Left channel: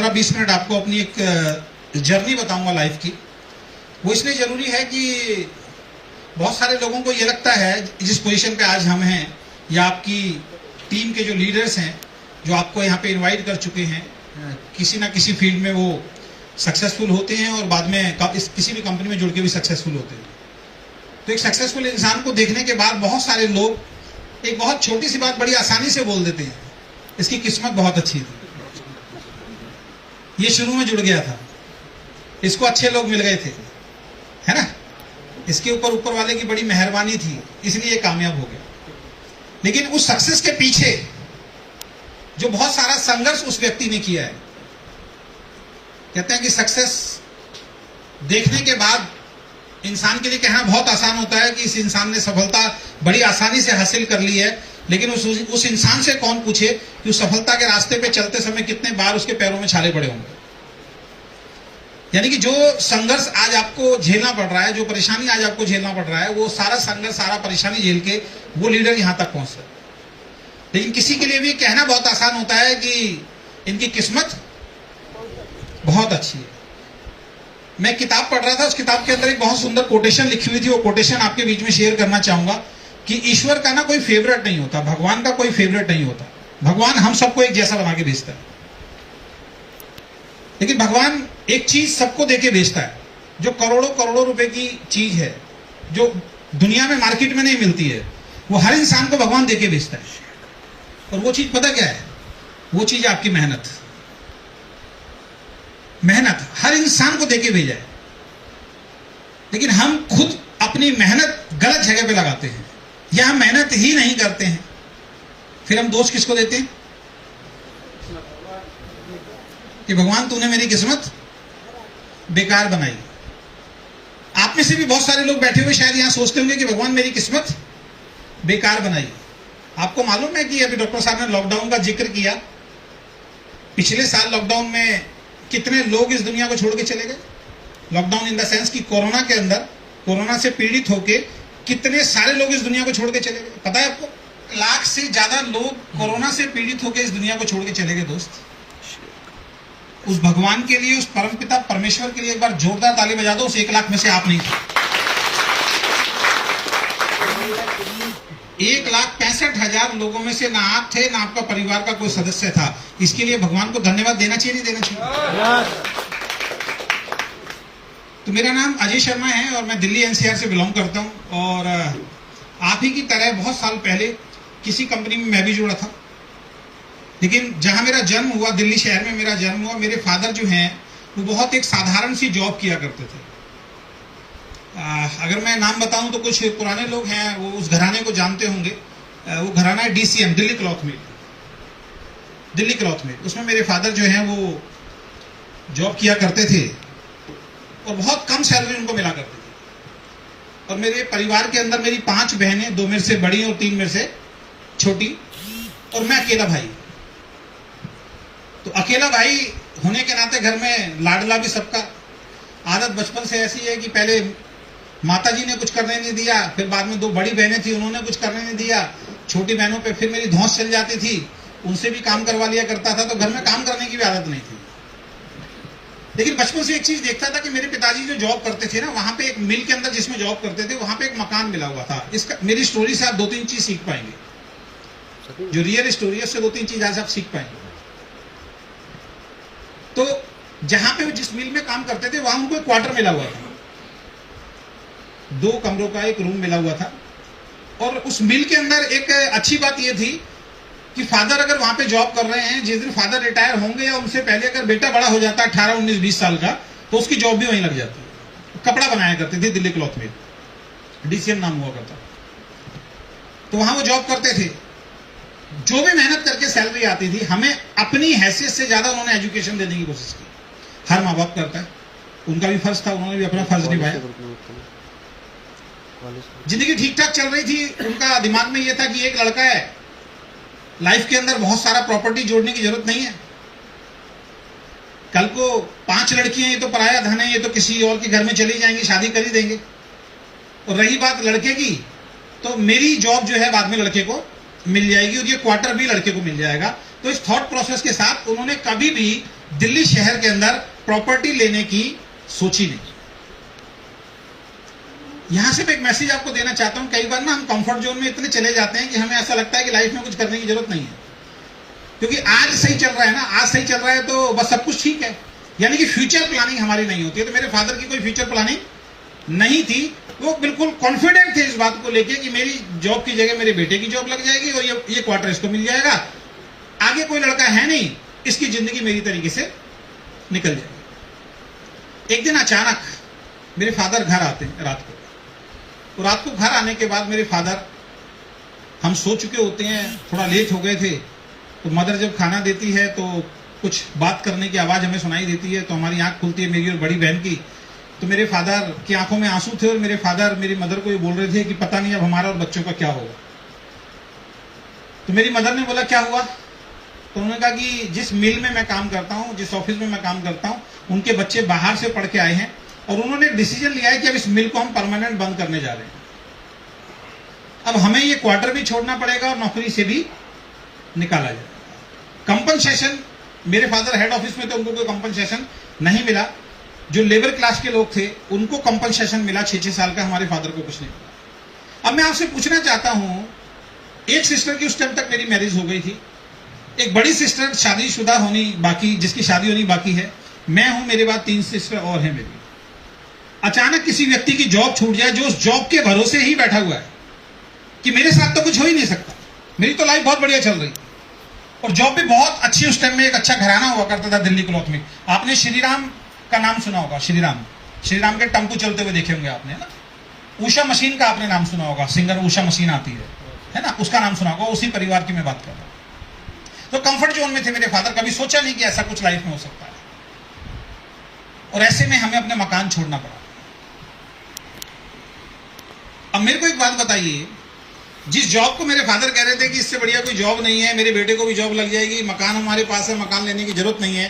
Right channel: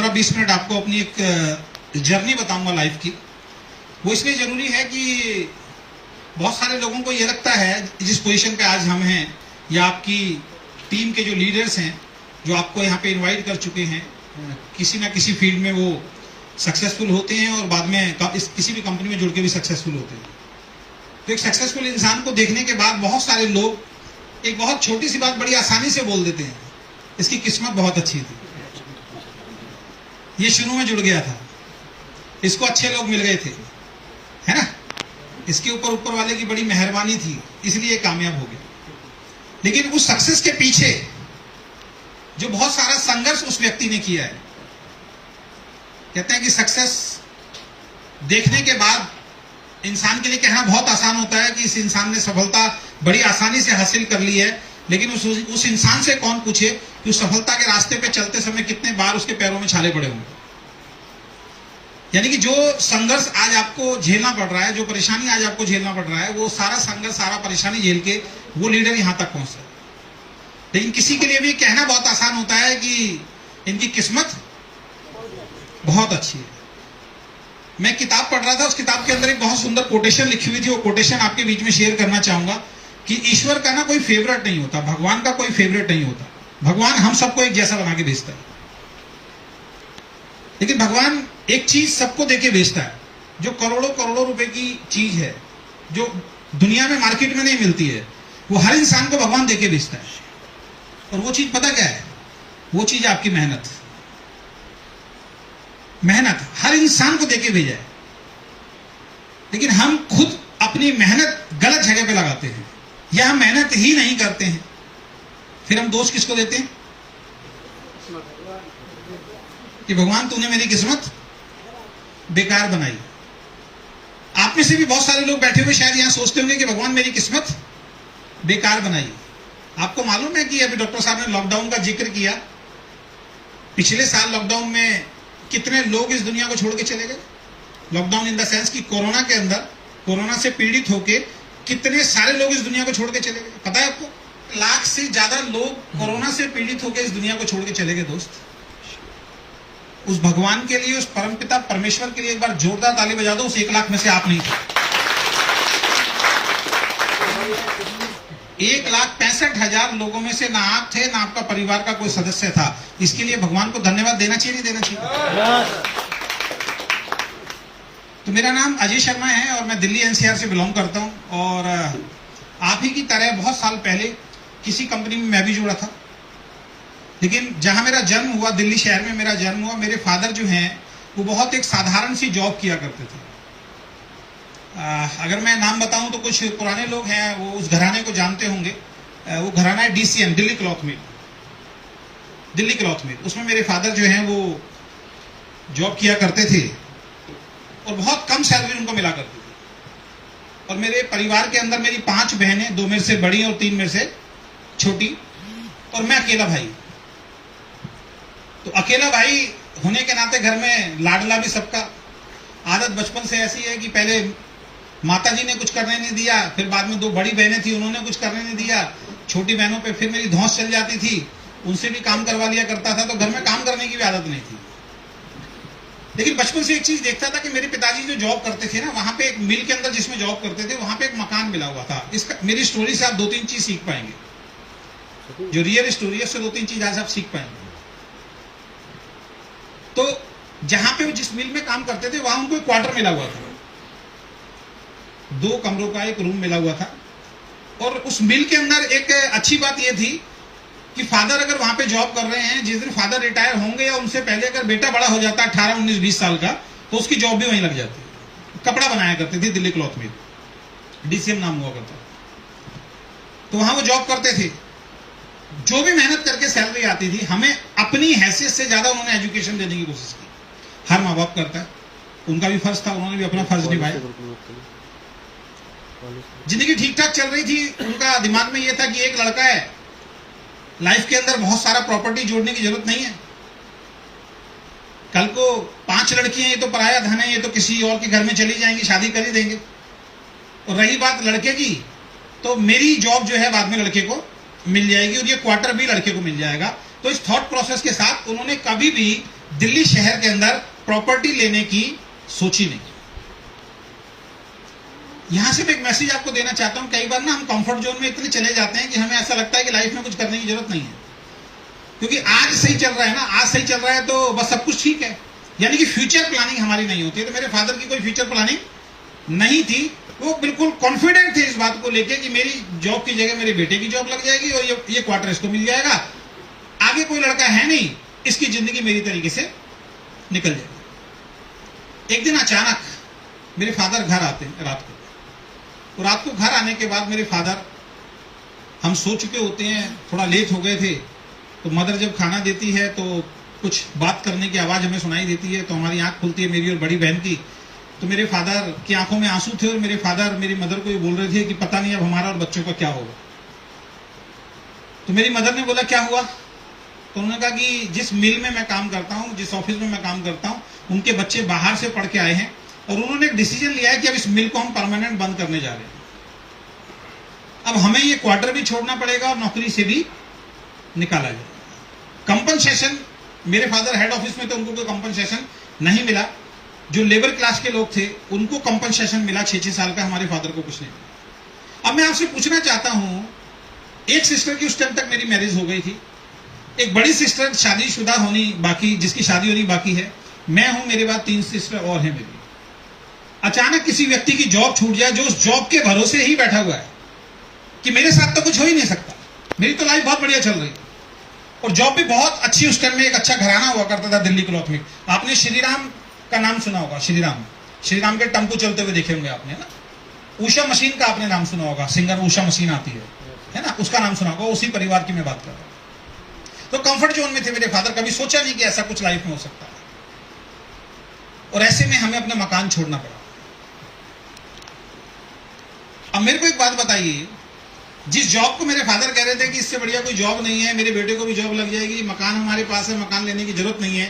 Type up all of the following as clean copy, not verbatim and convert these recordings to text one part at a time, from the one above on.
15-20 minute आपको अपनी एक जर्नी बताऊंगा लाइफ की। वो इसलिए जरूरी है कि बहुत सारे लोगों को ये लगता है जिस पोजीशन पे आज हम हैं या आपकी टीम के जो लीडर्स हैं जो आपको यहाँ पे इनवाइट कर चुके हैं, किसी ना किसी फील्ड में वो सक्सेसफुल होते हैं और बाद में किसी भी कंपनी में जुड़ के भी सक्सेसफुल होते हैं। तो एक सक्सेसफुल इंसान को देखने के बाद बहुत सारे लोग एक बहुत छोटी सी बात बड़ी आसानी से बोल देते हैं, इसकी किस्मत बहुत अच्छी थी, ये शुरू में जुड़ गया था, इसको अच्छे लोग मिल गए थे, है ना, इसके ऊपर वाले की बड़ी मेहरबानी थी इसलिए कामयाब हो गया। लेकिन उस सक्सेस के पीछे जो बहुत सारा संघर्ष उस व्यक्ति ने किया है, कहते हैं कि सक्सेस देखने के बाद इंसान के लिए कहना बहुत आसान होता है कि इस इंसान ने सफलता बड़ी आसानी से हासिल कर ली है, लेकिन उस इंसान से कौन पूछे कि उस सफलता के रास्ते पे चलते समय कितने बार उसके पैरों में छाले पड़े होंगे। यानी कि जो संघर्ष आज आपको झेलना पड़ रहा है, जो परेशानी आज आपको झेलना पड़ रहा है, वो सारा संघर्ष सारा परेशानी झेल के वो लीडर यहां तक पहुंचता है। लेकिन किसी के लिए भी कहना बहुत आसान होता है कि इनकी किस्मत बहुत अच्छी है। मैं किताब पढ़ रहा था, उस किताब के अंदर एक बहुत सुंदर कोटेशन लिखी हुई थी, वो कोटेशन आपके बीच में शेयर करना चाहूंगा कि ईश्वर का ना कोई फेवरेट नहीं होता, भगवान का कोई फेवरेट नहीं होता, भगवान हम सबको एक जैसा बना के भेजता है। लेकिन भगवान एक चीज सबको देके भेजता है जो करोड़ों करोड़ों रुपए की चीज है, जो दुनिया में मार्केट में नहीं मिलती है, वो हर इंसान को भगवान देके भेजता है। और वो चीज पता क्या है? वो चीज आपकी मेहनत। मेहनत हर इंसान को देके भेजा है, लेकिन हम खुद अपनी मेहनत गलत जगह पे लगाते हैं या हम मेहनत ही नहीं करते हैं। फिर हम दोष किसको देते हैं कि भगवान तूने मेरी किस्मत बेकार बनाई। आप में से भी बहुत सारे लोग बैठे हुए शायद यहां सोचते होंगे कि भगवान मेरी किस्मत बेकार बनाई। आपको मालूम है कि अभी डॉक्टर साहब ने लॉकडाउन का जिक्र किया, पिछले साल लॉकडाउन में कितने लोग इस दुनिया को छोड़ के चले गए। लॉकडाउन इन द सेंस कि कोरोना के अंदर, कोरोना से पीड़ित होके कितने सारे लोग इस दुनिया को छोड़ के चले गए। पता है आपको? 1 लाख से ज्यादा लोग कोरोना से पीड़ित होकर इस दुनिया को छोड़ के चले गए। दोस्त, उस भगवान के लिए, उस परमपिता परमेश्वर के लिए एक बार जोरदार ताली बजा दो। उस 1 लाख में से आप नहीं थे। 1,65,000 लोगों में से ना आप थे, ना आपका परिवार का कोई सदस्य था। इसके लिए भगवान को धन्यवाद देना चाहिए, नहीं देना चाहिए? तो मेरा नाम अजय शर्मा है और मैं दिल्ली एनसीआर से बिलोंग करता हूं। और आप ही की तरह बहुत साल पहले किसी कंपनी में मैं भी जुड़ा था, लेकिन जहां मेरा जन्म हुआ, दिल्ली शहर में मेरा जन्म हुआ, मेरे फादर जो हैं वो बहुत एक साधारण सी जॉब किया करते थे। अगर मैं नाम बताऊं तो कुछ पुराने लोग हैं वो उस घराने को जानते होंगे। वो घराना है डीसीएम, दिल्ली क्लॉथ मिल। दिल्ली क्लॉथ मिल, उसमें मेरे फादर जो हैं वो जॉब किया करते थे और बहुत कम सैलरी उनको मिला करती थी। और मेरे परिवार के अंदर मेरी 5 बहनें, 2 मेरे से बड़ी और 3 मेरे से छोटी, और मैं अकेला भाई। तो अकेला भाई होने के नाते घर में लाडला भी सबका। आदत बचपन से ऐसी है कि पहले माताजी ने कुछ करने नहीं दिया, फिर बाद में 2 बड़ी बहनें थी, उन्होंने कुछ करने नहीं दिया। छोटी बहनों पे फिर मेरी धौंस चल जाती थी, उनसे भी काम करवा लिया करता था। तो घर में काम करने की भी आदत नहीं थी। लेकिन बचपन से एक चीज देखता था कि मेरे पिताजी जो जॉब करते थे ना, वहां पे एक मिल के अंदर जिसमें जॉब करते थे, वहां पे एक मकान मिला हुआ था। इसका मेरी स्टोरी से आप 2-3 चीज सीख पाएंगे। जो रियल स्टोरी है उससे 2-3 चीज आज आप सीख पाएंगे। तो जहां पे वो जिस मिल में काम करते थे वहां उनको एक क्वार्टर मिला हुआ था, 2 कमरों का एक रूम मिला हुआ था। और उस मिल के अंदर एक अच्छी बात यह थी कि फादर अगर वहां पे जॉब कर रहे हैं, जिस दिन फादर रिटायर होंगे या उनसे पहले अगर बेटा बड़ा हो जाता है 18, 19, 20 साल का, तो उसकी जॉब भी वहीं लग जाती। कपड़ा बनाया करते थे, दिल्ली क्लॉथ मिल, डीसीएम नाम हुआ करता। तो वहां वो जॉब करते थे। जो भी मेहनत करके सैलरी आती थी, हमें अपनी हैसियत से ज्यादा उन्होंने एजुकेशन देने की कोशिश की। हर माँ बाप करता है, उनका भी फर्ज था, उन्होंने भी अपना फर्ज निभाया। जिंदगी ठीक ठाक चल रही थी, उनका दिमाग में यह था कि एक लड़का है, लाइफ के अंदर बहुत सारा प्रॉपर्टी जोड़ने की जरूरत नहीं है। कल को 5 लड़कियां, ये तो पराया धन है, ये तो किसी और के घर में चली जाएंगी, शादी कर ही देंगे। और रही बात लड़के की, तो मेरी जॉब जो है बाद में लड़के को मिल जाएगी और ये क्वार्टर भी लड़के को मिल जाएगा। तो इस थॉट प्रोसेस के साथ उन्होंने कभी भी दिल्ली शहर के अंदर प्रॉपर्टी लेने की सोची नहीं। यहां से मैं एक मैसेज आपको देना चाहता हूं, कई बार ना हम कंफर्ट जोन में इतने चले जाते हैं कि हमें ऐसा लगता है कि लाइफ में कुछ करने की जरूरत नहीं है, क्योंकि आज सही चल रहा है ना, आज सही चल रहा है तो बस सब कुछ ठीक है, यानी कि फ्यूचर प्लानिंग हमारी नहीं होती है। तो मेरे फादर की कोई फ्यूचर प्लानिंग नहीं थी, वो बिल्कुल कॉन्फिडेंट थे इस बात को लेके कि मेरी जॉब की जगह मेरे बेटे की जॉब लग जाएगी और ये क्वार्टर इसको मिल जाएगा, आगे कोई लड़का है नहीं, इसकी जिंदगी मेरी तरीके से निकल जाएगी। एक दिन अचानक मेरे फादर घर आते हैं रात को, तो रात को घर आने के बाद मेरे फादर, हम सो चुके होते हैं, थोड़ा लेट हो गए थे, तो मदर जब खाना देती है तो कुछ बात करने की आवाज हमें सुनाई देती है, तो हमारी आंख खुलती है मेरी और बड़ी बहन की। तो मेरे फादर की आंखों में आंसू थे और मेरे फादर मेरी मदर को ये बोल रहे थे कि पता नहीं अब हमारा और बच्चों का क्या होगा। तो मेरी मदर ने बोला क्या हुआ? तो उन्होंने कहा कि जिस मिल में मैं काम करता हूं, जिस ऑफिस में मैं काम करता हूं, उनके बच्चे बाहर से पढ़ के आए हैं और उन्होंने एक डिसीजन लिया है कि अब इस मिल को हम परमानेंट बंद करने जा रहे हैं। अब हमें ये क्वार्टर भी छोड़ना पड़ेगा और नौकरी से भी निकाला जाएगा। कंपनसेशन, मेरे फादर हेड ऑफिस में थे, उनको कोई कंपनसेशन नहीं मिला। जो लेबर क्लास के लोग थे उनको कंपनसेशन मिला 6-6 साल का, हमारे फादर को कुछ नहीं मिला। अब मैं आपसे पूछना चाहता हूं, एक सिस्टर की उस टाइम तक मेरी मैरिज हो गई थी, एक बड़ी सिस्टर शादीशुदा होनी बाकी, जिसकी शादी होनी बाकी है, मैं हूं, मेरे बाद 3 सिस्टर और हैं मेरी। अचानक किसी व्यक्ति की जॉब छूट जाए जो उस जॉब के भरोसे ही बैठा हुआ है कि मेरे साथ तो कुछ हो ही नहीं सकता, मेरी तो लाइफ बहुत बढ़िया चल रही, और जॉब भी बहुत अच्छी, उस टाइम में एक अच्छा घराना हुआ करता था दिल्ली क्लॉथ में। आपने श्रीराम का नाम सुना होगा, श्रीराम के टम्पू चलते हुए देखे होंगे आपने, है ना। उषा मशीन का आपने नाम सुना होगा, सिंगर उषा मशीन आती है ना, उसका नाम सुना होगा, उसी परिवार की मैं बात कर रहा हूं। तो कंफर्ट जोन में थे मेरे फादर, कभी सोचा नहीं कि ऐसा कुछ लाइफ में हो सकता है, और ऐसे में हमें अपना मकान छोड़ना पड़ा। अब मेरे को एक बात बताइए, जिस जॉब को मेरे फादर कह रहे थे कि इससे बढ़िया कोई जॉब नहीं है, मेरे बेटे को भी जॉब लग जाएगी, मकान हमारे पास है, मकान लेने की जरूरत नहीं है,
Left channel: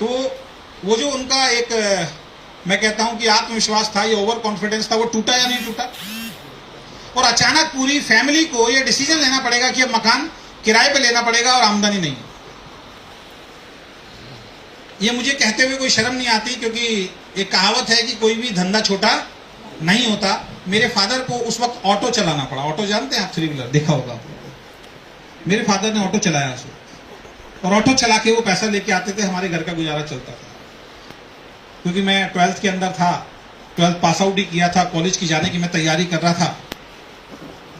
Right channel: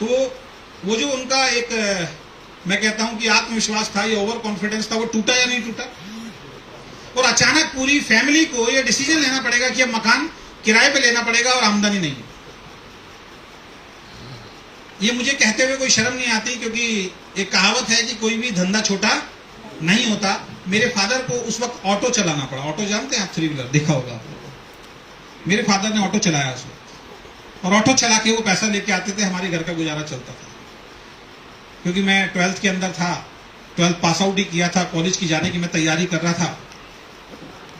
तो वो जो उनका एक, मैं कहता हूं कि आत्मविश्वास था, ये ओवर कॉन्फिडेंस था, वो टूटा या नहीं टूटा? और अचानक पूरी फैमिली को ये डिसीजन लेना पड़ेगा कि अब मकान किराए पे लेना पड़ेगा और आमदनी नहीं है। ये मुझे कहते हुए कोई शर्म नहीं आती, क्योंकि एक कहावत है कि कोई भी धंधा छोटा नहीं होता। मेरे फादर को उस वक्त ऑटो चलाना पड़ा। ऑटो जानते हैं आप? 3 व्हीलर देखा होगा। मेरे फादर ने ऑटो चलाया उसे, और ऑटो चला के वो पैसा लेके आते थे, हमारे घर का गुजारा चलता था। क्योंकि मैं 12th के अंदर था, 12th पास आउट ही किया था, कॉलेज की जाने की मैं तैयारी कर रहा था,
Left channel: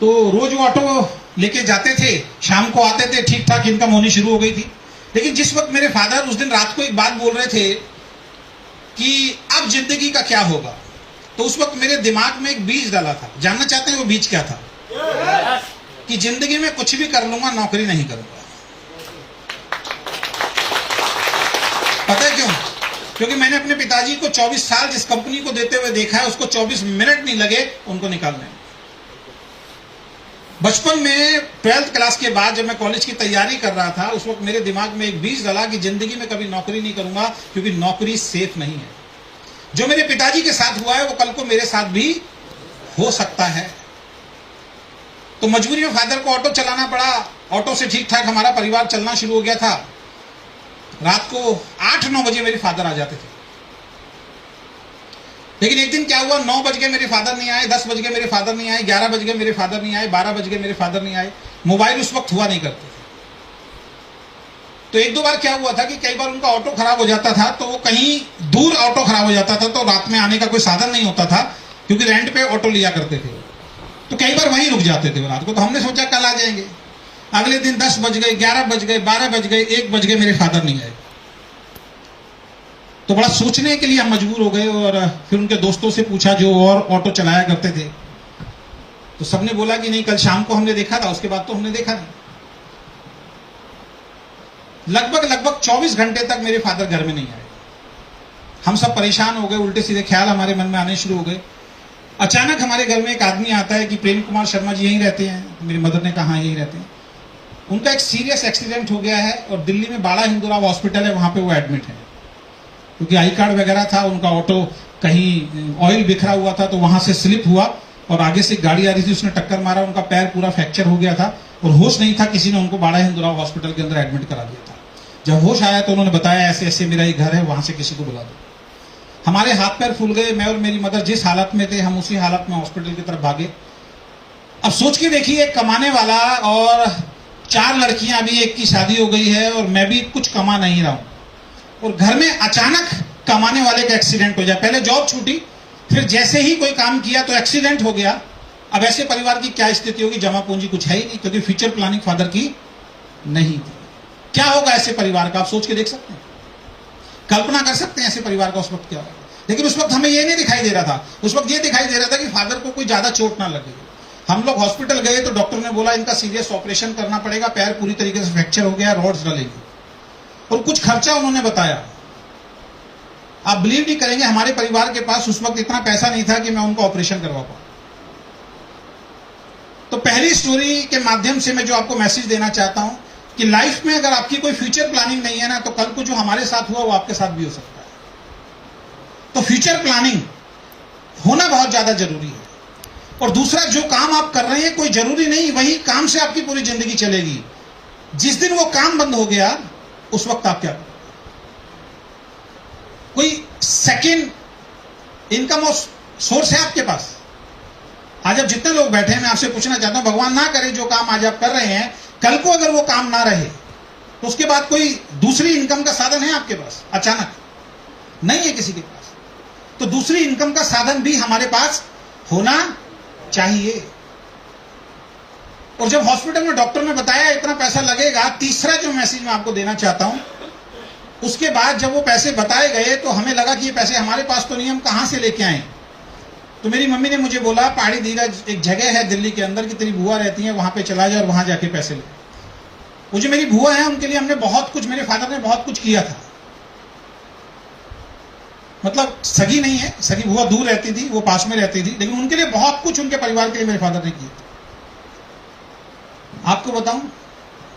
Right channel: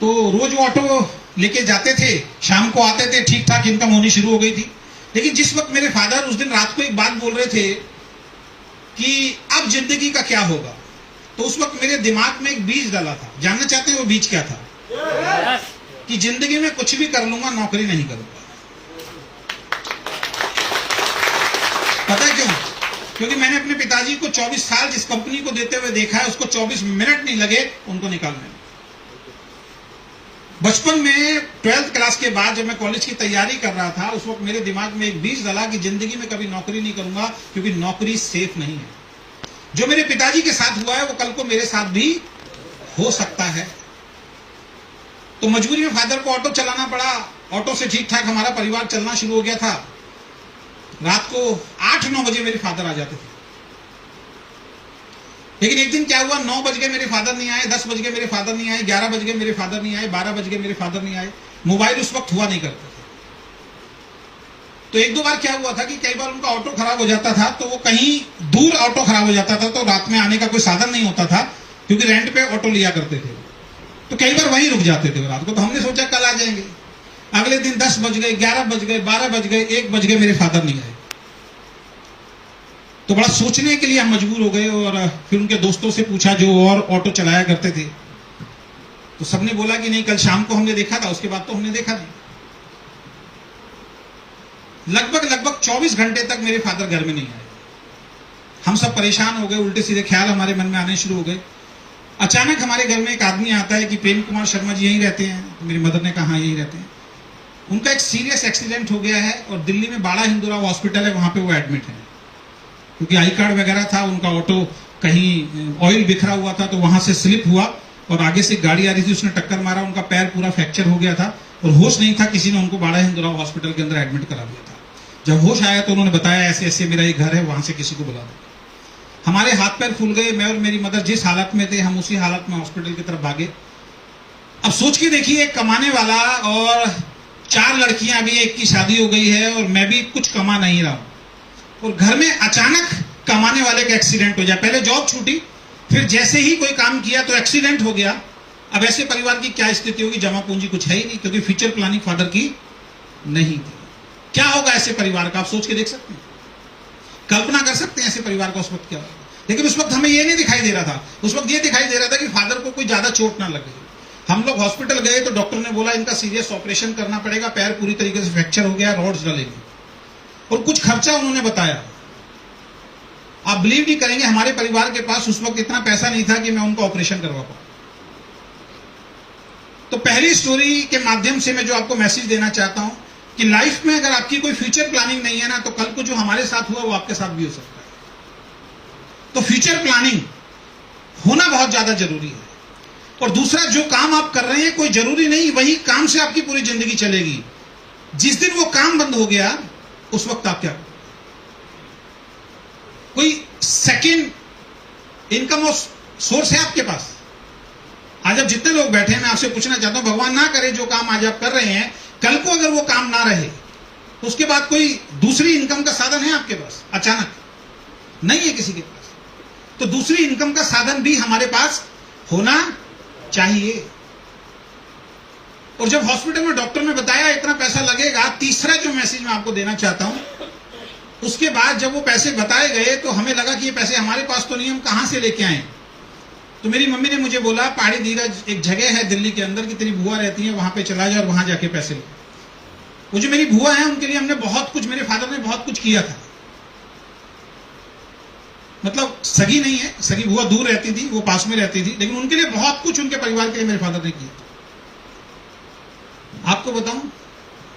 तो रोज वो ऑटो लेके जाते थे, शाम को आते थे, ठीक ठाक इनकम होनी शुरू हो गई थी। लेकिन जिस वक्त मेरे फादर उस दिन रात को एक बात बोल रहे थे कि अब जिंदगी का क्या होगा, तो उस वक्त मेरे दिमाग में एक बीज डाला था। जानना चाहते हैं वो बीज क्या था? कि जिंदगी में कुछ भी कर लूंगा, नौकरी नहीं करूंगा। पता है क्यों? क्योंकि मैंने अपने पिताजी को 24 साल जिस कंपनी को देते हुए देखा है, उसको 24 मिनट नहीं लगे उनको निकालने में। बचपन में 12th क्लास के बाद जब मैं कॉलेज की तैयारी कर रहा था, उस वक्त मेरे दिमाग में एक बीज डाला कि जिंदगी में कभी नौकरी नहीं करूंगा, क्योंकि नौकरी सेफ नहीं है। जो मेरे पिताजी के साथ हुआ है वो कल को मेरे साथ भी हो सकता है। तो मजबूरी में फादर को ऑटो चलाना पड़ा। ऑटो से ठीक ठाक हमारा परिवार चलना शुरू हो गया था। रात को 8-9 बजे मेरे फादर आ जाते थे। लेकिन एक दिन क्या हुआ, 9 बज गए मेरे फादर नहीं आए, 10 बज गए मेरे फादर नहीं आए, 11 बज गए मेरे फादर नहीं आए, 12 बज गए मेरे फादर नहीं आए। मोबाइल उस वक्त हुआ नहीं करते थे। तो 1-2 बार क्या हुआ था कि कई बार उनका ऑटो खराब हो जाता था, तो वो कहीं दूर ऑटो खराब हो जाता था, तो रात में आने का कोई साधन नहीं होता था, क्योंकि रेंट पे ऑटो लिया करते थे। तो कई बार वहीं रुक जाते थे रात को। तो हमने सोचा कल आ जाएंगे। अगले दिन 10 बज गए, 11 बज गए, 12 बज गए, 1 बज गए, मेरे फादर नहीं आए। तो बड़ा सोचने के लिए हम मजबूर हो गए, और फिर उनके दोस्तों से पूछा जो और ऑटो चलाया करते थे, तो सबने बोला कि नहीं, कल शाम को हमने देखा था, उसके बाद तो हमने देखा नहीं। लगभग 24 घंटे तक मेरे फादर घर में नहीं आए। हम सब परेशान हो गए, उल्टे सीधे ख्याल हमारे मन में आने शुरू हो गए। अचानक हमारे घर में एक आदमी आता है कि प्रेम कुमार शर्मा जी यहीं रहते हैं। मेरी मदर ने कहा यहीं रहते हैं। उनका एक सीरियस एक्सीडेंट हो गया है, और दिल्ली में बाड़ा हिंदूराव हॉस्पिटल है, वहां पे वो एडमिट है। क्योंकि आई कार्ड वगैरह था, उनका ऑटो कहीं ऑयल बिखरा हुआ था, तो वहां से स्लिप हुआ और आगे से गाड़ी आ रही थी, उसने टक्कर मारा, उनका पैर पूरा फ्रैक्चर हो गया था और होश नहीं था। किसी ने उनको बाड़ा हिंदूराव हॉस्पिटल के अंदर एडमिट करा दिया था। जब होश आया तो उन्होंने बताया ऐसे ऐसे मेरा ही घर है, वहां से किसी को बुला दो। हमारे हाथ पैर फूल गए। मैं और मेरी मदर जिस हालत में थे, हम उसी हालत में हॉस्पिटल की तरफ भागे। अब सोच के देखिए, कमाने वाला और 4 लड़कियां, अभी एक की शादी हो गई है और मैं भी कुछ कमा नहीं रहा हूं, और घर में अचानक कमाने वाले का एक्सीडेंट हो जाए। पहले जॉब छूटी, फिर जैसे ही कोई काम किया तो एक्सीडेंट हो गया। अब ऐसे परिवार की क्या स्थिति होगी? जमा पूंजी कुछ है ही नहीं, क्योंकि फ्यूचर प्लानिंग फादर की नहीं थी। क्या होगा ऐसे परिवार का? आप सोच के देख सकते हैं, कल्पना कर सकते हैं ऐसे परिवार का उस वक्त क्या होगा। लेकिन उस वक्त हमें ये नहीं दिखाई दे रहा था। उस वक्त ये दिखाई दे रहा था कि फादर को कोई ज्यादा चोट ना लगे। हम लोग हॉस्पिटल गए तो डॉक्टर ने बोला इनका सीरियस ऑपरेशन करना पड़ेगा, पैर पूरी तरीके से फ्रैक्चर हो गया, रॉड्स डलेगी, और कुछ खर्चा उन्होंने बताया। आप बिलीव नहीं करेंगे, हमारे परिवार के पास उस वक्त इतना पैसा नहीं था कि मैं उनका ऑपरेशन करवा पाऊं। तो पहली स्टोरी के माध्यम से मैं जो आपको मैसेज देना चाहता हूं कि लाइफ में अगर आपकी कोई फ्यूचर प्लानिंग नहीं है ना, तो कल को जो हमारे साथ हुआ वो आपके साथ भी हो सकता है। तो फ्यूचर प्लानिंग होना बहुत ज्यादा जरूरी है। और दूसरा, जो काम आप कर रहे हैं कोई जरूरी नहीं वही काम से आपकी पूरी जिंदगी चलेगी। जिस दिन वो काम बंद हो गया उस वक्त आप क्या, कोई सेकेंड इनकम सोर्स है आपके पास? आज अब जितने लोग बैठे हैं, मैं आपसे पूछना चाहता हूं, भगवान ना करे जो काम आज आप कर रहे हैं, कल को अगर वो काम ना रहे तो उसके बाद कोई दूसरी इनकम का साधन है आपके पास? अचानक नहीं है किसी के पास। तो दूसरी इनकम का साधन भी हमारे पास होना चाहिए। और जब हॉस्पिटल में डॉक्टर ने बताया इतना पैसा लगेगा, तीसरा जो मैसेज मैं आपको देना चाहता हूं, उसके बाद जब वो पैसे बताए गए तो हमें लगा कि ये पैसे हमारे पास तो नहीं, हम कहां से लेके आए। तो मेरी मम्मी ने मुझे बोला, पहाड़ी दीघा एक जगह है दिल्ली के अंदर की तेरी बुआ रहती है, वहां पे चला जा और वहां जाके पैसे ले। वो जो मेरी बुआ है उनके लिए हमने बहुत कुछ, मेरे फादर ने बहुत कुछ किया था। मतलब सगी नहीं है, सगी बुआ दूर रहती थी, वो पास में रहती थी, लेकिन उनके लिए बहुत कुछ उनके परिवार के लिए मेरे फादर ने किया। आपको बताऊं,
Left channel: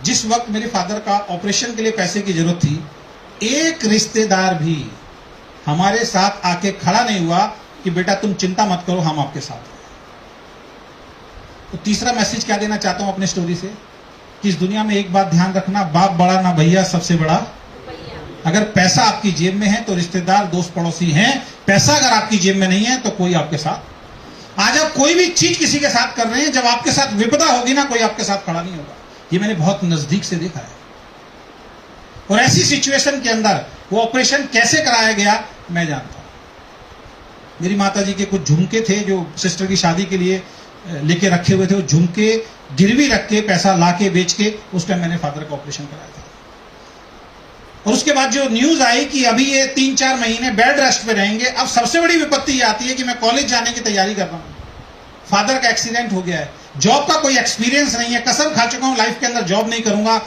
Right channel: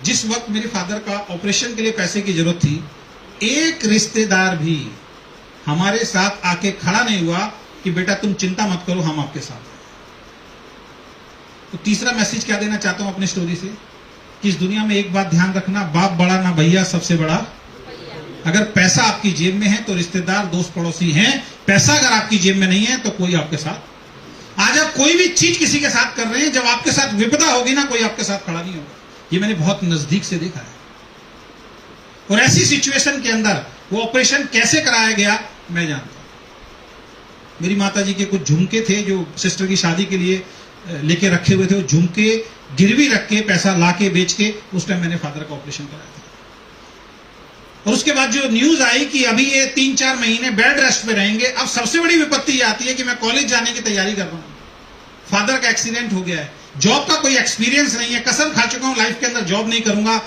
जिस वक्त मेरे फादर का ऑपरेशन के लिए पैसे की जरूरत थी, एक रिश्तेदार भी हमारे साथ आके खड़ा नहीं हुआ कि बेटा तुम चिंता मत करो, हम आपके साथ हैं। तो तीसरा मैसेज क्या देना चाहता हूं अपने स्टोरी से, कि इस दुनिया में एक बात ध्यान रखना, बाप बड़ा ना भैया, सबसे बड़ा। अगर पैसा आपकी जेब में है तो रिश्तेदार दोस्त पड़ोसी हैं, पैसा अगर आपकी जेब में नहीं है तो कोई आपके साथ। आज आप कोई भी चीज किसी के साथ कर रहे हैं, जब आपके साथ विपदा होगी ना, कोई आपके साथ खड़ा नहीं होगा। ये मैंने बहुत नजदीक से देखा है। और ऐसी सिचुएशन के अंदर वो ऑपरेशन कैसे कराया गया मैं जानता हूं। मेरी माताजी के कुछ झुमके थे जो सिस्टर की शादी के लिए लेके रखे हुए थे, वो झुमके गिरवी रख के पैसा लाके बेच के उस टाइम मैंने फादर का ऑपरेशन कराया था। और उसके बाद जो न्यूज आई कि अभी ये 3-4 महीने बेड रेस्ट पे रहेंगे, अब सबसे बड़ी विपत्ति ये आती है कि मैं कॉलेज जाने की तैयारी कर रहा हूं, फादर का एक्सीडेंट हो गया है, जॉब का कोई एक्सपीरियंस नहीं है, कसम खा चुका हूं लाइफ के अंदर जॉब नहीं करूंगा।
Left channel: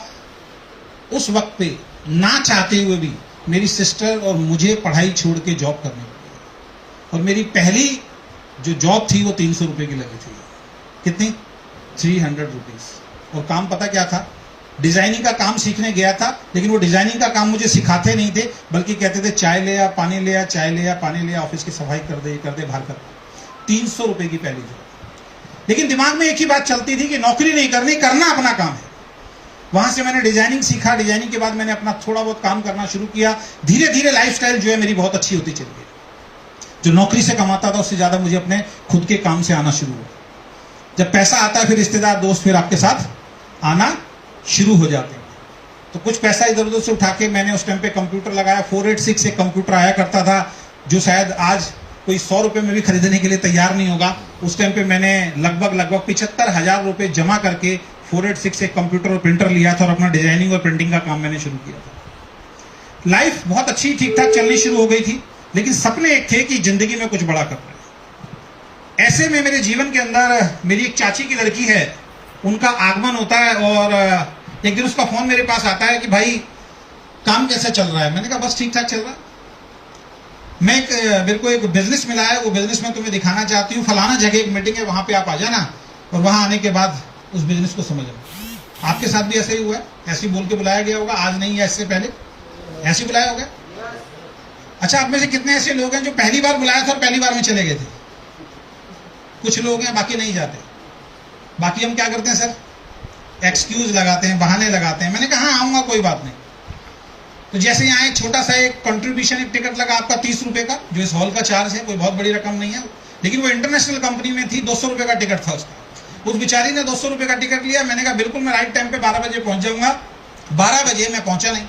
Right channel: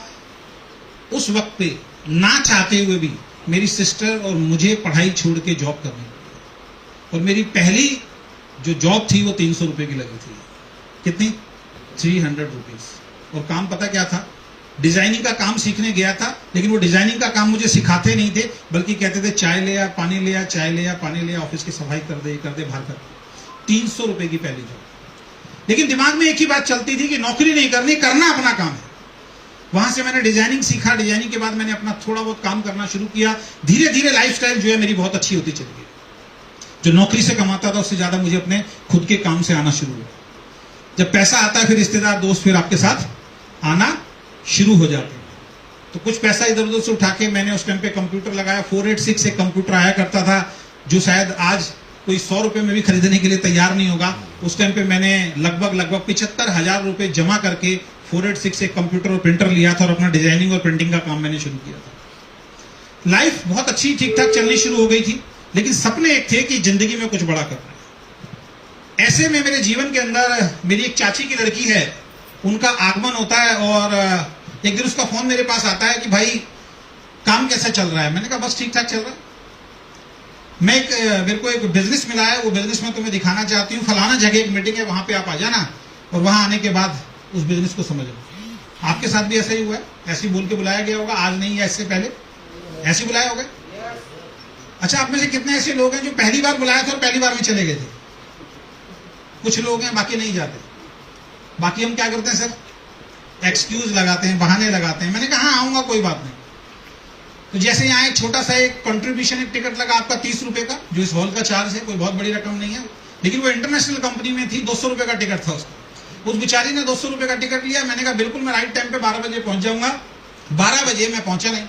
उस वक्त पे ना चाहते हुए भी मेरी सिस्टर और मुझे पढ़ाई छोड़ के जॉब करनी पड़ी। और मेरी पहली जो जॉब थी वो 300 रुपए की लगी थी। कितनी? 300 रुपीज। और काम पता क्या था? डिजाइनिंग का काम सीखने गया था, लेकिन वो डिजाइनिंग का काम मुझे सिखाते नहीं थे, बल्कि कहते थे चाय ले आ, पानी ले आ, चाय ले आ, पानी ले आ, ऑफिस की सफाई कर दे, बाहर कर दे। 300 रुपए की पहली जॉब। लेकिन दिमाग में एक ही बात चलती थी कि नौकरी नहीं करनी, करना अपना काम है। वहां से मैंने डिजाइनिंग सीखा। डिजाइनिंग के बाद मैंने अपना थोड़ा बहुत काम करना शुरू किया। धीरे धीरे लाइफस्टाइल जो है मेरी बहुत अच्छी होती चली गई। जो नौकरी से कमाता था उससे ज्यादा मुझे अपने खुद के काम से आना शुरू हुआ। जब पैसा आता है फिर रिश्तेदार दोस्त फिर आपके साथ आना शुरू हो जाते हैं। तो कुछ पैसा इधर उधर से उठा के मैंने उस टाइम पे कंप्यूटर लगाया। 486 एक कंप्यूटर आया करता था, जो शायद आज कोई 100 रुपए में भी खरीदने के लिए तैयार नहीं होगा। उस टाइम पे मैंने लगभग 75,000 रुपए जमा करके 486 एक कंप्यूटर और प्रिंटर लिया था और अपना डिजाइनिंग और प्रिंटिंग का काम मैंने शुरू किया था। लाइफ बहुत अच्छी ठीक ठाक चलनी शुरू हो गई थी, लेकिन सपने एक थे कि जिंदगी में कुछ बड़ा करना है। ऐसे में मेरे जीवन के अंदर मेरी एक चाची की लड़की है, उनका आगमन होता है और एक दिन उसका फोन मेरे पास आता है कि भाई काम कैसा चल रहा है। मैंने कहा बस ठीक ठाक चल रहा है। मेरे को एक बिजनेस मिला है, वो बिजनेस में तुम्हें दिखाना चाहती हूँ, फलाना जगह एक मीटिंग है, वहां पे आप आ जाना और वहां आने के बाद उस बिजनेस को समझना। आपके साथ भी ऐसा ही हुआ है? ऐसे बोल के बुलाया गया होगा, आज नहीं है इससे पहले ऐसे बुलाया होगा। अच्छा, आप में से कितने ऐसे लोग हैं जो पहली बार बुलाया था और पहली बार में चले गए थे? कुछ लोग हैं, बाकी नहीं जाते। बाकी हम क्या करते हैं सर? एक्सक्यूज लगाते हैं, बहाने लगाते हैं। मैंने कहा हाँ आऊंगा, कोई बात नहीं। तो जैसे यहाँ एक छोटा सा एक कंट्रीब्यूशन, एक टिकट लगा आपका 30 रुपए का, जो इस हॉल का चार्ज है, कोई बहुत बड़ी रकम नहीं है, लेकिन वो इंटरनेशनल कंपनी में थी, 200 रुपए का टिकट था उसका। उस बेचारी ने 200 रुपए का टिकट लिया। मैंने कहा बिल्कुल मैं राइट टाइम पे 12 बजे पहुंच जाऊंगा। 12 बजे मैं पहुंचा नहीं,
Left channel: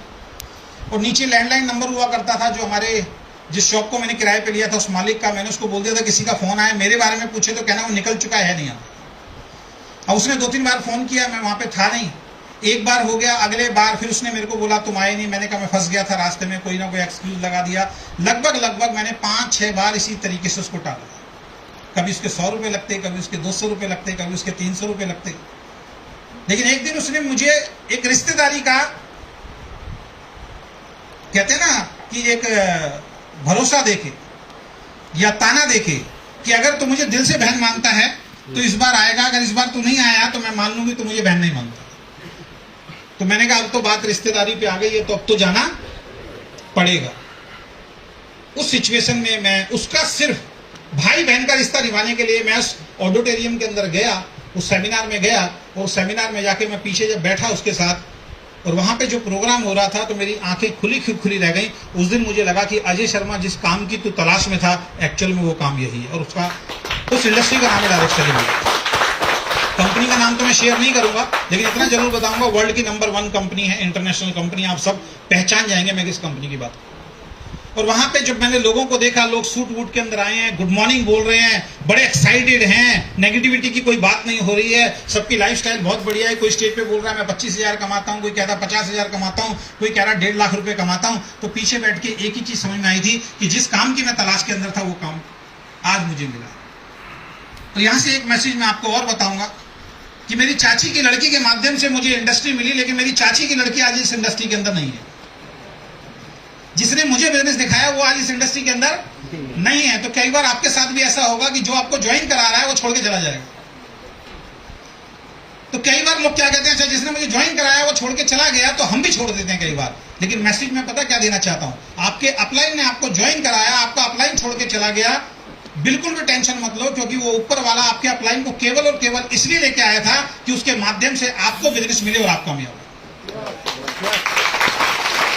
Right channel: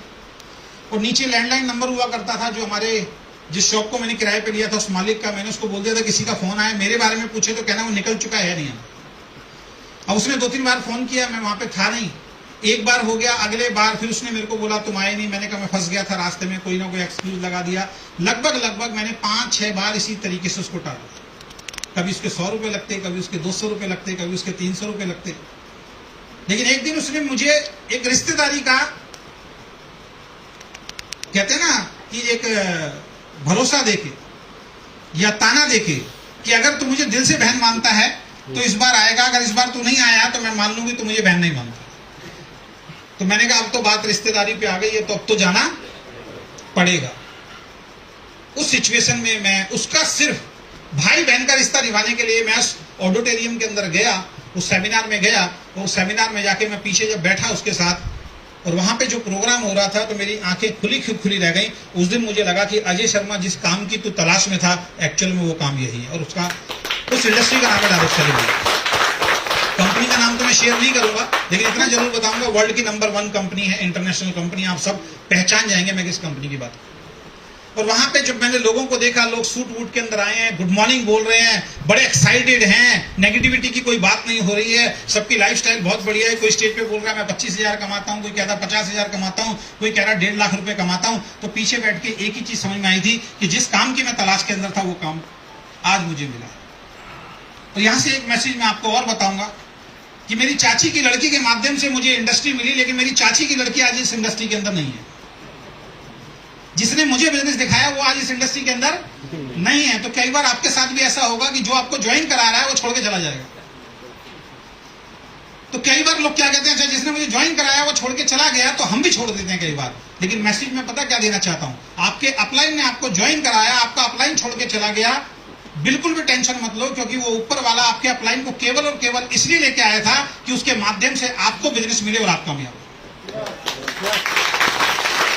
और नीचे लैंडलाइन नंबर हुआ करता था, जो हमारे जिस शॉप को मैंने किराए पे लिया था उस मालिक का। मैंने उसको बोल दिया था किसी का फोन आया मेरे बारे में पूछे तो कहना वो निकल चुका है नहीं। अब उसने 2-3 बार फोन किया, मैं वहां पे था नहीं। एक बार हो गया, अगले बार फिर उसने मेरे को बोला तुम आए नहीं। मैंने कहा मैं फंस गया था रास्ते में, कोई ना कोई एक्सक्यूज लगा दिया। लगभग मैंने 5-6 बार इसी तरीके से उसको टाला। कभी उसके 100 रुपए लगते, कभी उसके 200 रुपए लगते, कभी उसके 300 रुपए लगते। लेकिन एक दिन उसने मुझे एक रिश्तेदारी का, कहते हैं ना कि एक भरोसा देके या ताना देके कि अगर तू मुझे दिल से बहन मानता है तो इस बार आएगा, अगर इस बार तू नहीं आया तो मैं मान लूंगी तो मुझे बहन नहीं मानता। तो मैंने कहा अब तो बात रिश्तेदारी पे आ गई है, तो अब तो जाना पड़ेगा। उस सिचुएशन में मैं उसका सिर्फ भाई बहन का रिश्ता निभाने के लिए मैं उस ऑडिटोरियम के अंदर गया, उस सेमिनार में गया, और सेमिनार में जाके मैं पीछे जब बैठा उसके साथ, और वहां पे जो प्रोग्राम हो रहा था तो मेरी आंखें खुली रह गई। उस दिन मुझे लगा कि अजय शर्मा जिस काम की तू तलाश में था, एक्चुअल में वो काम यही है। और उसका उस इंडस्ट्री का नाम है डायरेक्ट सेलिंग। कंपनी का नाम तो मैं शेयर नहीं करूंगा, लेकिन इतना जरूर बताऊंगा वर्ल्ड की नंबर 1 कंपनी है, इंटरनेशनल कंपनी। आप सब पहचान जाएंगे मैं किस कंपनी की बात। और वहां पे जब मैंने लोगों को देखा, लोग सूट वूट के अंदर आए हैं, गुड मॉर्निंग बोल रहे हैं, बड़े एक्साइटेड हैं, नेगेटिविटी की कोई बात नहीं हो रही है, सबकी लाइफस्टाइल बहुत बढ़िया है। कोई स्टेज पे बोल रहा है मैं 25,000 कमाता हूं, कोई कहता 50,000 कमाता हूं, कोई कह रहा 1.5 लाख रुपए कमाता हूं। तो पीछे बैठ के एक ही चीज समझ में आई थी कि जिस काम की मैं तलाश के अंदर था वो काम आज मुझे मिला। तो यहां से एक मैसेज मैं आपको और बताऊंगा कि मेरी चाची की लड़की के माध्यम से मुझे इंडस्ट्री मिली, लेकिन मेरी चाची की लड़की आज इस इंडस्ट्री के अंदर नहीं है। जिसने मुझे बिजनेस दिखाया वो आज इस इंडस्ट्री के अंदर नहीं है। तो कई बार आपके साथ भी ऐसा होगा कि जो आपको ज्वाइन करा रहा है वो छोड़ के चला जाएगा। तो कई बार लोग क्या कहते हैं, अच्छा जिसने मुझे ज्वाइन कराया वो छोड़ के चला गया, तो हम भी छोड़ देते हैं कई बार। लेकिन मैसेज में पता क्या देना चाहता हूं, आपके अपलाइन ने आपको ज्वाइन कराया, आपका अपलाइन छोड़ के चला गया, बिल्कुल भी टेंशन मत लो, क्योंकि वो ऊपर वाला आपके अपलाइन को केवल और केवल इसलिए लेके आया था कि उसके माध्यम से आपको बिजनेस मिले और आप कामयाब।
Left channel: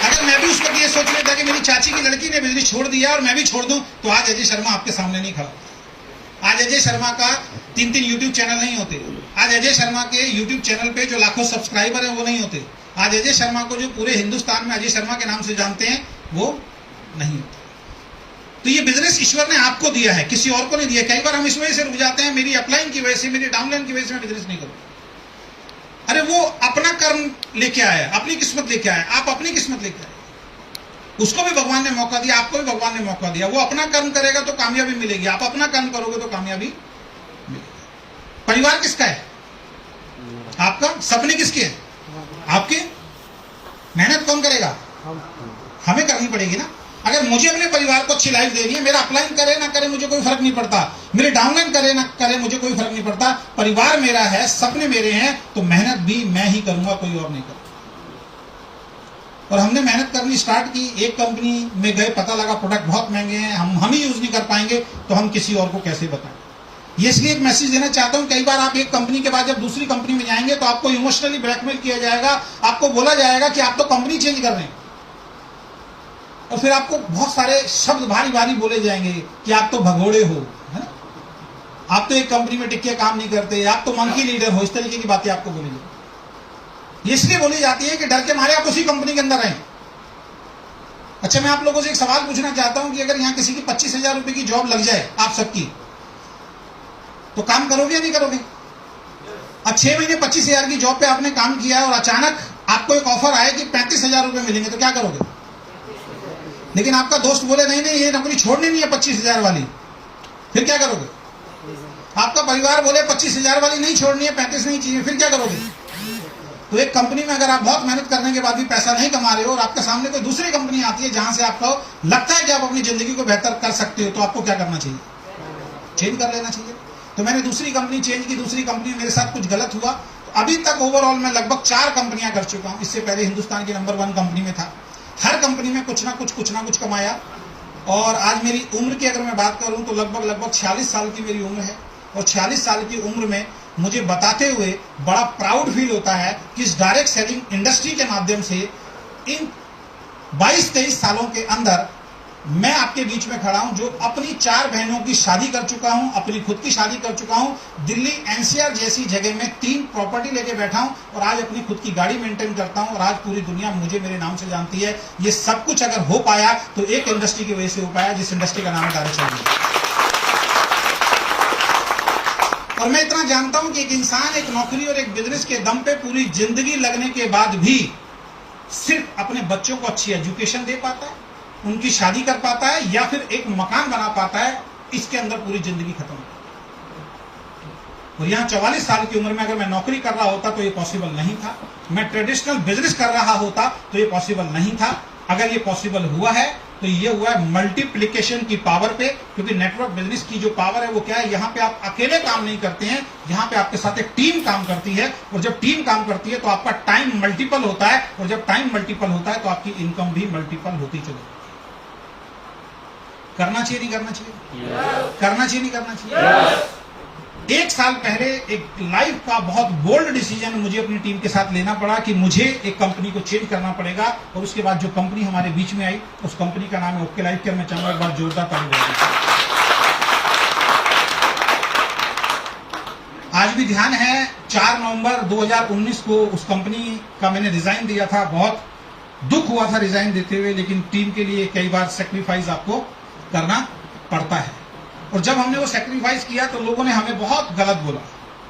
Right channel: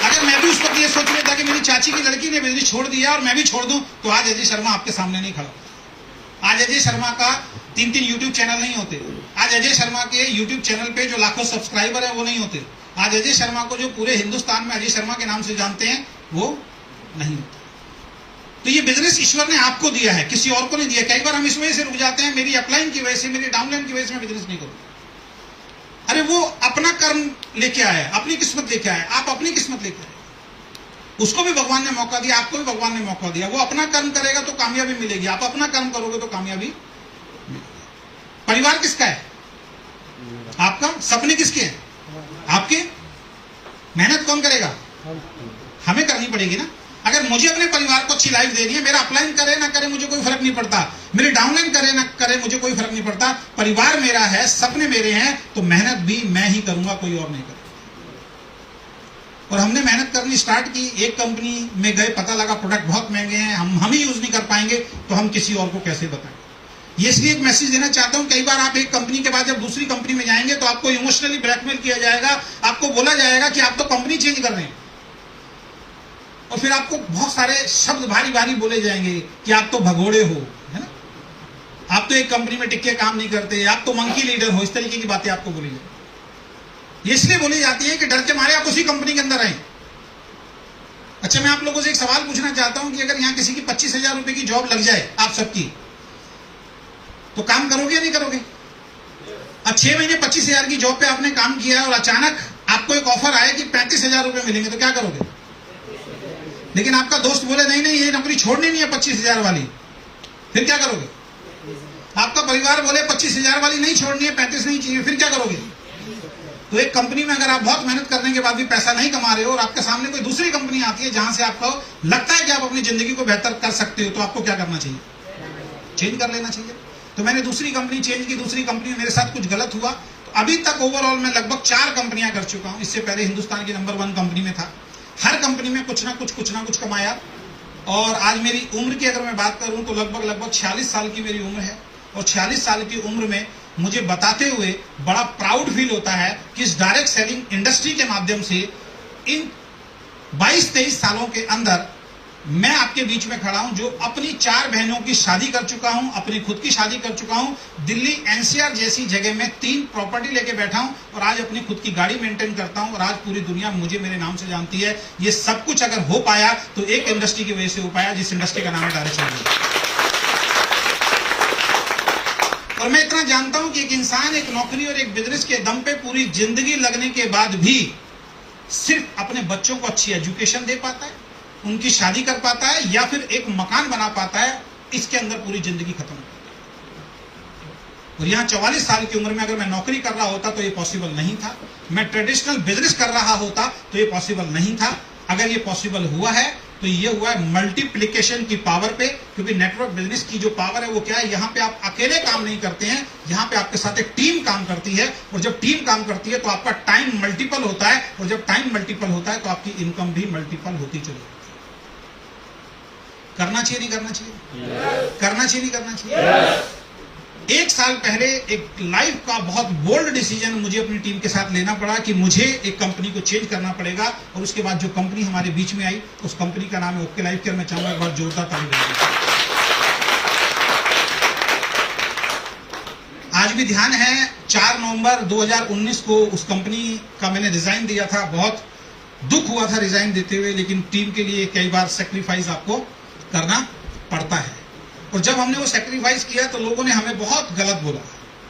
अगर मैं भी उसको ये सोच लेता कि मेरी चाची की लड़की ने बिजनेस छोड़ दिया और मैं भी छोड़ दूं, तो आज अजय शर्मा आपके सामने नहीं खड़ा। आज अजय शर्मा का 3 यूट्यूब चैनल नहीं होते। आज अजय शर्मा के यूट्यूब चैनल पे जो लाखों सब्सक्राइबर है वो नहीं होते। आज अजय शर्मा को जो पूरे हिंदुस्तान में अजय शर्मा के नाम से जानते हैं वो नहीं होते। तो ये बिजनेस ईश्वर ने आपको दिया है, किसी और को नहीं दिया। कई बार हम इस वजह से रुक जाते हैं, मेरी अपलाइन की वजह से, मेरी डाउनलाइन की वजह से मैं बिजनेस नहीं करूं। अरे वो अपना कर्म लेके आया, अपनी किस्मत लेके आया, आप अपनी किस्मत लेके आए। उसको भी भगवान ने मौका दिया, आपको भी भगवान ने मौका दिया। वो अपना कर्म करेगा तो कामयाबी मिलेगी, आप अपना कर्म करोगे तो कामयाबी मिलेगी। परिवार किसका है? आपका। सपने किसके हैं? आपके। मेहनत कौन करेगा? हमें करनी पड़ेगी ना। अगर मुझे अपने परिवार को अच्छी लाइफ देनी है, मेरा अपलाइन करे ना करे मुझे कोई फर्क नहीं पड़ता, मेरे डाउनलाइन करे ना करे मुझे कोई फर्क नहीं पड़ता। परिवार मेरा है, सपने मेरे हैं, तो मेहनत भी मैं ही करूंगा, कोई और नहीं करेगा। और हमने मेहनत करनी स्टार्ट की। एक कंपनी में गए, पता लगा प्रोडक्ट बहुत महंगे हैं, हम ही यूज नहीं कर पाएंगे, तो हम किसी और को कैसे बताएं। ये इसलिए एक मैसेज देना चाहता हूं, कई बार आप एक कंपनी के बाद जब दूसरी कंपनी में जाएंगे तो आपको इमोशनली ब्लैकमेल किया जाएगा, आपको बोला जाएगा कि आप तो कंपनी चेंज कर रहे हैं, और फिर आपको बहुत सारे शब्द भारी भारी बोले जाएंगे कि आप तो भगोड़े हो, है ना, आप तो एक कंपनी में टिक के काम नहीं करते, आप तो मंकी लीडर हो। इस तरीके की बातें आपको बोली जाती, इसलिए बोली जाती है कि डर के मारे आप उसी कंपनी के अंदर आए। अच्छा, मैं आप लोगों से एक सवाल पूछना चाहता हूं कि अगर यहां किसी की 25,000 रुपए की जॉब लग जाए आप सबकी, तो काम करोगे या नहीं करोगे? अब 6 महीने 25,000 की जॉब पे आपने काम किया और अचानक आपको एक ऑफर आए कि 35,000 रुपए मिलेंगे, तो क्या करोगे? लेकिन आपका दोस्त बोले नहीं नहीं ये नौकरी छोड़नी नहीं है 25,000 वाली, फिर क्या करोगे? आपका परिवार बोले 25,000 वाली नहीं छोड़नी है, 35 नहीं चाहिए, फिर क्या करोगे? तो एक कंपनी में अगर आप बहुत मेहनत करने के बाद भी पैसा नहीं कमा रहे हो और आपके सामने कोई दूसरी कंपनी आती है जहां से आपको लगता है कि आप अपनी जिंदगी को बेहतर कर सकते हो, तो आपको क्या करना चाहिए? चेंज कर लेना चाहिए। तो मैंने दूसरी कंपनी चेंज की, दूसरी कंपनी में मेरे साथ कुछ गलत हुआ, तो अभी तक ओवरऑल मैं लगभग 4 कंपनियां कर चुका हूं। इससे पहले हिंदुस्तान की नंबर 1 कंपनी में था। हर कंपनी में कुछ ना कुछ कमाया, और आज मेरी उम्र की अगर मैं बात करूं तो लगभग 46 साल की मेरी उम्र है। और 46 साल की उम्र में मुझे बताते हुए बड़ा प्राउड फील होता है कि इस डायरेक्ट सेलिंग इंडस्ट्री के माध्यम से इन 22-23 सालों के अंदर मैं आपके बीच में खड़ा हूं, जो अपनी 4 बहनों की शादी कर चुका हूं, अपनी खुद की शादी कर चुका हूं, दिल्ली एनसीआर जैसी जगह में 3 प्रॉपर्टी लेके बैठा हूं और आज अपनी खुद की गाड़ी मेंटेन करता हूं और आज पूरी दुनिया मुझे मेरे नाम से जानती है। ये सब कुछ अगर हो पाया तो एक इंडस्ट्री की वजह से हो पाया, जिस इंडस्ट्री का नाम है डायरेक्शन। और मैं इतना जानता हूं कि एक इंसान एक नौकरी और एक बिजनेस के दम पे पूरी जिंदगी लगने के बाद भी सिर्फ अपने बच्चों को अच्छी एजुकेशन दे पाता है, उनकी शादी कर पाता है या फिर एक मकान बना पाता है, इसके अंदर पूरी जिंदगी खत्म हो। और यहां 44 साल की उम्र में अगर मैं नौकरी कर रहा होता तो ये पॉसिबल नहीं था, मैं ट्रेडिशनल बिजनेस कर रहा होता तो ये पॉसिबल नहीं था। अगर ये पॉसिबल हुआ है तो ये हुआ है मल्टीप्लीकेशन की पावर पे, क्योंकि नेटवर्क बिजनेस की जो पावर है वो क्या है, यहां पे आप अकेले काम नहीं करते हैं, यहां पे आपके साथ एक टीम काम करती है और जब टीम काम करती है तो आपका टाइम मल्टीपल होता है और जब टाइम मल्टीपल होता है तो आपकी इनकम भी मल्टीपल होती चली जाती है। करना चाहिए नहीं करना चाहिए? करना चाहिए नहीं करना चाहिए? 1 साल पहले एक लाइफ का बहुत बोल्ड डिसीजन मुझे अपनी टीम के साथ लेना पड़ा कि मुझे एक कंपनी को चेंज करना पड़ेगा और उसके बाद जो कंपनी हमारे बीच में आई उस कंपनी का नाम है ओके लाइफ केयर। मैं चाहूंगा एक बार जोरदार ताली बजाइए। आज भी ध्यान है 4 नवंबर 2019 को उस कंपनी का मैंने रिजाइन दिया था। बहुत दुख हुआ था रिजाइन देते हुए, लेकिन टीम के लिए कई बार सेक्रीफाइस आपको करना पड़ता है। और जब हमने वो सेक्रीफाइस किया तो लोगों ने हमें बहुत गलत बोला,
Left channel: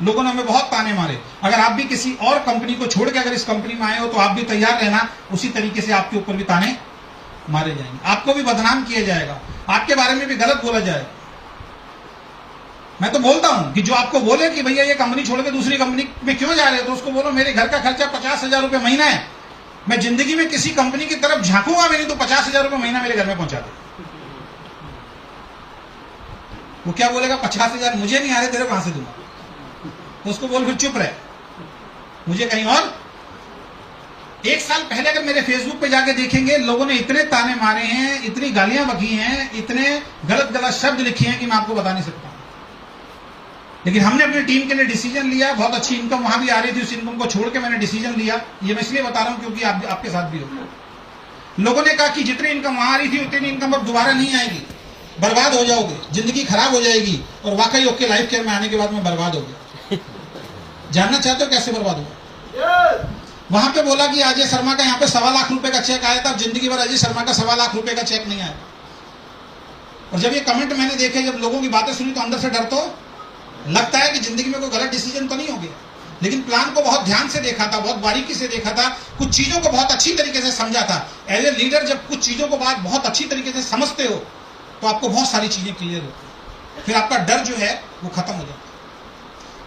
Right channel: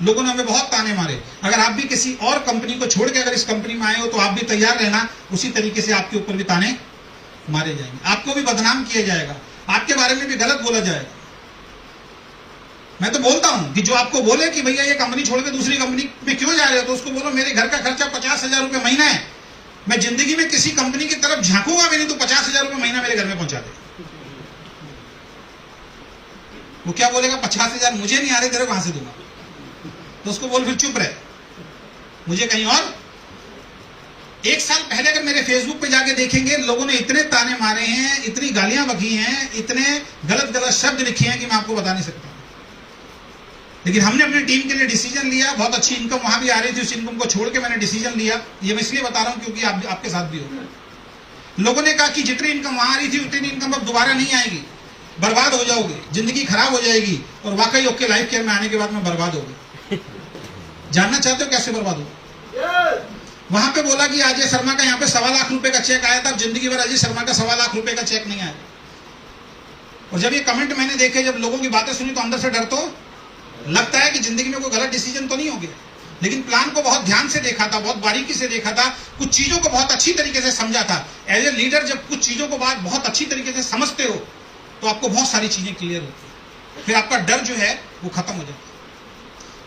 लोगों ने हमें बहुत ताने मारे। अगर आप भी किसी और कंपनी को छोड़ के अगर इस कंपनी में आए हो तो आप भी तैयार रहना, उसी तरीके से आपके ऊपर भी ताने मारे जाएंगे, आपको भी बदनाम किया जाएगा, आपके बारे में भी गलत बोला जाएगा। मैं तो बोलता हूं कि जो आपको बोले कि भैया ये कंपनी छोड़ के दूसरी कंपनी में क्यों जा रहे हो, तो उसको बोलो मेरे घर का खर्चा 50,000 रुपये महीना है, मैं जिंदगी में किसी कंपनी की तरफ झांकूंगा भी नहीं, तो 50,000 रुपये महीना मेरे घर में पहुंचा दे। वो क्या बोलेगा, 50,000 मुझे नहीं आ रहे, तेरे कहां से दूंगा? तो उसको बोल फिर चुप रहे, मुझे कहीं और। 1 साल पहले अगर मेरे फेसबुक पे जाके देखेंगे, लोगों ने इतने ताने मारे हैं, इतनी गालियां बकी हैं, इतने गलत गलत शब्द लिखे हैं कि मैं आपको बता नहीं सकता। लेकिन हमने अपनी टीम के लिए डिसीजन लिया, बहुत अच्छी इनकम वहां भी आ रही थी, उस इनकम को छोड़ के मैंने डिसीजन लिया। ये मैं इसलिए बता रहा हूं क्योंकि आपके साथ भी हो। लोगों ने कहा कि जितनी इनकम वहां आ रही थी उतनी इनकम अब दोबारा नहीं आएगी, बर्बाद हो जाओगे, जिंदगी खराब हो जाएगी। और वाकई ओके लाइफ केयर में आने के बाद मैं बर्बाद हो गया। जानना चाहते हो कैसे बर्बाद हुआ? वहां पे बोला कि अजय शर्मा का यहाँ पे 1.25 लाख रुपए का चेक आया था, जिंदगी भर अजय शर्मा का 1.25 लाख रुपए का चेक नहीं आया। और जब ये कमेंट मैंने देखे, जब लोगों की बातें सुनी, तो अंदर से डर तो लगता है कि जिंदगी में कोई गलत डिसीजन तो नहीं हो गया। लेकिन प्लान को बहुत ध्यान से देखा था, बहुत बारीकी से देखा था, कुछ चीजों को बहुत अच्छी तरीके से समझा था। एज ए लीडर जब कुछ चीजों को बहुत अच्छी तरीके से समझते हो तो आपको बहुत सारी चीजें क्लियर होती है, फिर आपका डर जो है वो खत्म हो जाता है।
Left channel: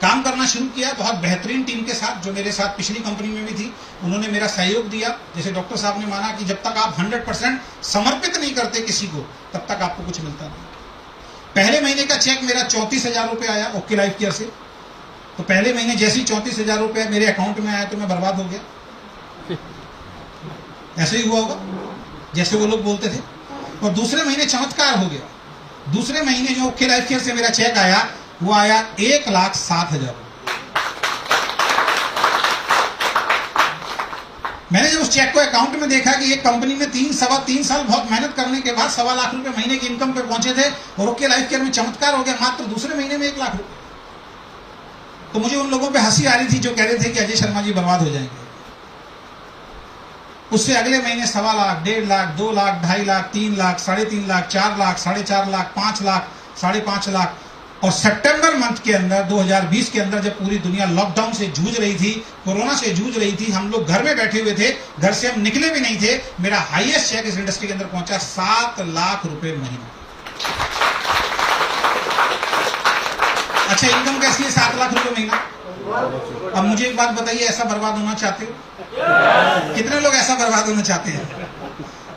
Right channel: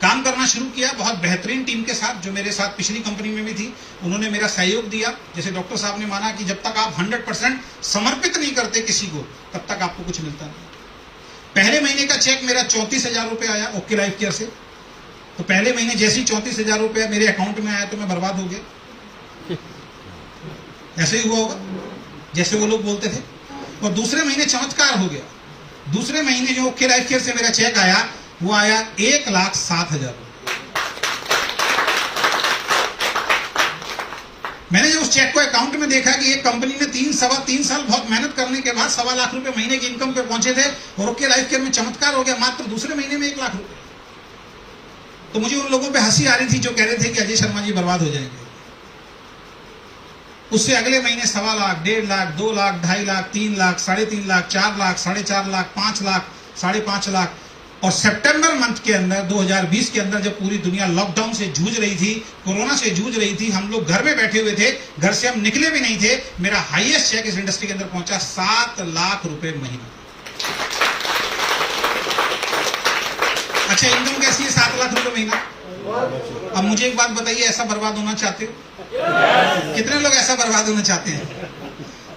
काम करना शुरू किया बहुत बेहतरीन टीम के साथ, जो मेरे साथ पिछली कंपनी में भी थी। उन्होंने मेरा सहयोग दिया। जैसे डॉक्टर साहब ने माना कि जब तक आप 100% समर्पित नहीं करते किसी को, तब तक आपको कुछ मिलता नहीं। पहले महीने का चेक मेरा 34,000 रुपये आया ओके लाइफ केयर से। तो पहले महीने जैसे ही 34,000 रुपये मेरे अकाउंट में आया तो मैं बर्बाद हो गया। ऐसे ही हुआ होगा जैसे वो लोग बोलते थे। और दूसरे महीने चमत्कार हो गया। दूसरे महीने जो ओके लाइफ केयर से मेरा चेक आया वो आया 1,07,000। मैंने जब उस चेक को अकाउंट में देखा कि एक कंपनी ने 3 साल बहुत मेहनत करने के बाद 1.25 लाख रुपए महीने की इनकम पे पहुंचे थे और ओके लाइफ केयर में चमत्कार हो गया, मात्र दूसरे महीने में 1 लाख रुपए। तो मुझे उन लोगों पे हंसी आ रही थी जो कह रहे थे कि अजय शर्मा जी बर्बाद हो जाएंगे। उससे अगले महीने 1.25 लाख, 1.5 लाख, 2 लाख, 2.5 लाख, 3 लाख, 3.5 लाख, 4 लाख, 4.5 लाख, 5 लाख, 5.5 लाख। और सितंबर मंथ के अंदर 2020 के अंदर जब पूरी दुनिया लॉकडाउन से जूझ रही थी, कोरोना से जूझ रही थी, हम लोग घर में बैठे हुए थे, घर से हम निकले भी नहीं थे, मेरा हाईएस्ट चेक इस इंडस्ट्री के अंदर पहुंचा 7 लाख रुपए महीना। अच्छा, इनकम कैसी है? 7 लाख रुपए महीना। अब मुझे एक बात बताइए, ऐसा बर्बाद होना चाहते हो? कितने लोग ऐसा बर्बाद होना चाहते हैं?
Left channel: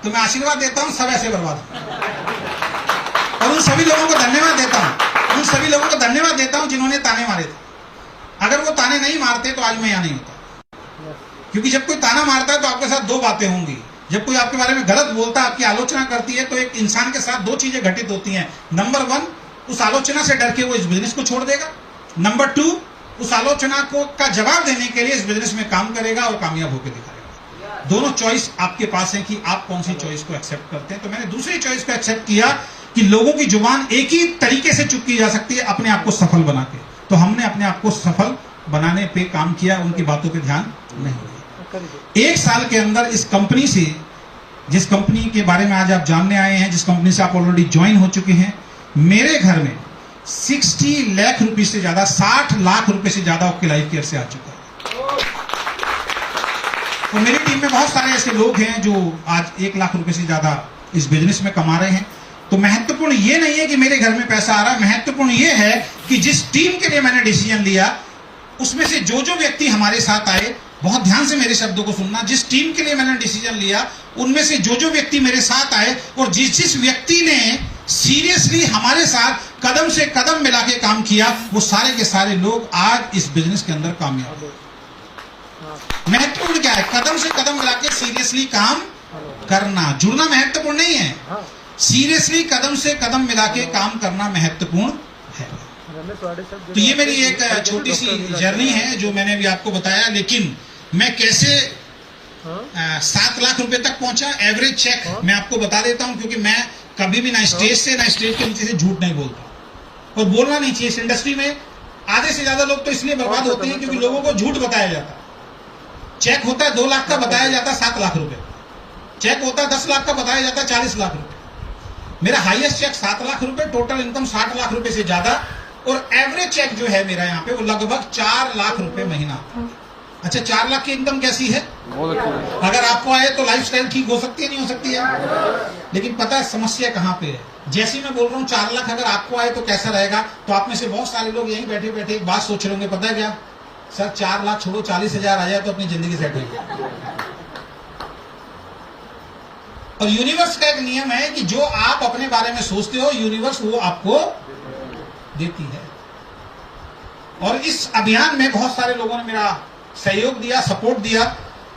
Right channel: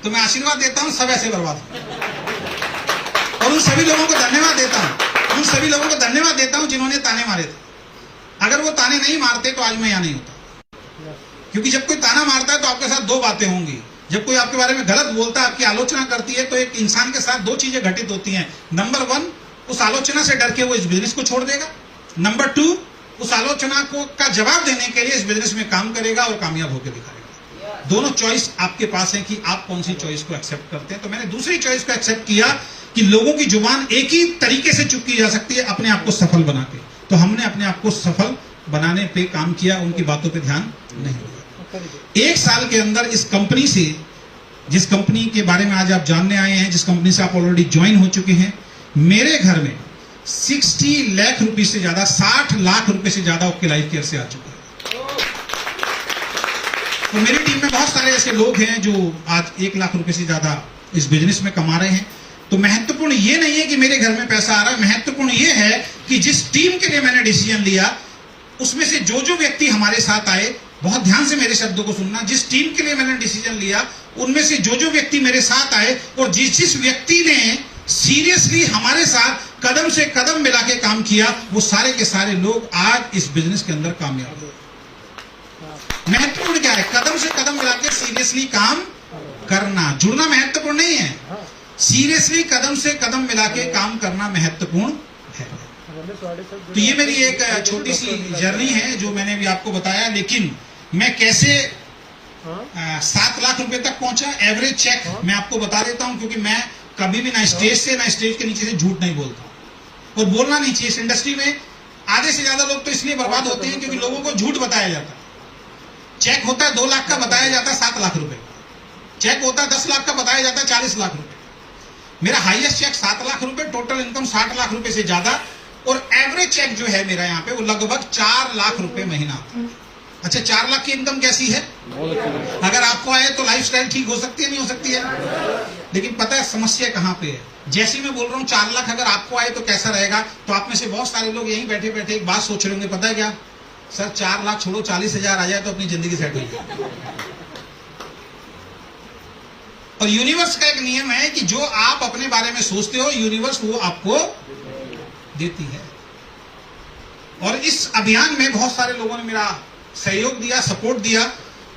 तो मैं आशीर्वाद देता हूं सब ऐसे बर्बाद हो। और उन सभी लोगों को धन्यवाद देता हूं, उन सभी लोगों को धन्यवाद देता हूं जिन्होंने ताने मारे थे। अगर वो ताने नहीं मारते तो आज मैं यहां नहीं होता। क्योंकि जब कोई ताना मारता है तो आपके साथ 2 बातें होंगी। जब कोई आपके बारे में गलत बोलता है, आपकी आलोचना करती है, तो एक इंसान के साथ 2 चीजें घटित होती हैं। नंबर 1, उस आलोचना से डर के वो इस बिजनेस को छोड़ देगा। नंबर 2, उस आलोचना को का जवाब देने के लिए इस बिजनेस में काम करेगा और कामयाब होकर दिखाएगा। दोनों चॉइस आपके पास है कि आप कौन सी चॉइस को एक्सेप्ट करते हैं। तो मैंने दूसरी चॉइस को एक्सेप्ट किया कि लोगों की जुबान एक ही तरीके से चुप की जा सकती है, अपने आप को सफल बना के। तो हमने अपने आप को सफल बनाने पे काम किया, उनकी बातों पे ध्यान नहीं दिया। 1 साल के अंदर इस कंपनी से, जिस कंपनी के बारे में आज आप जानने आए हैं, जिस कंपनी से आप ऑलरेडी ज्वाइन हो चुके हैं, मेरे घर में 60 लाख रुपए से ज्यादा, 60 लाख रुपए से ज्यादा आपके लाइफ केयर से आ चुका है। तो मेरी टीम में बहुत सारे ऐसे लोग हैं जो आज 1 लाख रुपए से ज्यादा इस बिजनेस में कमा रहे हैं। तो महत्वपूर्ण ये नहीं है कि मेरे घर में पैसा आ रहा है, महत्वपूर्ण ये है कि जिस टीम के लिए मैंने डिसीजन लिया, उसमें से जो व्यक्ति हमारे साथ आए, बहुत ध्यान से मेरे शब्दों को सुनना, जिस टीम के लिए मैंने डिसीजन लिया, उनमें से जो व्यक्ति मेरे साथ आए और जिस व्यक्ति ने सीरियसली हमारे साथ कदम से कदम मिला के काम किया, वो सारे के सारे लोग आज इस बिजनेस के अंदर कामयाब हैं। महत्वपूर्ण क्या है? कदम से कदम मिला के सीरियसली काम करना। जुड़ना महत्वपूर्ण नहीं है, सीरियसली कदम से कदम मिला के काम करना महत्वपूर्ण है। तो ये मेरी एक छोटी सी जर्नी है जो मैंने भी आपको बताया। लेकिन मैं कैसे 7 लाख रुपए तक पहुंचा, एवरेज चेक मैं आपको बता देता हूं, क्योंकि मैं कभी भी ना स्टेज से ना स्टेज के नीचे से झूठ नहीं बोलता, और बोलना नहीं चाहिए। इस इंडस्ट्री में आधे से ज्यादा लोग तो इसलिए बर्बाद होते हैं क्योंकि लोगों को झूठ बताया जाता है। चेक होता है 2 लाख का, बताया जाता है 7 लाख रुपए। चेक होता है 10 लाख का, बताया जाता है 40 लाख रुपए। मेरा हाईएस्ट चेक 7 लाख रुपए, टोटल इनकम 60 लाख रुपए से ज्यादा, और एवरेज चेक जो है मेरा यहाँ पे वो लगभग 4 लाख रुपए महीना। अच्छा, 4 लाख की इनकम कैसी है? बहुत अच्छी। अगर आपको आए तो लाइफस्टाइल ठीक हो सकती है, नहीं हो सकती है? लेकिन पता है समस्या कहां पे है? जैसे मैं बोल रहा हूं 4 लाख अगर आपको आए तो कैसा रहेगा, तो आप में से बहुत सारे लोग यहीं बैठे बैठे एक बात सोच रहे होंगे, पता है क्या सर, 4 लाख छोड़ो, 40,000 आ जाए तो अपनी जिंदगी सेट होगी। और यूनिवर्स का एक नियम है कि जो आप अपने बारे में सोचते हो, यूनिवर्स वो आपको देती है। और इस अभियान में बहुत सारे लोगों ने मेरा सहयोग दिया, सपोर्ट दिया।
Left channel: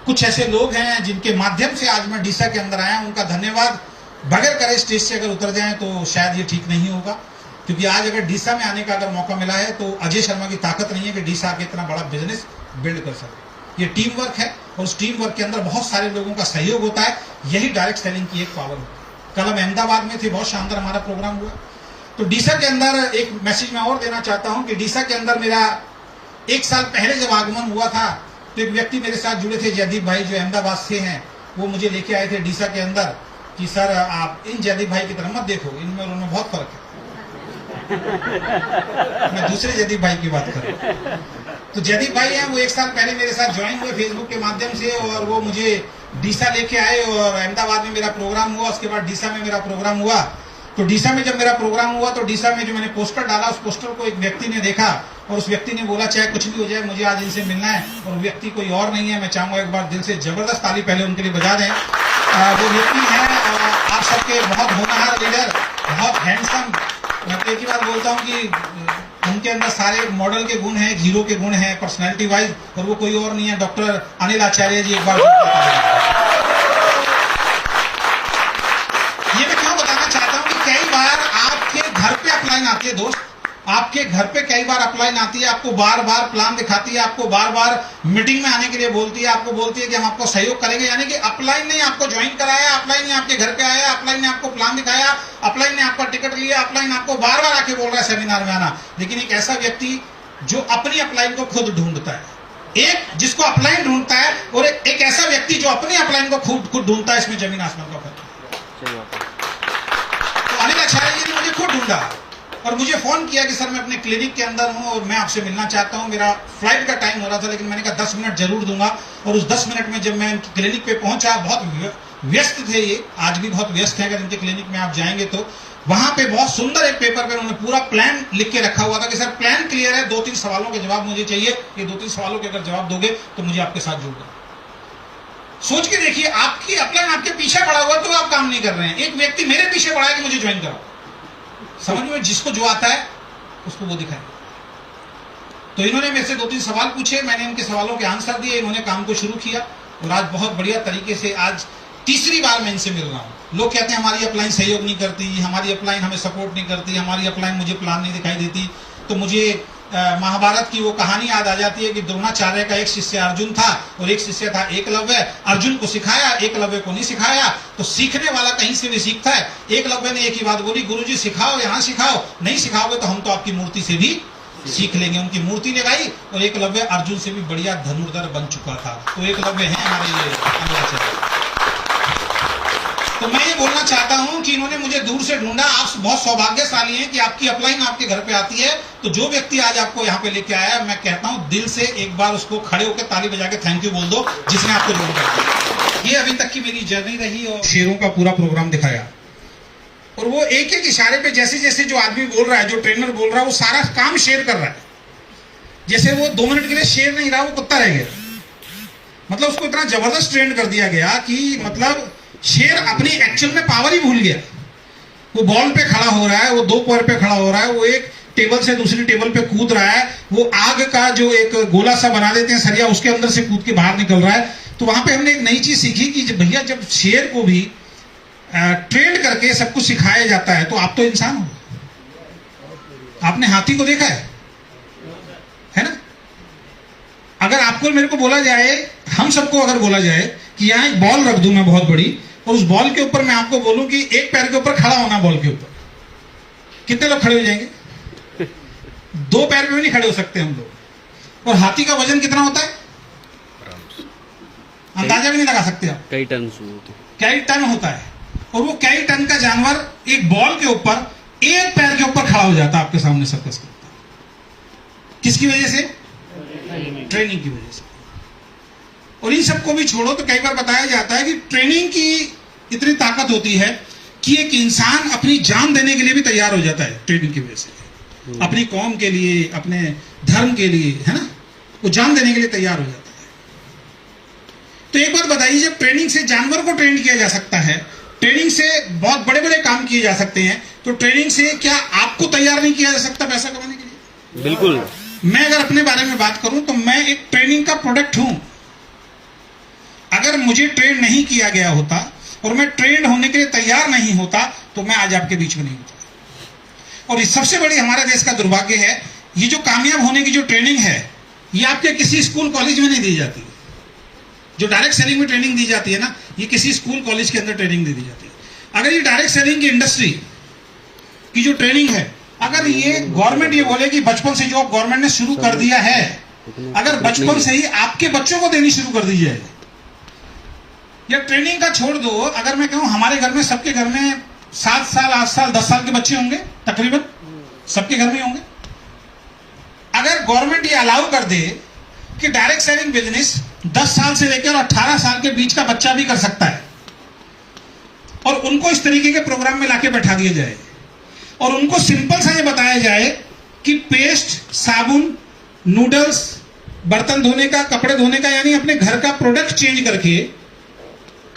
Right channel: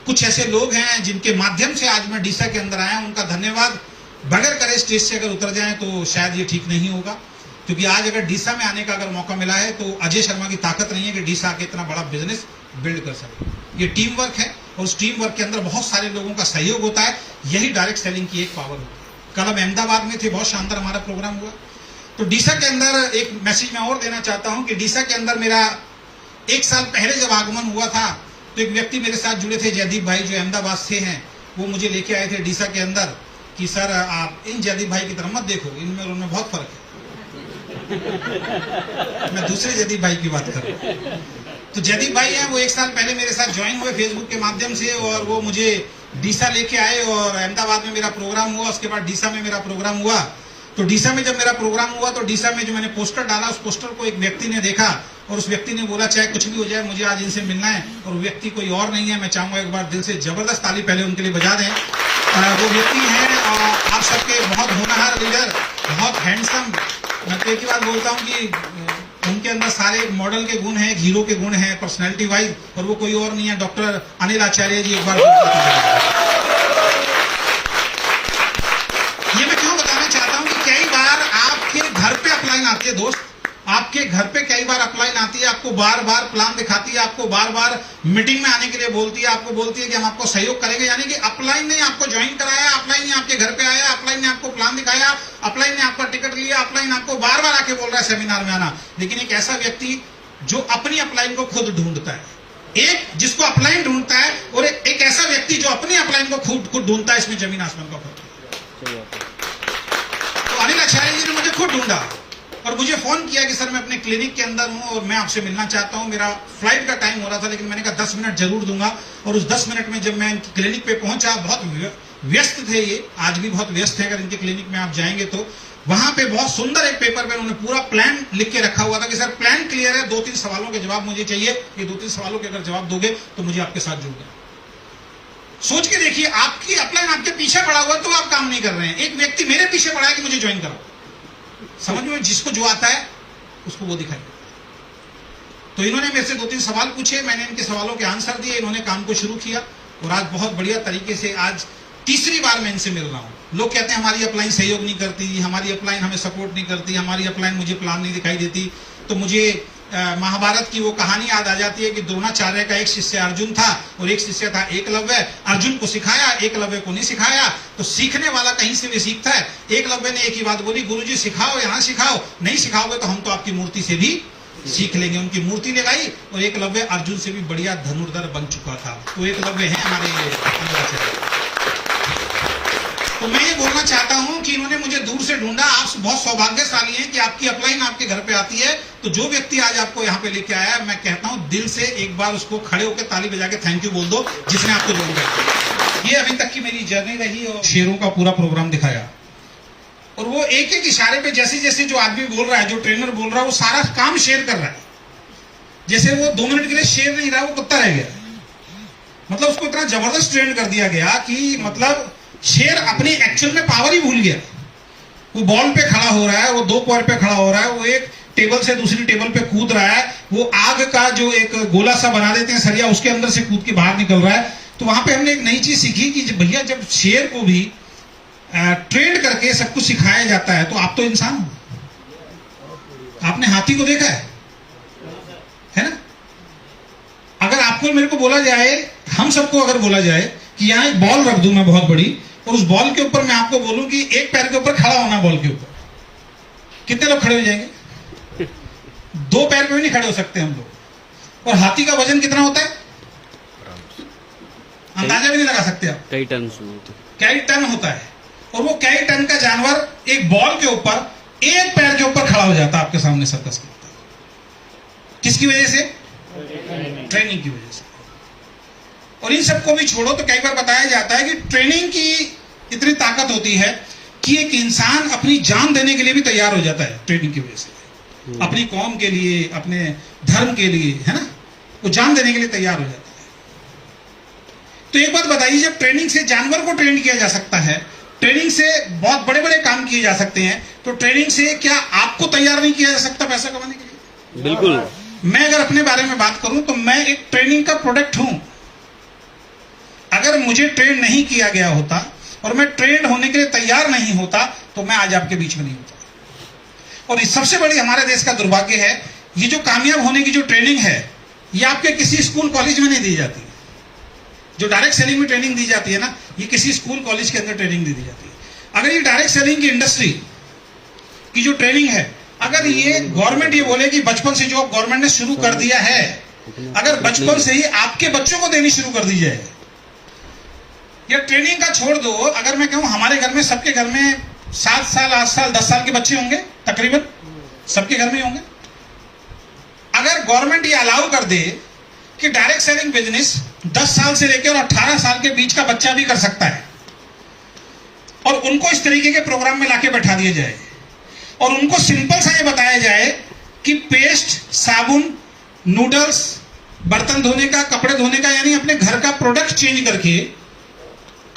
कुछ ऐसे लोग हैं जिनके माध्यम से आज मैं डीसा के अंदर आया, उनका धन्यवाद बगैर करे स्टेज से अगर उतर जाए तो शायद ये ठीक नहीं होगा। क्योंकि आज अगर डीसा में आने का अगर मौका मिला है तो अजय शर्मा की ताकत नहीं है कि डीसा आके इतना बड़ा बिजनेस बिल्ड कर सके। ये टीम वर्क है, और उस टीम वर्क के अंदर बहुत सारे लोगों का सहयोग होता है। यही डायरेक्ट सेलिंग की एक पावर है। कल हम अहमदाबाद में थे, बहुत शानदार हमारा प्रोग्राम हुआ। तो डीसा के अंदर एक मैसेज मैं और देना चाहता हूं कि डीसा के अंदर मेरा 1 साल पहले जब आगमन हुआ था, तो एक व्यक्ति मेरे साथ जुड़े थे, जयदीप भाई, जो अहमदाबाद से हैं। वो मुझे लेके आए थे डीसा के अंदर कि सर आप इन जयदीप भाई की तरफ मत देखो, इनमें और उनमें बहुत फर्क है। मैं दूसरे जयदीप भाई की बात कर रहा हूं। तो जयदीप भाई हैं, वो 1 साल पहले मेरे साथ ज्वाइन हुए फेसबुक के माध्यम से, और वो मुझे डीसा लेके आए, और अहमदाबाद में मेरा प्रोग्राम हुआ, उसके बाद डीसा में मेरा प्रोग्राम हुआ। तो डीसा में जब मेरा प्रोग्राम हुआ तो डीसा में जो मैंने पोस्टर डाला, उस पोस्टर को एक व्यक्ति ने देखा, और उस व्यक्ति ने बोला चाहे कुछ भी हो जाए मुझे आज इनसे मिलना है। और वो व्यक्ति कोई और नहीं है, मैं चाहूंगा एक बार दिल से जबरदस्त ताली पहले उनके लिए बजा दें। वो व्यक्ति है आप सबके बहुत होनहार लीडर, बहुत हैंडसम। मैं तो एक ही बात बोलता हूँ कि उनके अंदर सारे मॉडल के गुण हैं, हीरो के गुण हैं पर्सनैलिटी वाइज, और वो कोई और नहीं है, डॉक्टर अनिल आचार्य जी। एक बार ये मैं क्यों बताना चाहता हूँ कि कई बार आपके घर पे अपलाइन आती है दोस्त, आपके घर पे कई बार अपलाइन आती है, आपको बार बार प्लान दिखाती है, आपको बार बार मीटिंग में आने के लिए बोलती है, आपको बोलती है कि हम आपको सहयोग करेंगे। यानी कि अपलाइन ने आपको ज्वाइन कराया, अपलाइन ने आपके घर पे आया, अपलाइन ने आपको प्लान दिखाया, अपलाइन ने आपका टिकट लिया, अपलाइन आपको बार बार आके बोल रहा है सेमिनार में आना। लेकिन एक ऐसा व्यक्ति जो अपनी अपलाइन को खुद ढूंढता है, एक जिसको अपलाइन ढूंढता है, और एक ऐसा व्यक्ति जो अपनी अपलाइन को खुद ढूंढता है, इसमें जमीन आसमान का फर्क है। तो अनिल आचार्य जी ने मुझे खुद ढूंढा और मुझे फोन किया कि सर मैं अपने क्लिनिक के अंदर हूं और मैं आपसे मिलना चाहता हूं। मेरा फ्लाइट का टाइम हो रहा था, लेकिन मैंने कहा 10 मिनट जरूर दूंगा। और उस 10 मिनट में जब मैं इनकी क्लिनिक पे पहुंचा, बहुत व्यस्त थे ये, आज भी बहुत व्यस्त है, अगर इनके क्लिनिक में आप जाएंगे तो वहां पे बहुत सुंदर एक पेपर पे उन्होंने पूरा प्लान लिख के रखा हुआ था कि सर प्लान क्लियर है, 2-3 सवालों के जवाब मुझे चाहिए, ये 2-3 सवालों के अगर जवाब दोगे तो मुझे आपके साथ जुड़ना। सोच के देखिए, आपकी अपलाइन आपके पीछे पड़ा हुआ तो आप काम नहीं कर रहे हैं, एक व्यक्ति मेरे पीछे पड़ा है कि मुझे ज्वाइन करो। समझ में, जिसको जो आता है उसको वो दिखाए। तो इन्होंने मेरे से 2-3 सवाल पूछे, मैंने इनके सवालों के आंसर दिए, इन्होंने काम को शुरू किया और आज बहुत बढ़िया तरीके से, आज तीसरी बार मैं इनसे मिल रहा हूं। लोग कहते हैं हमारी अपलाइन सहयोग नहीं करती, हमारी अपलाइन हमें सपोर्ट नहीं करती, हमारी अपलाइन मुझे प्लान नहीं दिखाई देती। तो मुझे महाभारत की वो कहानी याद आ जाती है कि द्रोणाचार्य का एक शिष्य अर्जुन था और एक शिष्य था एकलव्य। अर्जुन को सिखाया, एकलव्य को नहीं सिखाया। तो सीखने वाला कहीं से भी सीखता है। एकलव्य ने एक ही बात बोली, गुरुजी सिखाओ, यहाँ सिखाओ, नहीं सिखाओगे तो हम तो आपकी मूर्ति से भी सीख लेंगे। उनकी मूर्ति लगाई और एकलव्य अर्जुन से भी बढ़िया धनुर्धर बन चुका था। तो एकलव्य है हमारे अंगाचार्य। तो मैं ये बोलना चाहता हूं कि इन्होंने मुझे दूर से ढूंढा। आप बहुत सौभाग्यशाली हैं कि आपकी अपलाइन आपके घर पे आती है। तो जो व्यक्ति आज आपको यहाँ पे लेके आया, मैं कहता हूं दिल से एक बार उसको खड़े होकर ताली बजा के थैंक यू बोल दो, जिसने आपको ढूंढा। ये अभी तक की मेरी जर्नी रही और शेरों का पूरा प्रोग्राम दिखाया। और वो एक एक इशारे पे जैसे जैसे जो आदमी बोल रहा है, जो ट्रेनर बोल रहा है, वो सारा काम शेर कर रहा है। जैसे वो 2 मिनट के लिए शेर नहीं रहा, वो कुत्ता रह गया। मतलब उसको इतना जबरदस्त ट्रेन कर दिया गया कि मतलब शेर अपनी एक्चुअल में पावर ही भूल गया। वो बॉल पे खड़ा हो रहा है, वो 2 पैर पे खड़ा हो रहा है, वो एक टेबल से दूसरी टेबल पे कूद रहा है, वो आग का जो एक गोला सा बना देते हैं सरिया, उसके अंदर से कूद के बाहर निकल रहा है। तो वहां पे हमने एक नई चीज सीखी कि भैया जब शेर को भी ट्रेन करके सब कुछ सिखाया जाता है, तो आप तो इंसान हो। आपने हाथी को देखा है ना? अगर आपको मेरे को बोला जाए, हम सबको अगर बोला जाए कि यहाँ एक बॉल रख दूं मैं बहुत बड़ी, और उस बॉल के ऊपर मैं आपको बोलूं कि एक पैर के ऊपर खड़ा होना बॉल के ऊपर, कितने लोग खड़े हो जाएंगे? 2 पैर पे भी नहीं खड़े हो सकते हम लोग। और हाथी का वजन कितना होता है? अंदाजा भी नहीं लगा सकते आप। कई टन होता है। और वो कई टन का जानवर एक बॉल के ऊपर एक पैर के ऊपर खड़ा हो जाता है आपके सामने सर्कस के ऊपर। किसकी वजह से? ट्रेनिंग की वजह से। और इन सबको भी छोड़ो तो कई बार बताया जाता है कि ट्रेनिंग की इतनी ताकत होती है कि एक इंसान अपनी जान देने के लिए भी तैयार हो जाता है ट्रेनिंग की वजह से। अपनी कौम के लिए, अपने धर्म के लिए, है ना, वो जान देने के लिए तैयार हो जाता है। तो एक बात बताइए, जब ट्रेनिंग से जानवर को ट्रेन किया जा सकता है, ट्रेनिंग से बहुत बड़े बड़े काम किए जा सकते हैं, तो ट्रेनिंग से क्या आपको तैयार नहीं किया जा सकता पैसा कमाने के लिए? बिल्कुल। मैं अगर अपने बारे में बात करूं तो मैं एक ट्रेनिंग का प्रोडक्ट हूं। अगर मुझे ट्रेन नहीं किया गया होता और मैं ट्रेन होने के लिए तैयार नहीं होता तो मैं आज आपके बीच में नहीं होता। और सबसे बड़ी हमारे देश का दुर्भाग्य है, ये जो कामयाब होने की जो ट्रेनिंग है, ये आपके किसी स्कूल कॉलेज में नहीं दी जाती। जो डायरेक्ट सेलिंग में ट्रेनिंग दी जाती है ना, ये किसी स्कूल कॉलेज के अंदर ट्रेनिंग दी जाती है। अगर ये डायरेक्ट सेलिंग की इंडस्ट्री की जो ट्रेनिंग है, अगर ये गवर्नमेंट ये बोले कि बचपन से जो गवर्नमेंट ने शुरू कर दिया है, अगर बचपन से ही आपके बच्चों को देनी शुरू कर दी जाए, या ट्रेनिंग का छोड़ दो, अगर मैं कहूं हमारे घर में, सबके घर में 7 साल, 8 साल, 10 साल के बच्चे होंगे, तकरीबन सबके घर में होंगे। अगर गवर्नमेंट ये अलाउ कर दे कि डायरेक्ट सेलिंग बिजनेस 10 साल से लेकर 18 साल के बीच का बच्चा भी कर सकता है, और उनको इस तरीके के प्रोग्राम में लाके बैठा दिया जाए, और उनको सिंपल सा ये बताया जाए कि पेस्ट, साबुन, नूडल्स, बर्तन धोने का, कपड़े धोने का, यानी अपने घर का प्रोडक्ट चेंज करके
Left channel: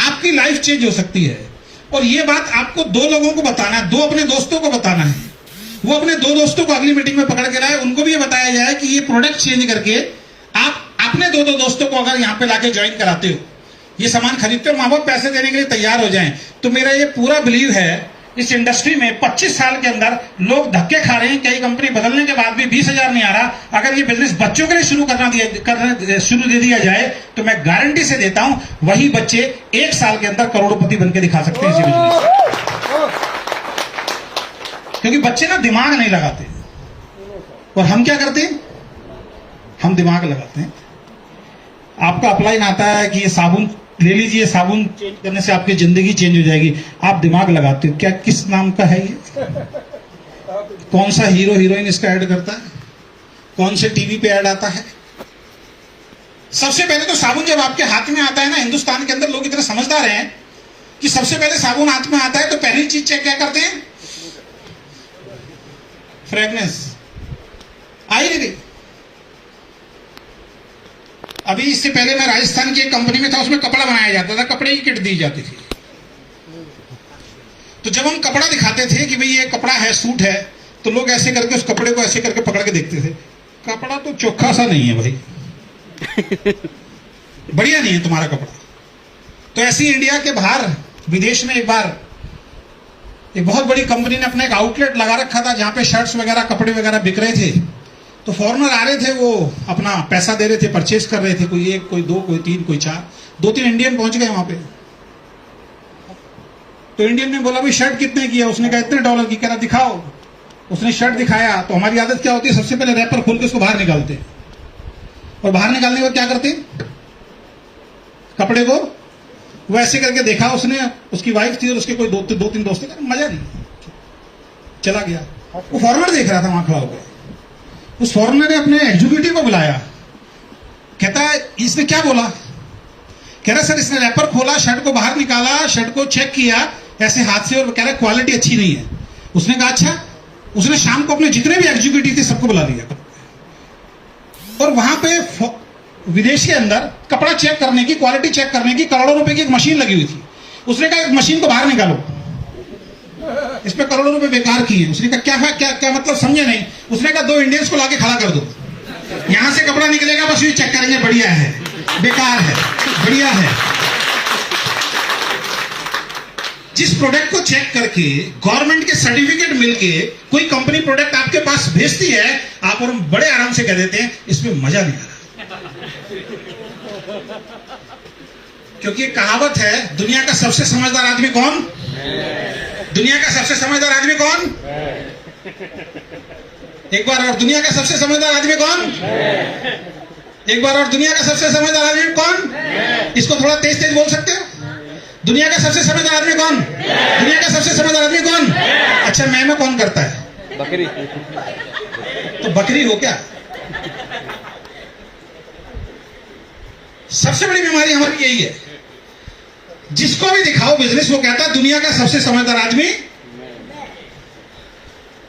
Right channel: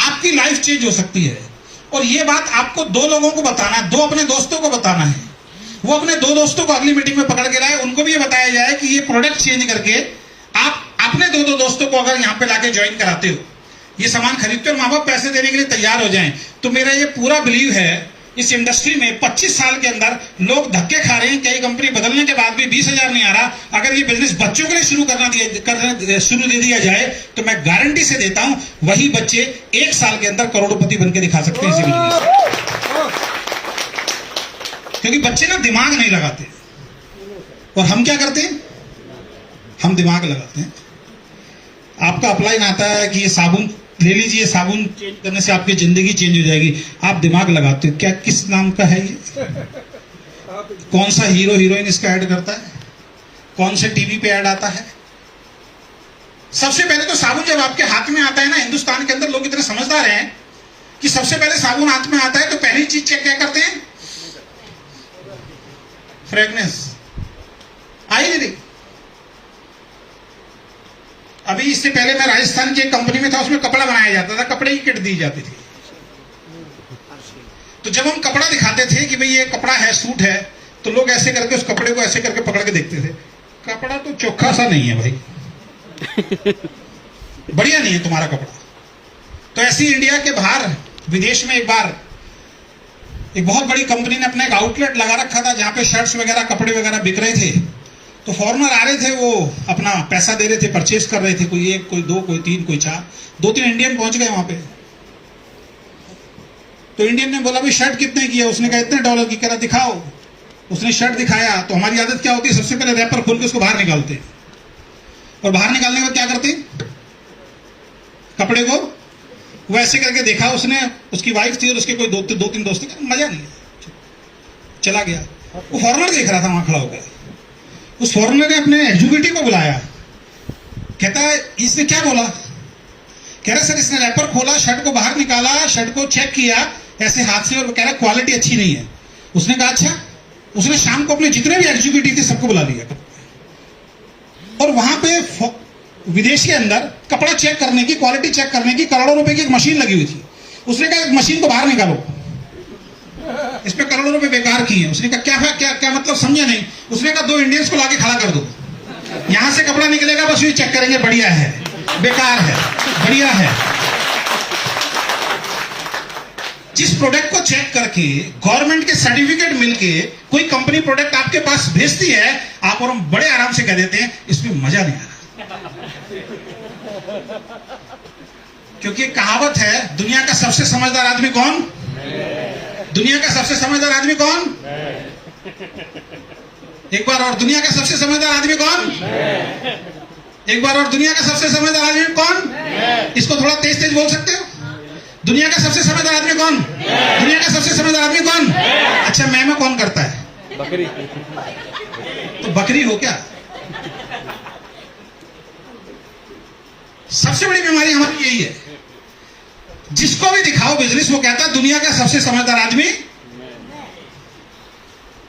आपकी लाइफ चेंज हो सकती है। और ये बात आपको 2 लोगों को बताना है, 2 अपने दोस्तों को बताना है। वो अपने 2 दोस्तों को अगली मीटिंग में पकड़ के लाए, उनको भी ये बताया जाए कि ये प्रोडक्ट चेंज करके आप अपने 2 दोस्तों को अगर यहाँ पे लाके ज्वाइन कराते हो, ये सामान खरीदते हो, माँ बाप पैसे देने के लिए तैयार हो जाएं, तो मेरा ये पूरा बिलीव है इस इंडस्ट्री में 25 साल के अंदर लोग धक्के खा रहे हैं। कई कंपनी बदलने के बाद भी 20,000 नहीं आ रहा। अगर ये बिजनेस बच्चों के लिए शुरू दे दिया जाए तो मैं गारंटी से देता हूं वही बच्चे 1 साल के अंदर करोड़पति बनकर दिखा सकते हैं इसी बिजनेस। क्योंकि बच्चे ना दिमाग नहीं लगाते, और हम क्या करते हैं? हम दिमाग लगाते हैं। आपका अपलाइन आता है कि ये साबुन ले लीजिए, साबुन चेंज करने से आपकी जिंदगी चेंज हो जाएगी। आप दिमाग लगाते हो क्या? किस नाम का है ये? कौन सा हीरो हीरोइन इसका ऐड करता है? कौन से टीवी पे ऐड आता है? सबसे पहले तो साबुन जब आपके हाथ में आता है ना, हिंदुस्तान के अंदर लोग इतने समझदार हैं कि सबसे पहले साबुन हाथ में आता है तो पहली चीज चेक क्या करते हैं? फ्रेगनेंस आई नहीं। अभी इससे पहले मैं राजस्थान की एक कंपनी में था, उसमें कपड़ा बनाया जाता था, कपड़े की किट दी जाती थी। तो जब हम कपड़ा दिखाते थे कि भाई ये कपड़ा है, सूट है, तो लोग ऐसे करके उस कपड़े को ऐसे करके पकड़ के देखते थे, कपड़ा तो चोखा सा नहीं है भाई, बढ़िया नहीं है तुम्हारा कपड़ा। तो ऐसी इंडिया के बाहर विदेश में एक बार एक बहुत बड़ी कंपनी ने अपना एक आउटलेट लगा रखा था जहां पे शर्ट्स वगैरह, कपड़े वगैरह बिक रहे थे। तो फॉरेनर आ रहे थे, वो अपना पैसा दे रहे थे, परचेज कर रहे थे, कोई एक, कोई दो, कोई तीन, कोई चार, 2-3 इंडियन पहुंच गए वहां पे। तो इंडियन ने बोला भाई शर्ट कितने की है? उसने कहा इतने डॉलर की। कह रहा दिखाओ। उसने शर्ट दिखाया। तो हमारी आदत क्या होती है, सबसे पहले रैपर खोल के उसको बाहर निकालते, और बाहर निकालने के बाद क्या करते, कपड़े को वो ऐसे करके देखा उसने, उसकी वाइफ थी और उसके कोई दो तीन दोस्त थे, मजा नहीं, चला गया। वो फॉरेनर देख रहा था वहां खड़ा होकर। उस फॉरेनर ने अपने एग्जीक्यूटिव को बुलाया, कहता है इसने क्या बोला? कह रहा सर इसने रैपर खोला, शर्ट को बाहर निकाला, शर्ट को चेक किया ऐसे हाथ से, और कह रहा क्वालिटी अच्छी नहीं है। उसने कहा अच्छा। उसने शाम को अपने जितने भी एग्जीक्यूटिव थे सबको बुला लिया, और वहां पे विदेश के अंदर कपड़ा चेक करने की, क्वालिटी चेक करने की करोड़ों रुपए की एक मशीन लगी हुई थी। उसने कहा एक मशीन को बाहर निकालो, इस पे करोड़ों रुपए बेकार किए। उसने कहा क्या मतलब, समझे नहीं। उसने कहा 2 इंडियंस को लाके खड़ा कर दो, यहां से कपड़ा निकलेगा, बस ये चेक करेंगे बढ़िया है, बेकार है, बढ़िया है। जिस प्रोडक्ट को चेक करके गवर्नमेंट के सर्टिफिकेट मिलके कोई कंपनी प्रोडक्ट आपके पास भेजती है, आप और हम बड़े आराम से कह देते हैं इसमें मजा नहीं आ रहा। क्योंकि कहावत है, दुनिया का सबसे समझदार आदमी कौन? दुनिया का सबसे समझदार आदमी कौन? एक बार और, दुनिया का सबसे समझदार आदमी कौन? एक बार और, दुनिया का सबसे समझदार आदमी कौन? इसको थोड़ा तेज तेज बोल सकते हो? दुनिया का सबसे समझदार आदमी कौन? दुनिया का सबसे समझदार आदमी कौन? अच्छा, मैं कौन करता है? बकरी। तो बकरी हो क्या? सबसे बड़ी बीमारी हमारी यही है, जिसको भी दिखाओ बिजनेस, वो कहता है दुनिया का सबसे समझदार आदमी।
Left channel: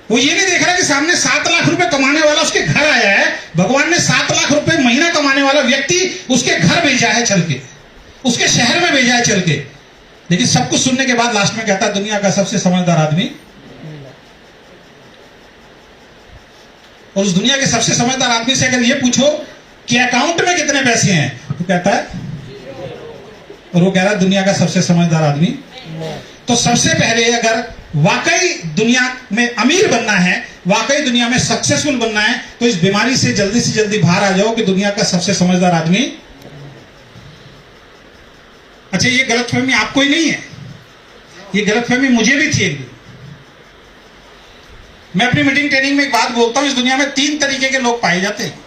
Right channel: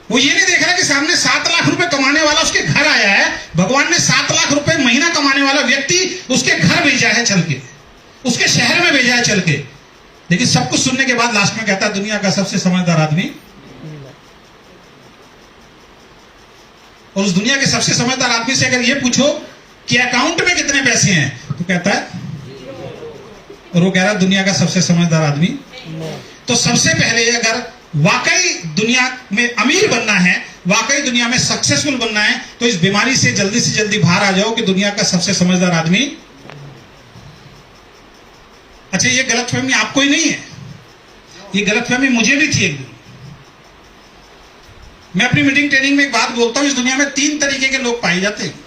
वो ये नहीं देख रहा कि सामने 7 लाख रुपए कमाने वाला उसके घर आया है। भगवान ने 7 लाख रुपए महीना कमाने वाला व्यक्ति उसके घर भेजा है चल के, उसके शहर में भेजा है चल के। लेकिन सब कुछ सुनने के बाद लास्ट में कहता है दुनिया का सबसे समझदार आदमी। और उस दुनिया के सबसे समझदार आदमी से अगर ये पूछो कि अकाउंट में कितने पैसे हैं, तो कहता है, और वो कह रहा है दुनिया का सबसे समझदार आदमी। तो सबसे पहले अगर वाकई दुनिया में अमीर बनना है, वाकई दुनिया में सक्सेसफुल बनना है, तो इस बीमारी से जल्दी बाहर आ जाओ कि दुनिया का सबसे समझदार आदमी। अच्छा, ये गलतफहमी आपको ही नहीं है, ये गलतफहमी मुझे भी थी एक दिन। मैं अपनी मीटिंग ट्रेनिंग में एक बात बोलता हूं, इस दुनिया में 3 तरीके के लोग पाए जाते हैं।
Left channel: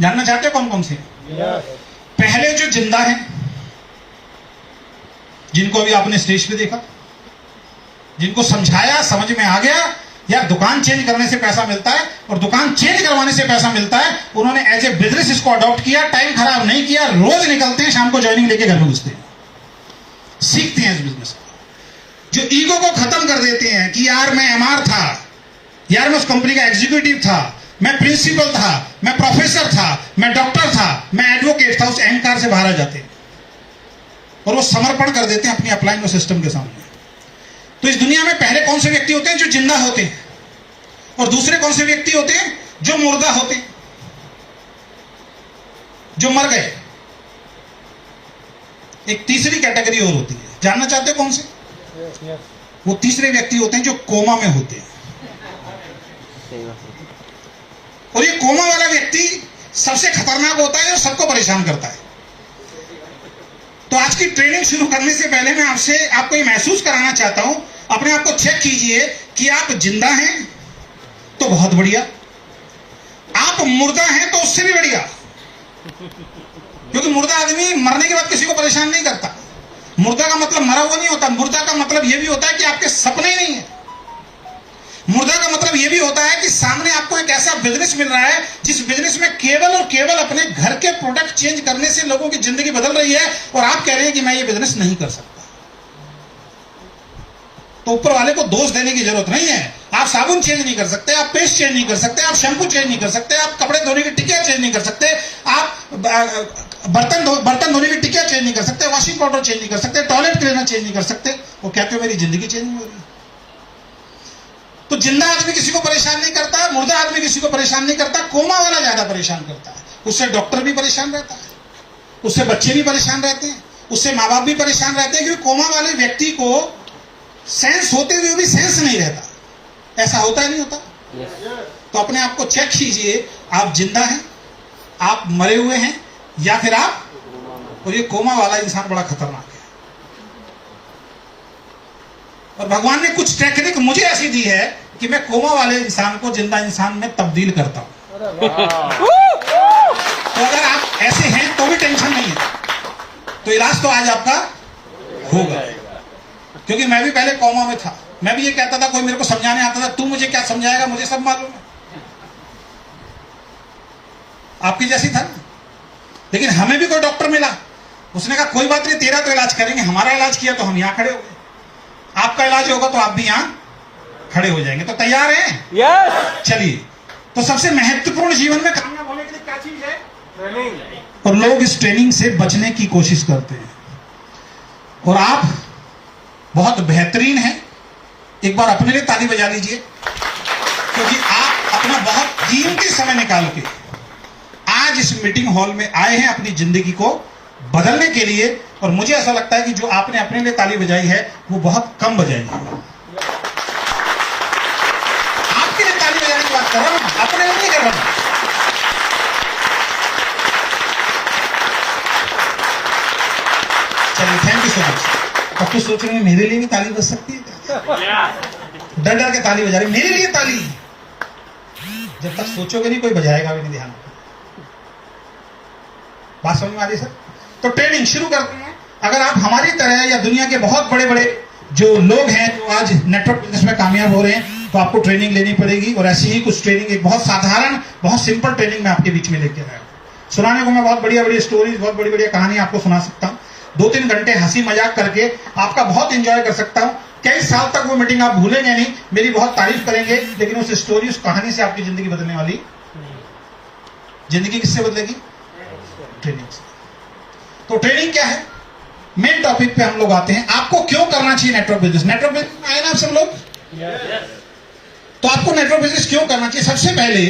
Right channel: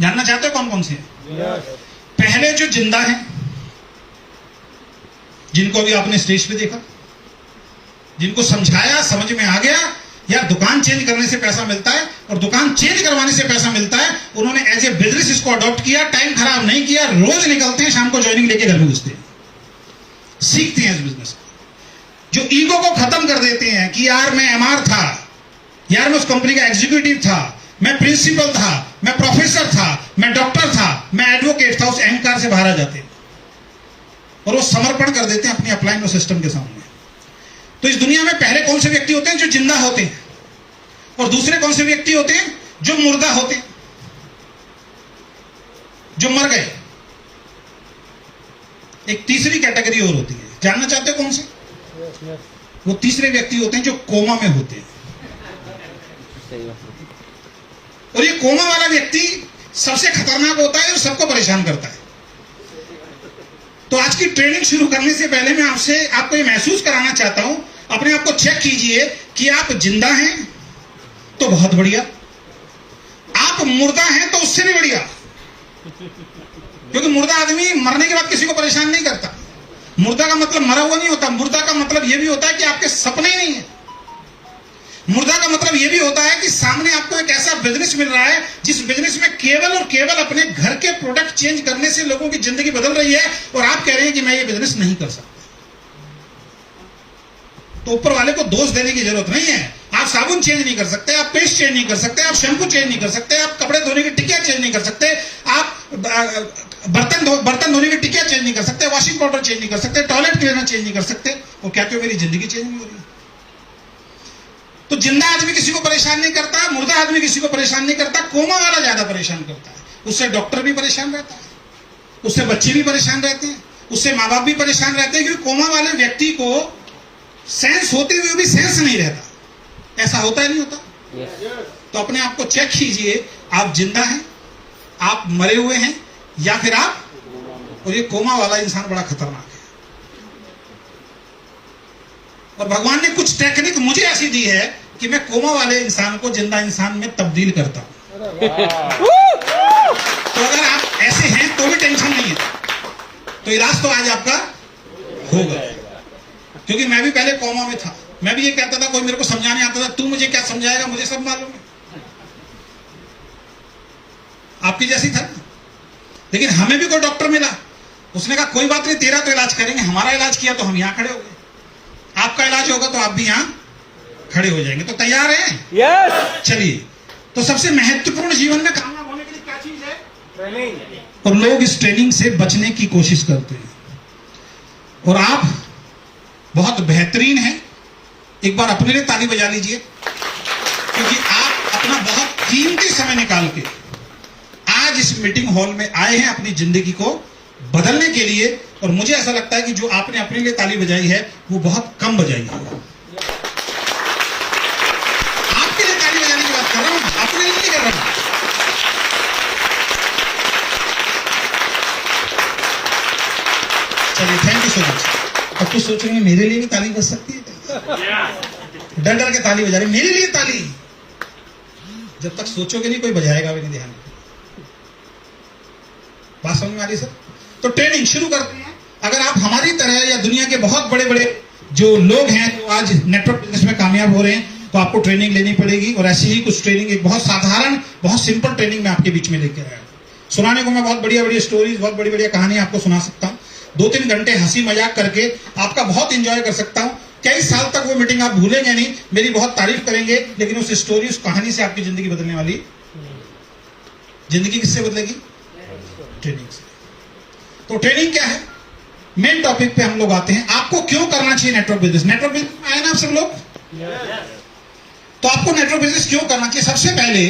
जानना चाहते हो कौन कौन से? पहले जो जिंदा हैं, जिनको अभी आपने स्टेज पे देखा, जिनको समझाया, समझ में आ गया, यार दुकान चेंज करने से पैसा मिलता है और दुकान चेंज करवाने से पैसा मिलता है, उन्होंने एज ए बिजनेस इसको अडॉप्ट किया, टाइम खराब नहीं किया, रोज निकलते हैं, शाम को ज्वाइनिंग लेके घर में घुसते हैं, सीखते हैं इस बिजनेस। जो ईगो को खत्म कर देते हैं कि यार मैं एमआर था, यार मैं उस कंपनी का एग्जीक्यूटिव था, मैं प्रिंसिपल था, मैं प्रोफेसर था, मैं डॉक्टर था, मैं एडवोकेट था, उस अहंकार से बाहर आ जाते हैं और वो समर्पण कर देते हैं अपनी अपलाइन और सिस्टम के सामने। तो इस दुनिया में पहले कौन से व्यक्ति होते हैं? जो जिंदा होते हैं। और दूसरे कौन से व्यक्ति होते हैं? जो मुर्दा होते हैं, जो मर गए। एक तीसरी कैटेगरी और होती है, जानना चाहते हो कौन से? वो तीसरे व्यक्ति होते हैं जो कोमा में होते हैं। और ये कोमा वाला व्यक्ति सबसे खतरनाक होता है और सबको परेशान करता है। तो आज की ट्रेनिंग शुरू करने से पहले मैं आपको ये महसूस कराना चाहता हूं, अपने आप को चेक कीजिए कि आप जिंदा हैं तो बहुत बढ़िया, आप मुर्दा हैं तो उससे भी बढ़िया। क्योंकि मुर्दा आदमी मरने के बाद किसी को परेशान नहीं करता। मुर्दा का मतलब मरा हुआ नहीं होता, मुर्दा का मतलब यह भी होता है कि आपके सपने ही नहीं है। मुर्दा का मतलब यह भी होता है कि सामने आपको एक ऐसा बिजनेस मिल रहा है जिस बिजनेस में केवल और केवल अपने घर के प्रोडक्ट चेंज करने से लोगों की जिंदगी बदल रही है, और आप कह रहे हैं कि मैं ये बिजनेस नहीं कर सकता। तो ऊपर वाले को दोष देने की जरूरत नहीं है। आप साबुन चेंज नहीं कर सकते, आप पेस्ट चेंज नहीं कर सकते, आप शैम्पू चेंज नहीं कर सकते, आप कपड़े धोने की टिकिया चेंज नहीं कर सकते, आप बर्तन धोने की टिकिया चेंज नहीं कर सकते, वॉशिंग पाउडर चेंज नहीं कर सकते, टॉयलेट क्लीनर चेंज नहीं कर सकते। वो क्या क्यों मेरी जिंदगी चेंज नहीं हो रही? तो जिंदा आदमी किसी को परेशान नहीं करता, मुर्दा आदमी किसी को परेशान नहीं करता, कोमा वाला ज्यादा परेशान करता है। उससे डॉक्टर भी परेशान रहता है, उससे बच्चे भी परेशान रहते हैं, उससे माँ बाप भी परेशान रहते हैं, क्योंकि कोमा वाले व्यक्ति को सेंस होते हुए भी सेंस नहीं रहता। ऐसा होता ही नहीं होता। तो अपने आप को चेक कीजिए, आप जिंदा हैं, आप मरे हुए हैं, या फिर आप, और ये कोमा वाला इंसान बड़ा खतरनाक है। और भगवान ने कुछ टेक्निक मुझे ऐसी दी है कि मैं कोमा वाले इंसान को जिंदा इंसान में तब्दील करता हूं। तो अगर आप ऐसे हैं तो भी टेंशन नहीं है, तो इलाज तो आज आपका होगा। क्योंकि मैं भी पहले कोमा में था, मैं भी ये कहता था, कोई मेरे को समझाने आता था, तू मुझे क्या समझाएगा, मुझे सब मालूम है। आपकी जैसी था। लेकिन हमें भी कोई डॉक्टर मिला, उसने कहा कोई बात नहीं, तेरा तो इलाज करेंगे, हमारा इलाज किया तो हम यहां खड़े हो गए, आपका इलाज होगा तो आप भी यहां खड़े हो जाएंगे। तो तैयार हैं? यस। चलिए, तो सबसे महत्वपूर्ण जीवन में कामयाब होने के लिए क्या चीज है? ट्रेनिंग। और लोग इस ट्रेनिंग से बचने की कोशिश करते हैं, और आप बहुत बेहतरीन हैं। एक बार अपने लिए ताली बजा लीजिए, क्योंकि आप अपना बहुत कीमती समय निकाल के आज इस मीटिंग हॉल में आए हैं अपनी जिंदगी को बदलने के लिए। और मुझे ऐसा लगता है कि जो आपने अपने लिए ताली बजाई है वो बहुत कम बजाई है। आपके लिए ताली बजाने की बात कर रहा हूं, अपने लिए नहीं कर रहा हूं। चलिए, थैंक यू सो मच। अब तो सोच रहे हैं मेरे लिए भी ताली बज सकती है क्या? डर डर के ताली बजा रही, मेरे लिए ताली। जब तक सोचोगे नहीं, कोई बजाएगा भी नहीं। ध्यान, बात समझ में आ रही सर? तो ट्रेनिंग शुरू करते हैं। अगर आप हमारी तरह या दुनिया के बहुत बड़े बड़े जो लोग हैं जो आज नेटवर्क बिजनेस में कामयाब हो रहे हैं, तो आपको ट्रेनिंग लेनी पड़ेगी। और ऐसी ही कुछ ट्रेनिंग, एक बहुत साधारण, बहुत सिंपल ट्रेनिंग मैं आपके बीच में लेके आया हूं। सुनाने को मैं बहुत बढ़िया बढ़िया स्टोरीज, बहुत बड़ी बढ़िया कहानी आपको सुना सकता हूं। 2-3 घंटे हंसी मजाक करके आपका बहुत एंजॉय कर सकता हूं। कई साल तक वो मीटिंग आप भूलेंगे नहीं, मेरी बहुत तारीफ करेंगे, लेकिन उस स्टोरी, उस कहानी से आपकी जिंदगी बदलने वाली। जिंदगी किससे बदलेगी? ट्रेनिंग से। तो ट्रेनिंग क्या है? मेन टॉपिक पे हम लोग आते हैं। आपको क्यों करना चाहिए नेटवर्क बिजनेस? नेटवर्क बिजनेस में आए ना आप सब लोग? तो आपको नेटवर्क बिजनेस क्यों करना चाहिए? सबसे पहले,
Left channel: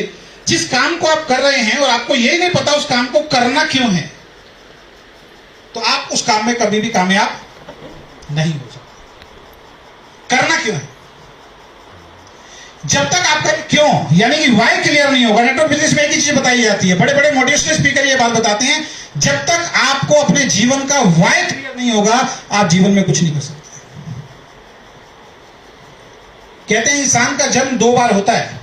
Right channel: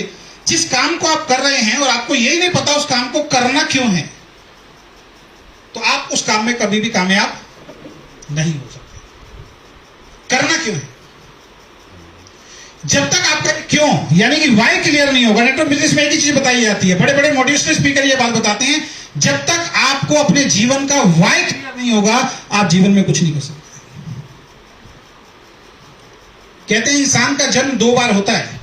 जिस काम को आप कर रहे हैं और आपको यही नहीं पता उस काम को करना क्यों है, तो आप उस काम में कभी भी कामयाब नहीं हो सकते। करना क्यों है? जब तक आपका क्यों यानी कि वाई क्लियर नहीं होगा, नेटवर्क बिजनेस में एक ही चीज बताई जाती है, बड़े बड़े मोटिवेशनल स्पीकर ये बात बताते हैं, जब तक आपको अपने जीवन का वाई क्लियर नहीं होगा, आप जीवन में कुछ नहीं कर सकते। कहते हैं इंसान का जन्म 2 बार होता है,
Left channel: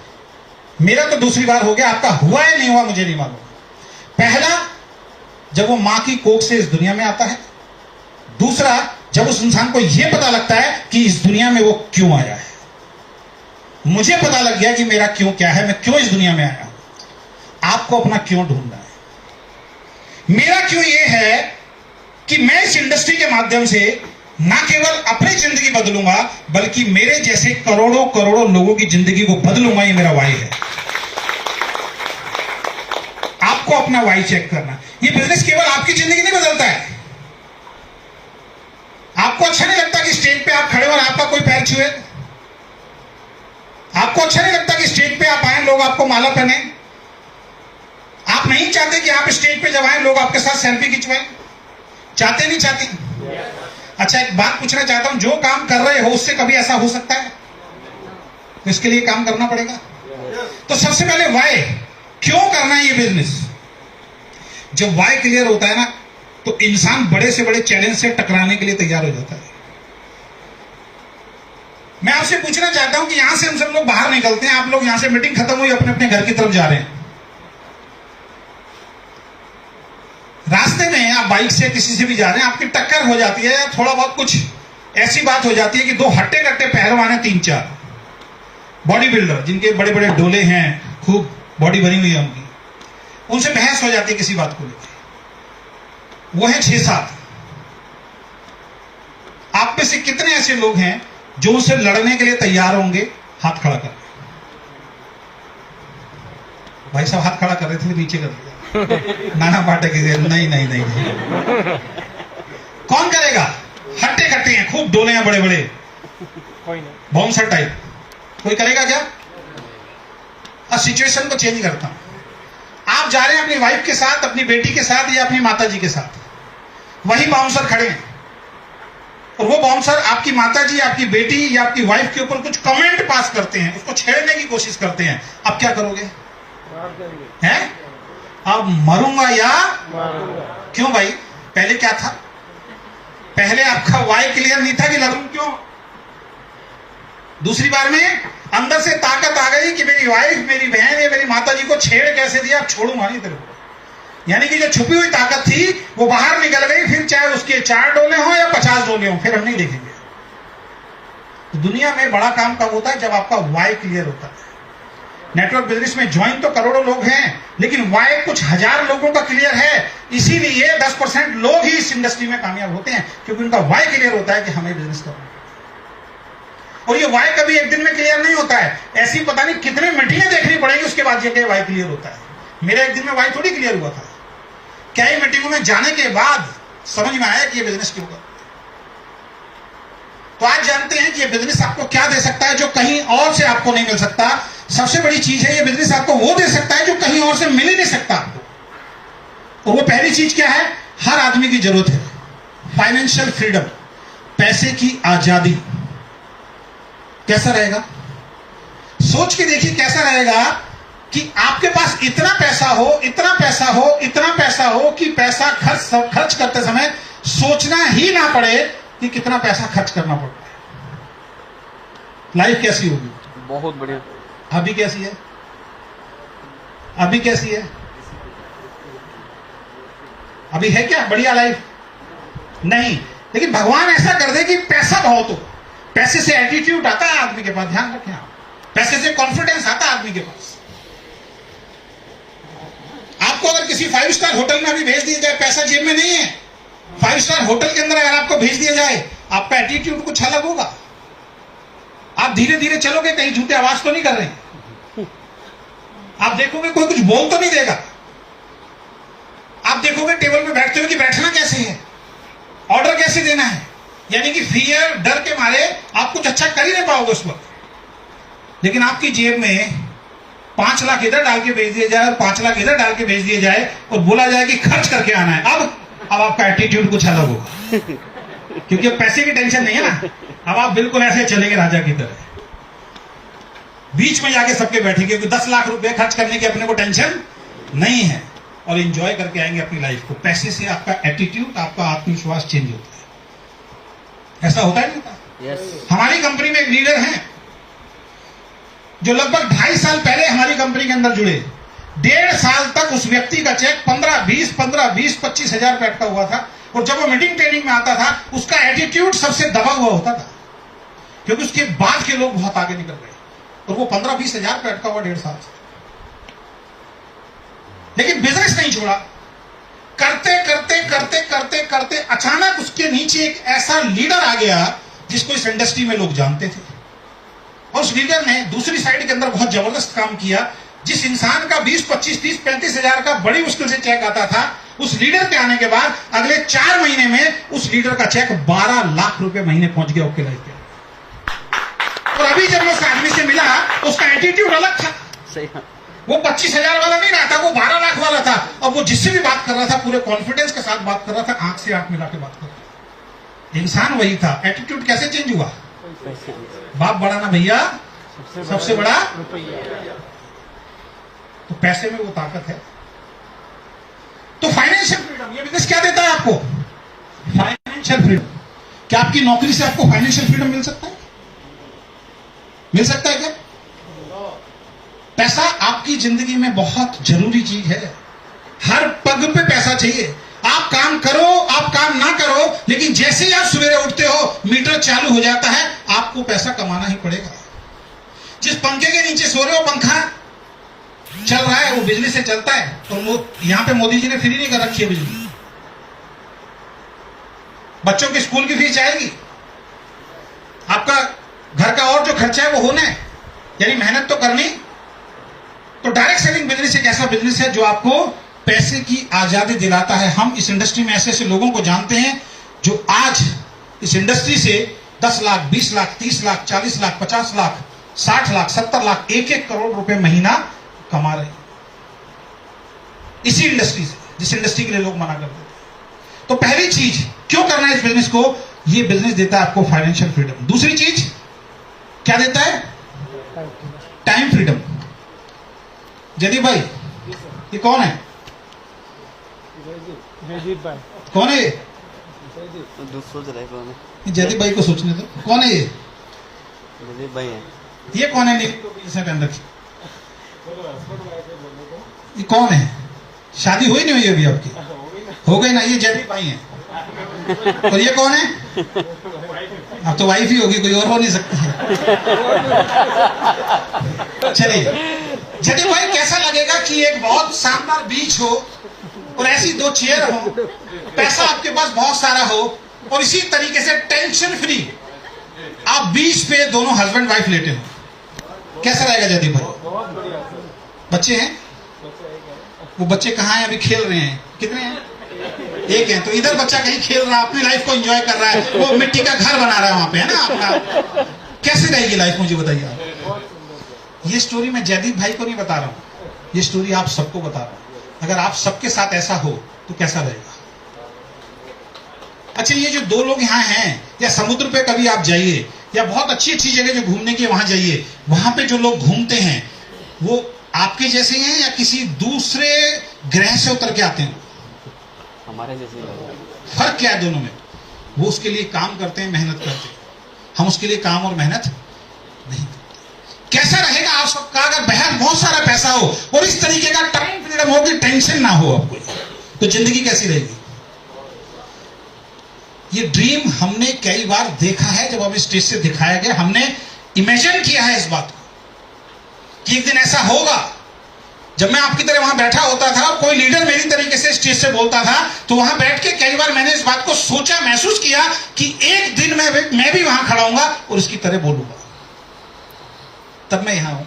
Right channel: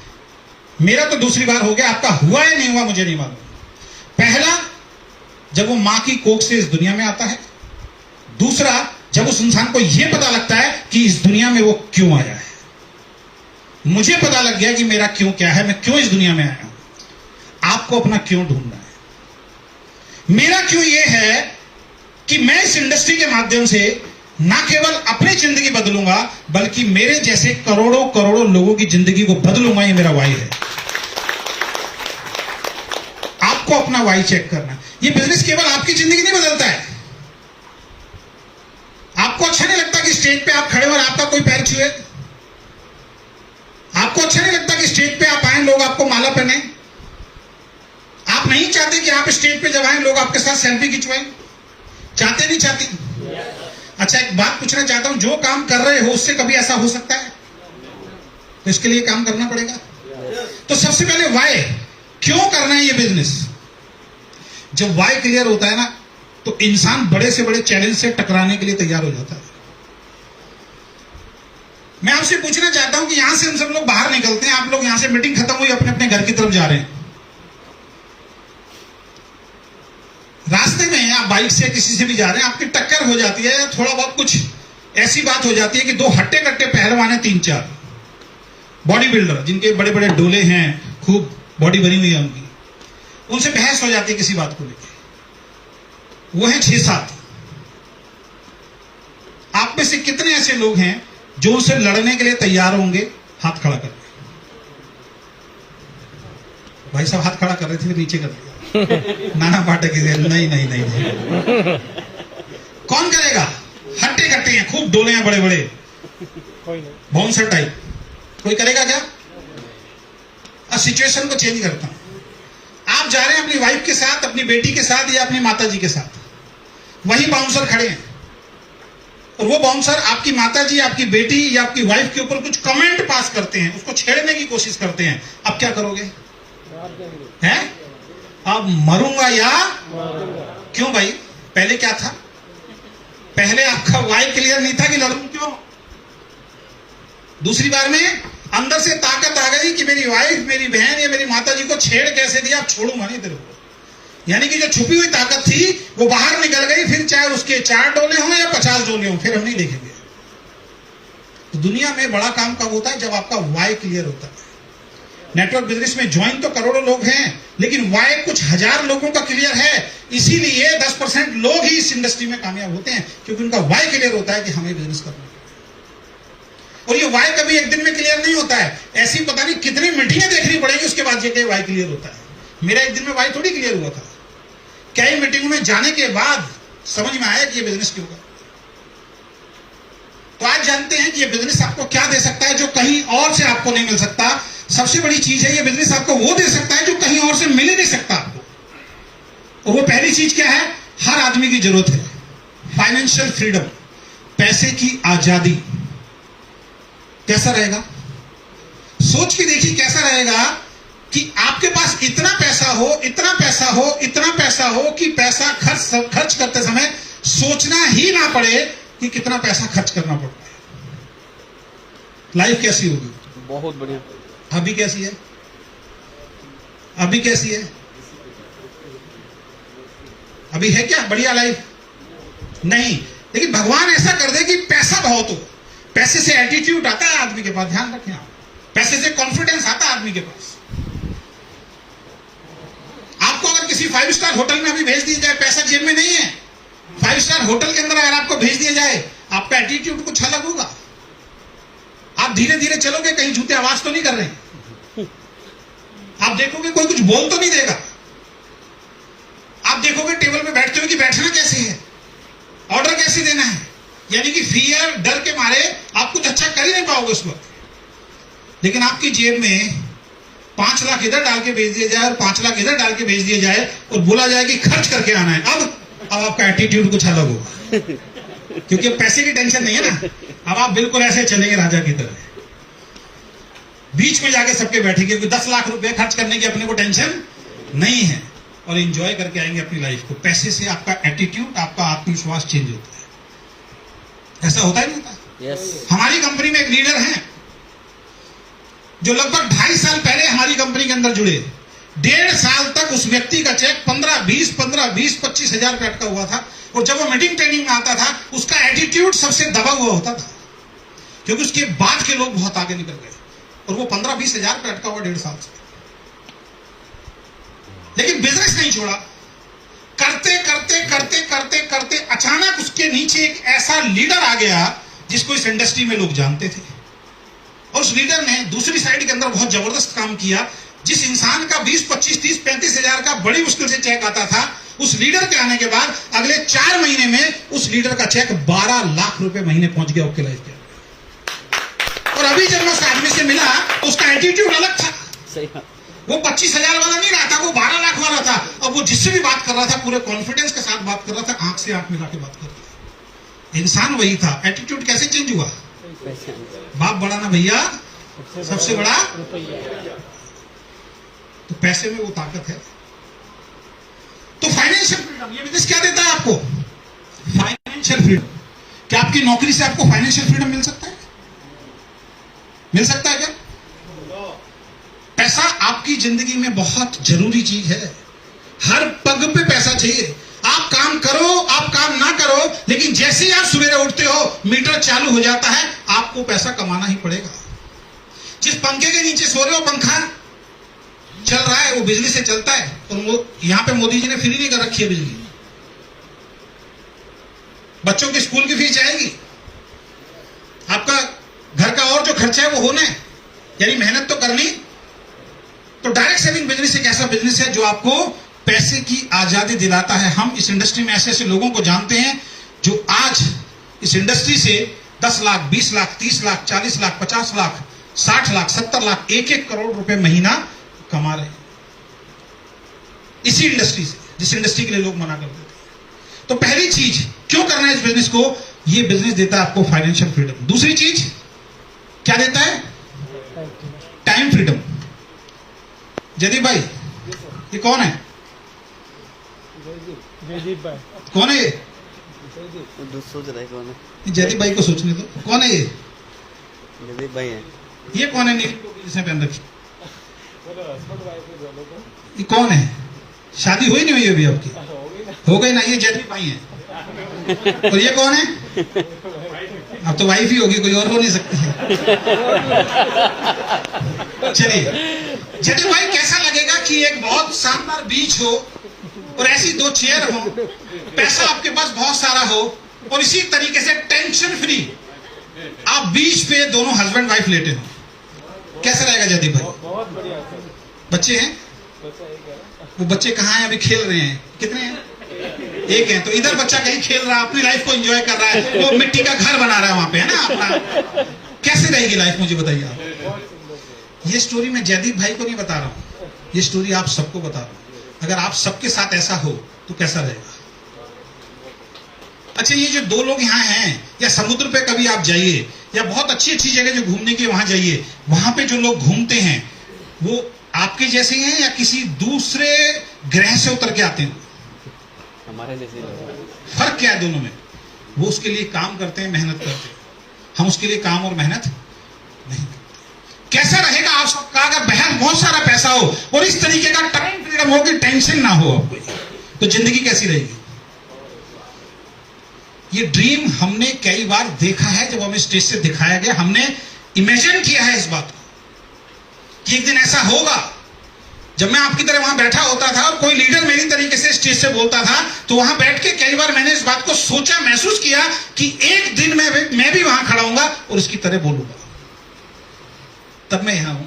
मेरा तो दूसरी बार हो गया, आपका हुआ है नहीं हुआ मुझे नहीं मालूम। पहला, जब वो मां की कोख से इस दुनिया में आता है। दूसरा, जब उस इंसान को यह पता लगता है कि इस दुनिया में वो क्यों आया है। मुझे पता लग गया कि मेरा क्यों क्या है, मैं क्यों इस दुनिया में आया हूं। आपको अपना क्यों ढूंढना है। मेरा क्यों यह है कि मैं इस इंडस्ट्री के माध्यम से ना केवल अपनी जिंदगी बदलूंगा, बल्कि मेरे जैसे करोड़ों करोड़ों लोगों की जिंदगी को बदलूंगा। ये मेरा वाई है। आपको अपना वाई चेक करना। ये बिजनेस केवल आपकी जिंदगी नहीं बदलता है। आपको अच्छा नहीं लगता कि स्टेज पे आप खड़े हो और आपका कोई पैर छुए? आपको अच्छा नहीं लगता कि स्टेज पे आप आए, लोग आपको माला पहने? आप नहीं चाहते कि आप स्टेज पे जब आए लोग आपके साथ सेल्फी खिंचवाएं? चाहते नहीं चाहते? अच्छा, एक बात पूछना चाहता हूं, जो काम कर रहे हो उससे कभी ऐसा हो सकता है? तो इसके लिए काम करना पड़ेगा। तो सबसे पहले वाई, क्यों करना है ये बिजनेस। जब वाई क्लियर होता है ना, तो इंसान बड़े से बड़े चैलेंज से टकराने के लिए तैयार हो जाता है। मैं आपसे पूछना चाहता हूं कि यहां से हम सब लोग बाहर निकलते हैं, आप लोग यहां से मीटिंग खत्म हुई, अपने अपने घर की तरफ जा रहे हैं। रास्ते में आप बाइक से किसी से भी जा रहे हैं, आपकी टक्कर हो जाती है, या थोड़ा बहुत कुछ ऐसी बात हो जाती है कि 2 हट्टे कट्टे पहलवान है, 3-4 बॉडी बिल्डर जिनके बड़े बड़े डोले हैं, खूब बॉडी बनी हुई है उनकी, उनसे बहस हो जाती है किसी बात को लेकर। वो है 6-7। आप में से कितने ऐसे लोग हैं जो उनसे लड़ने के लिए तैयार होंगे? हाथ खड़ा कर। भाई साहब हाथ खड़ा कर रहे थे, नीचे कर दिया। नाना पाठक नहीं नहीं नहीं नहीं। कौन करेगा? हट्टे कट्टे हैं, खूब डोले हैं बड़े बड़े, बाउंसर टाइप। कोई करेगा क्या? अब सिचुएशन को चेंज करता हूं। आप जा रहे हैं अपनी वाइफ के साथ, अपनी बेटी के साथ, या अपनी माताजी के साथ। वही बाउंसर खड़े हैं, और वो बाउंसर आपकी माता जी, आपकी बेटी या आपकी वाइफ के ऊपर कुछ कमेंट पास करते हैं, उसको छेड़ने की कोशिश करते हैं, अब क्या करोगे? हैं? अब मरूंगा या क्यों भाई? पहले क्या था? पहले आपका वाई क्लियर नहीं था कि लड़ूं क्यों? दूसरी बार में अंदर से ताकत आ गई कि मेरी वाइफ, मेरी बहन या मेरी माता जी को छेड़ कैसे दिया, अब छोड़ूंगा नहीं तेरे को। यानी कि जो छुपी हुई ताकत थी वो बाहर निकल गई, फिर चाहे उसके 4 डोले हों या 50 डोले हों, फिर हम नहीं देखेंगे। तो दुनिया में बड़ा काम कब होता है? जब आपका वाई क्लियर होता है। नेटवर्क बिजनेस में ज्वाइन तो करोड़ों लोग हैं, लेकिन वाई कुछ हजार लोगों का क्लियर है। इसीलिए 10% लोग ही इस इंडस्ट्री में कामयाब होते हैं, क्योंकि उनका वाई क्लियर होता है कि हमें बिजनेस करना है। और ये वाई कभी एक दिन में क्लियर नहीं होता है, ऐसी पता नहीं कितने मीटिंगें देखनी पड़ेगी उसके बाद ये वाई क्लियर होता है। मेरा एक दिन में वाई थोड़ी क्लियर हुआ था, कई मीटिंगों में जाने के बाद समझ में आया कि ये बिजनेस क्यों होगा। तो आज जानते हैं कि ये बिजनेस आपको क्या दे सकता है जो कहीं और से आपको नहीं मिल सकता। सबसे बड़ी चीज है, ये बिजनेस आपको वो दे सकता है जो कहीं और से मिल ही नहीं सकता आपको। और वो पहली चीज क्या है? हर आदमी की जरूरत है फाइनेंशियल फ्रीडम, पैसे की आजादी। कैसा रहेगा? सोच के देखिए कैसा रहेगा कि आपके पास इतना पैसा हो, इतना पैसा हो, इतना पैसा हो कि पैसा खर्च करते समय सोचना ही ना पड़े कि कितना पैसा खर्च करना पड़ता है। लाइफ कैसी होगी? बहुत बढ़िया। अभी कैसी है? अभी कैसी है? अभी है क्या बढ़िया लाइफ? नहीं। लेकिन भगवान ऐसा कर दे कि पैसा बहुत हो, पैसे से एटीट्यूड आता है आदमी के पास, ध्यान रखें आप। पैसे से कॉन्फिडेंस आता है आदमी के पास। आपको अगर किसी 5 स्टार होटल में अभी भेज दिया जाए, पैसा जेब में नहीं है, 5 स्टार होटल के अंदर अगर आपको भेज दिया जाए, आपका एटीट्यूड कुछ अलग होगा। आप धीरे धीरे चलोगे, कहीं जूते आवाज तो नहीं कर रहे हैं। आप देखोगे कोई कुछ बोल तो नहीं देगा। आप देखोगे टेबल में बैठते हो कि बैठना कैसे है, ऑर्डर कैसे देना है। यानी कि फियर, डर के मारे आप कुछ अच्छा कर ही नहीं पाओगे उस वक्त। लेकिन आपकी जेब में 5 लाख इधर डाल के भेज दिया जाए और 5 लाख इधर डाल के भेज दिया जाए और बोला जाए कि खर्च करके आना है, अब आपका एटीट्यूड कुछ अलग होगा, क्योंकि अब पैसे की टेंशन नहीं है ना। अब आप बिल्कुल ऐसे चलेंगे राजा की तरह, बीच में जाके सबके बैठेंगे, क्योंकि 10 लाख रुपए खर्च करने की अपने को टेंशन नहीं है, और एंजॉय करके आएंगे अपनी लाइफ को। पैसे से आपका एटीट्यूड, आपका आत्मविश्वास चेंज होता है। ऐसा होता है नहीं होता? यस। हमारी कंपनी में एक लीडर हैं जो लगभग 2.5 साल पहले हमारी कंपनी के अंदर जुड़े। 1.5 साल तक उस व्यक्ति का चेक 15-20, 25 हजार रुपए अटका हुआ था। और जब वो मीटिंग ट्रेनिंग में आता था, उसका एटीट्यूड सबसे दबा हुआ होता था, क्योंकि उसके बाद के लोग बहुत आगे निकल गए और वो 15-20 हजार रुपए अटका हुआ 1.5 साल से। लेकिन बिजनेस नहीं छोड़ा। करते करते करते करते करते अचानक उसके नीचे एक ऐसा लीडर आ गया जिसको इस इंडस्ट्री में लोग जानते थे, और उस लीडर ने दूसरी साइड के अंदर बहुत जबरदस्त काम किया। जिस इंसान का 20, 25, 30, 35 हजार का बड़ी मुश्किल से चेक आता था, उस लीडर के आने के बाद अगले 4 महीने में उस लीडर का चेक 12 लाख रुपए महीने पहुंच गया ओके लाइफ के। और अभी जब मैं उस आदमी से मिला, उसका एटीट्यूड अलग था। सही। वो 25 हजार वाला नहीं रहा था, वो 12 लाख वाला था। और वो जिससे भी बात कर रहा था पूरे कॉन्फिडेंस के साथ बात कर रहा था, आंख से आंख मिला के बात कर रहा था। इंसान वही था, एटीट्यूड कैसे चेंज हुआ? बाप बड़ा ना भैया, सबसे बड़ा तो पैसे में वो ताकत है। तो फाइनेंशियल फ्रीडम, ये बिजनेस क्या देता है आपको? Financial freedom. क्या आपकी नौकरी से आपको फाइनेंशियल फ्रीडम मिल सकता है? मिल सकता है क्या? पैसा आपकी जिंदगी में बहुत जरूरी चीज है। हर पग पे पैसा चाहिए। आप काम करो, आप काम ना करो, लेकिन जैसे ही आप सवेरे उठते हो, मीटर चालू हो जाता है, आपको पैसा कमाना ही पड़ेगा। जिस पंखे के नीचे सो रहे हो, पंखा चल रहा है, वो बिजली से चलता है। और यहां पे मोदी जी ने फ्री नहीं कर रखी है बिजली। बच्चों के स्कूल की फीस जाएगी, आपका घर का और जो खर्चा है वो होना है, यानी मेहनत तो करनी। तो डायरेक्ट सेलिंग बिजनेस एक ऐसा बिजनेस है जो आपको पैसे की आजादी दिलाता है। हम इस इंडस्ट्री में ऐसे ऐसे लोगों को जानते हैं जो आज इस इंडस्ट्री से 10 लाख, 20 लाख, 30 लाख, 40 लाख, 50 लाख, 60 लाख, 70 लाख, 1-1 करोड़ रुपए महीना कमा रहे हैं इसी इंडस्ट्री से, जिस इंडस्ट्री के लिए लोग मना करते थे। तो पहली चीज, क्यों करना है इस बिजनेस को? ये बिजनेस देता है आपको फाइनेंशियल फ्रीडम। दूसरी चीज क्या देता है? Time freedom. जयदीप भाई, ये कौन है? जयदीप भाई कौन है ये? सोच रहा है कौन है? जयदीप भाई को सोचने दो, कौन है ये? जयदीप भाई है। ये कौन है? नीली टोपी जिसने पहन रखी, ये कौन है? शादी हुई नहीं हुई अभी आपकी? हो गई ना? ये जयदीप भाई है। और ये कौन है? अब तो वाइफ ही होगी, कोई और हो नहीं सकती। चलिए, जयदीप भाई, कैसा लगेगा कि एक बहुत शानदार बीच हो और ऐसी दो चेयर हो, पैसा आपके पास बहुत सारा हो और इसी तरीके से टेंशन फ्री आप बीच पे दोनों हस्बैंड वाइफ लेटे हो? कैसा रहेगा जयदीप भाई? बहुत बढ़िया। बच्चे हैं? वो बच्चे कहाँ हैं? अभी खेल रहे हैं। कितने हैं? एक है। तो इधर बच्चा कहीं खेल रहा है, अपनी लाइफ को एंजॉय कर रहा है, वो मिट्टी का घर बना रहा है वहां पे, है ना अपना। कैसे रहेगी लाइफ, मुझे बताइए आप। ये स्टोरी मैं जयदीप भाई को नहीं बता रहा हूं, ये स्टोरी आप सबको बता रहा हूं। अगर आप सबके साथ ऐसा हो तो कैसा रहेगा? अच्छा, ये जो दो लोग यहाँ हैं, या समुद्र पे कभी आप जाइए, या बहुत अच्छी अच्छी जगह जो घूमने की वहां जाइए, वहां पे जो लोग घूमते हैं वो आपके जैसे हैं या किसी दूसरे ग्रह से उतर के आते हैं? हमारे जैसे लोग। फर्क क्या है दोनों में? वो उसके लिए काम करते हैं, मेहनत करते हैं, हम उसके लिए काम और मेहनत नहीं करते। कैसा रहेगा आप सबका अगर बहन बहुत सारा पैसा हो और इस तरीके का टाइम फ्रीडम हो कि टेंशन ना हो आपको, तो जिंदगी कैसी रहेगी? ये ड्रीम हमने कई बार देखा है, जब हमें स्टेज से दिखाया गया, हमने इमेजिन किया है इस बात को कि एक दिन ऐसा होगा। जब मैं आपकी तरह वहां बैठा होता था और कोई लीडर मेरी तरीके से स्टेज से बोलता था, तो वहां बैठ के कई बार मैंने इस बात को सोचा, महसूस किया कि एक दिन मैं भी वहां खड़ा हूंगा और उसकी तरह बोलूंगा। तब मैं यहां हूं।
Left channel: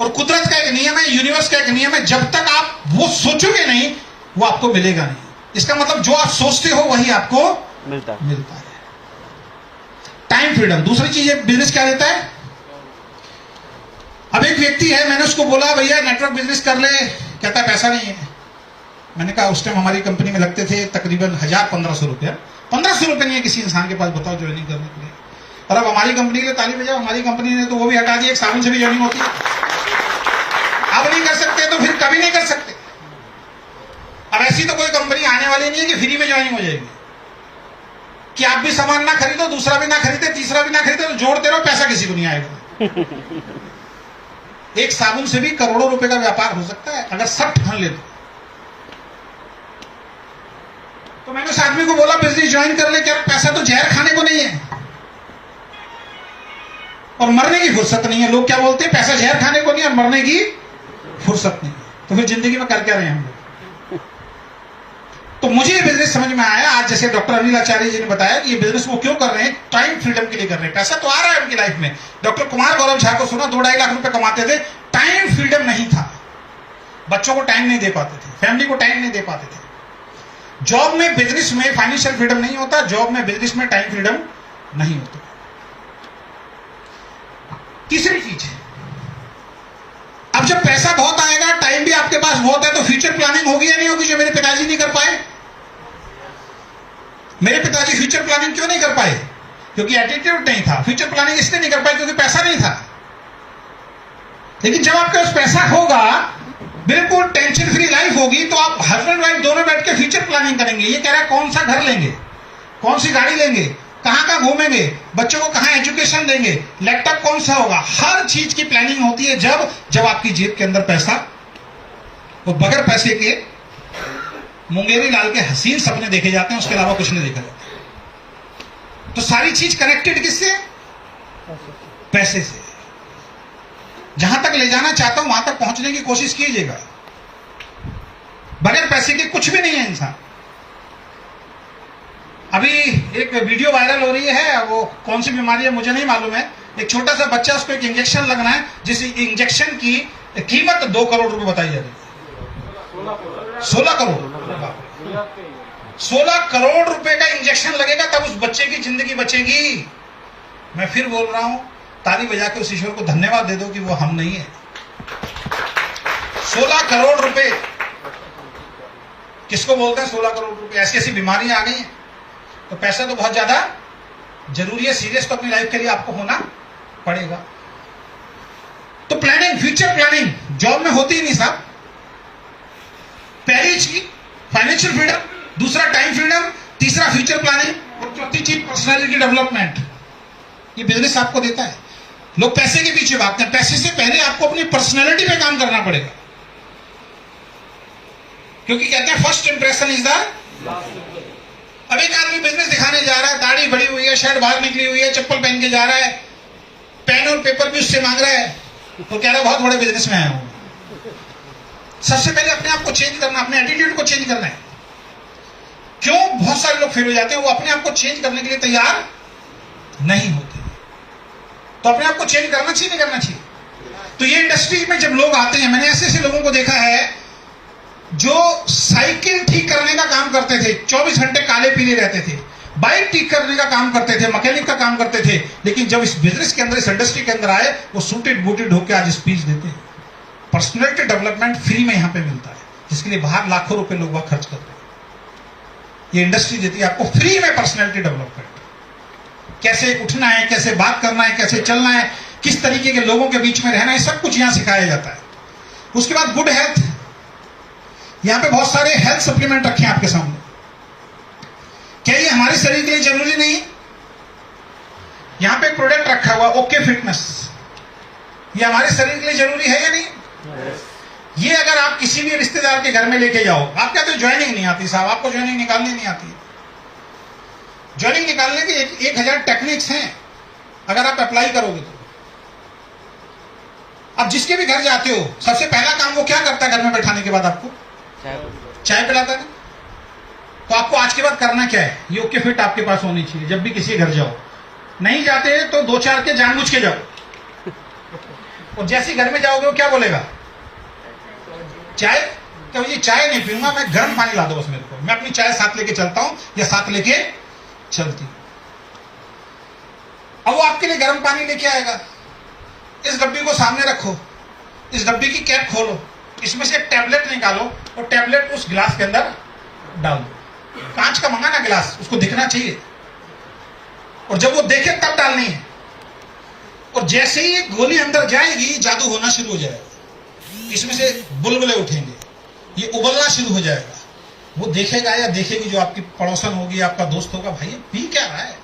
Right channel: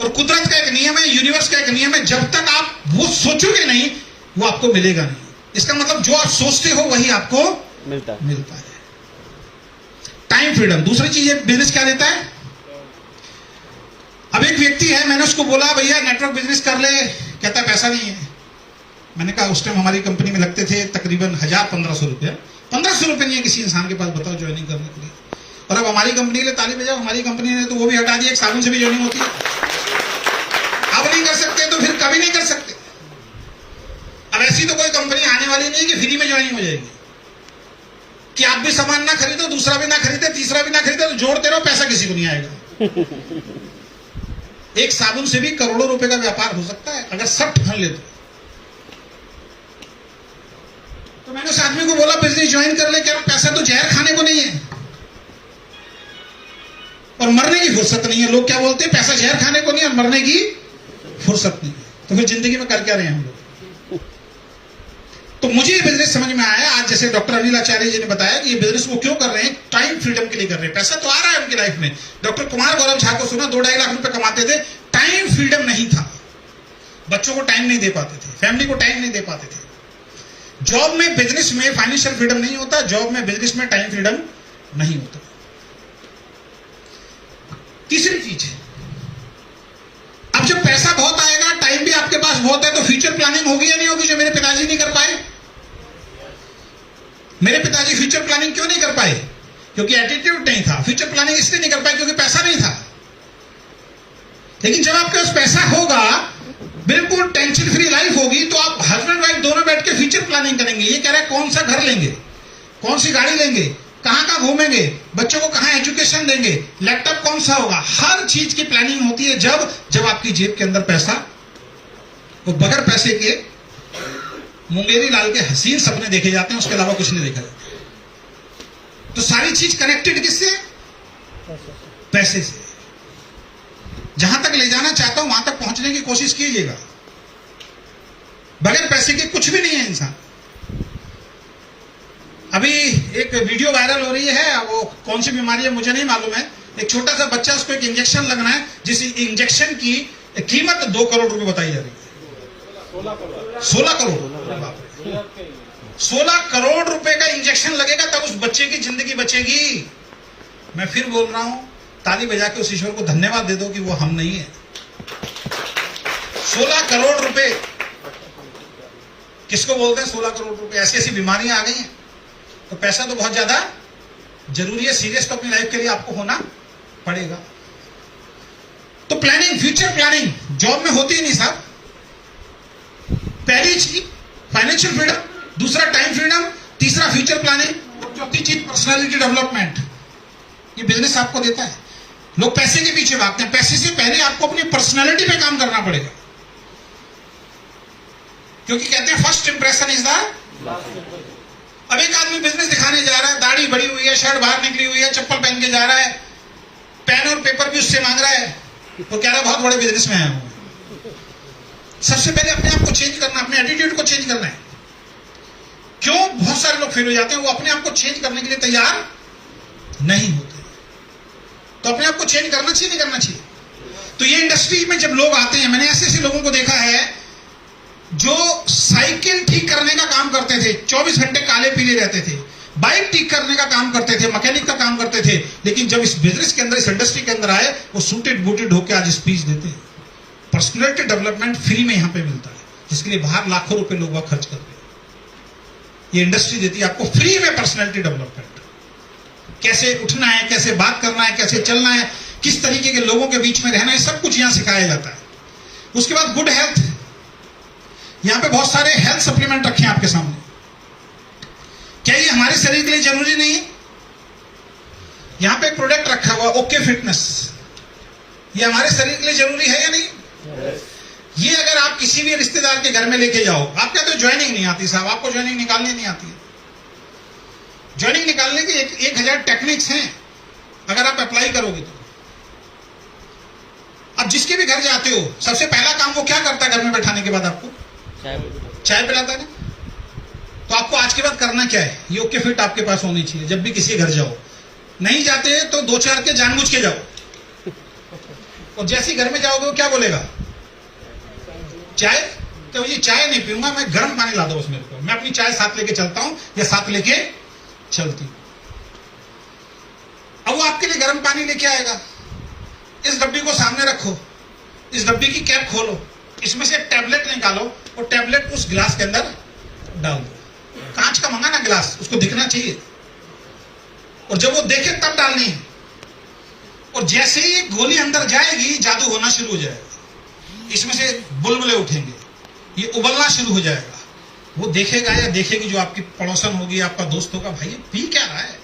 और कुदरत का एक नियम है, यूनिवर्स का एक नियम है, जब तक आप वो सोचोगे नहीं, वो आपको मिलेगा नहीं। इसका मतलब जो आप सोचते हो वही आपको मिलता है। Time freedom. दूसरी चीज बिजनेस क्या देता है? अब एक व्यक्ति है, मैंने उसको बोला भैया नेटवर्क बिजनेस कर ले, कहता पैसा नहीं है। मैंने कहा उस टाइम हमारी कंपनी में लगते थे तकरीबन 1000-1500 रुपया। 1500 रुपये नहीं है किसी इंसान के पास, बताओ, ज्वाइनिंग करने के लिए। और अब हमारी कंपनी के लिए ताली बजाओ, हमारी कंपनी ने तो वो भी हटा दिया, एक साबुन से भी ज्वाइनिंग होती है। अब नहीं कर सकते तो फिर कभी नहीं कर सकते। अब ऐसी तो कोई कंपनी आने वाली नहीं है कि फ्री में ज्वाइनिंग हो जाएगी, कि आप भी सामान ना खरीदो, दूसरा भी ना खरीदे, तीसरा भी ना खरीदे, तो जोड़ते रहो, पैसा किसी को नहीं आएगा। एक साबुन से भी करोड़ों रुपए का व्यापार हो सकता है अगर सब ठान ले तो मैंने उस आदमी को बोला बिजनेस ज्वाइन कर ले, क्या पैसा तो जहर खाने को नहीं है और मरने की फुर्सत नहीं है। लोग क्या बोलते हैं, पैसा जहर खाने को नहीं और मरने की फुर्सत नहीं है, तो फिर जिंदगी में कर क्या रहे हैं हम लोग? तो मुझे ये बिजनेस समझ में आया आज, जैसे डॉक्टर अनिल आचार्य जी ने बताया कि ये बिजनेस वो क्यों कर रहे हैं, टाइम फ्रीडम के लिए कर रहे हैं। पैसा तो आ रहा है उनकी लाइफ में। डॉक्टर कुमार गौरव झा को सुना, 2-2.5 लाख रुपए कमाते थे, टाइम फ्रीडम नहीं था, बच्चों को टाइम नहीं दे पाते थे, फैमिली को टाइम नहीं दे पाते थे। जॉब में, बिजनेस में फाइनेंशियल फ्रीडम नहीं होता, जॉब में, बिजनेस में टाइम फ्रीडम नहीं होता। तीसरी चीज है, अब जब पैसा बहुत आएगा, टाइम भी आपके पास बहुत है, तो फ्यूचर प्लानिंग होगी या नहीं होगी, जो मेरे पिताजी नहीं कर पाए। मेरे पिताजी फ्यूचर प्लानिंग क्यों नहीं कर पाए? क्योंकि एटीट्यूड नहीं था। फ्यूचर प्लानिंग इसलिए नहीं कर पाए क्योंकि पैसा नहीं था। लेकिन जब आपके पास पैसा होगा, बिल्कुल टेंशन फ्री लाइफ होगी, तो आप हस्बैंड वाइफ दोनों बैठ के फ्यूचर प्लानिंग करेंगे। ये कह रहा है कौन सा घर लेंगे, कौन सी गाड़ी लेंगे, कहां घूमेंगे, बच्चों को कहां एजुकेशन देंगे, लैपटॉप कौन सा होगा, हर चीज की प्लानिंग होती है जब आपकी जेब के अंदर पैसा, और बगैर पैसे के मुंगेरी लाल के हसीन सपने देखे जाते हैं, उसके अलावा कुछ नहीं देखा जाता। तो सारी चीज कनेक्टेड किससे? पैसे से। जहां तक ले जाना चाहता हूं वहां तक पहुंचने की कोशिश कीजिएगा। बगैर पैसे के कुछ भी नहीं है इंसान। अभी एक वीडियो वायरल हो रही है, वो कौन सी बीमारी है मुझे नहीं मालूम है। एक छोटा सा बच्चा, उसको एक इंजेक्शन लगना है, जिस इंजेक्शन की कीमत 2 करोड़ रुपए बताई जा रही है। 16 करोड़ 16 करोड़ रुपए का इंजेक्शन लगेगा, तब उस बच्चे की जिंदगी बचेगी। मैं फिर बोल रहा हूं, ताली बजा के उस ईश्वर को धन्यवाद दे दो कि वो हम नहीं है। 16 करोड़ रुपए किसको बोलते हैं? 16 करोड़ रुपए। ऐसी ऐसी बीमारियां आ गई हैं। तो पैसा तो बहुत ज्यादा जरूरी है, सीरियस तो अपनी लाइफ के लिए आपको होना पड़ेगा। तो प्लानिंग, फ्यूचर प्लानिंग जॉब में होती ही नहीं साहब। पहली चीज फाइनेंशियल फ्रीडम, दूसरा टाइम फ्रीडम, तीसरा फ्यूचर प्लानिंग और चौथी चीज पर्सनालिटी डेवलपमेंट। ये बिजनेस आपको देता है। लोग पैसे के पीछे भागते हैं, पैसे से पहले आपको अपनी पर्सनालिटी पे काम करना पड़ेगा, क्योंकि कहते हैं फर्स्ट इंप्रेशन इज द। अब एक आदमी बिजनेस दिखाने जा रहा है, दाढ़ी बड़ी हुई है, शर्ट बाहर निकली हुई है, चप्पल पहन के जा रहा है, पेन और पेपर भी उससे मांग रहा है, तो कह रहा है बहुत बड़े बिजनेस में आया हूं। सबसे पहले अपने आप को चेंज करना, अपने एटीट्यूड को चेंज करना है। क्यों बहुत सारे लोग फेल हो जाते हैं? वो अपने आप को चेंज करने के लिए तैयार नहीं होते। तो अपने आप को चेंज करना चाहिए, नहीं करना चाहिए? तो ये इंडस्ट्री में जब लोग आते हैं, मैंने ऐसे ऐसे लोगों को देखा है जो साइकिल ठीक करने का काम करते थे, 24 घंटे काले पीले रहते थे, बाइक ठीक करने का काम करते थे, मैकेनिक का काम करते थे, लेकिन जब इस बिजनेस के अंदर, इस इंडस्ट्री के अंदर आए, वो सूटेड बूटेड होकर आज स्पीच देते हैं। पर्सनैलिटी डेवलपमेंट फ्री में यहां पे मिलता है, जिसके लिए बाहर लाखों रुपए लोग वहां खर्च करते हैं। ये इंडस्ट्री देती है आपको फ्री में पर्सनैलिटी डेवलपमेंट। कैसे उठना है, कैसे बात करना है, कैसे चलना है, किस तरीके के लोगों के बीच में रहना है, सब कुछ यहां सिखाया जाता है। उसके बाद गुड हेल्थ, यहां पे बहुत सारे हेल्थ सप्लीमेंट रखे हैं आपके सामने। क्या ये हमारे शरीर के लिए जरूरी नहीं है? यहां पे एक प्रोडक्ट रखा हुआ ओके फिटनेस, ये हमारे शरीर के लिए जरूरी है या नहीं? ये अगर आप किसी भी रिश्तेदार के घर में लेके जाओ, आप कहते हो ज्वाइनिंग नहीं आती साहब, आपको ज्वाइनिंग निकालनी नहीं आती। ज्वाइनिंग निकालने के 1000 टेक्निक्स हैं, अगर आप अप्लाई करोगे तो। अब जिसके भी घर जाते हो, सबसे पहला काम वो क्या करता है घर में बैठाने के बाद? आपको चाय पिलाता है ना? तो आपको आज के बाद करना क्या है? ये ओके फिट आपके पास होनी चाहिए। जब भी किसी के घर जाओ, नहीं जाते तो 2-4 के जानबूझ के जाओ, और जैसे ही घर में जाओगे वो क्या बोलेगा? चाय? तो ये चाय नहीं पीऊंगा, मैं गर्म पानी ला दो बस मेरे को, मैं अपनी चाय साथ लेके चलता हूं या साथ लेके चलती हूं। अब वो आपके लिए गर्म पानी लेके आएगा। इस डब्बी को सामने रखो, इस डब्बी की कैप खोलो, इसमें से टैबलेट निकालो और टैबलेट उस गिलास के अंदर डाल दो। कांच का मंगाना गिलास, उसको दिखना चाहिए, और जब वो देखे तब डालनी है। और जैसे ही गोली अंदर जाएगी, जादू होना शुरू हो जाएगा। इसमें से बुलबुले उठेंगे, ये उबलना शुरू हो जाएगा। वो देखेगा या देखेगी, जो आपकी पड़ोसन होगी, आपका दोस्त होगा, भाई ये पी क्या रहा है?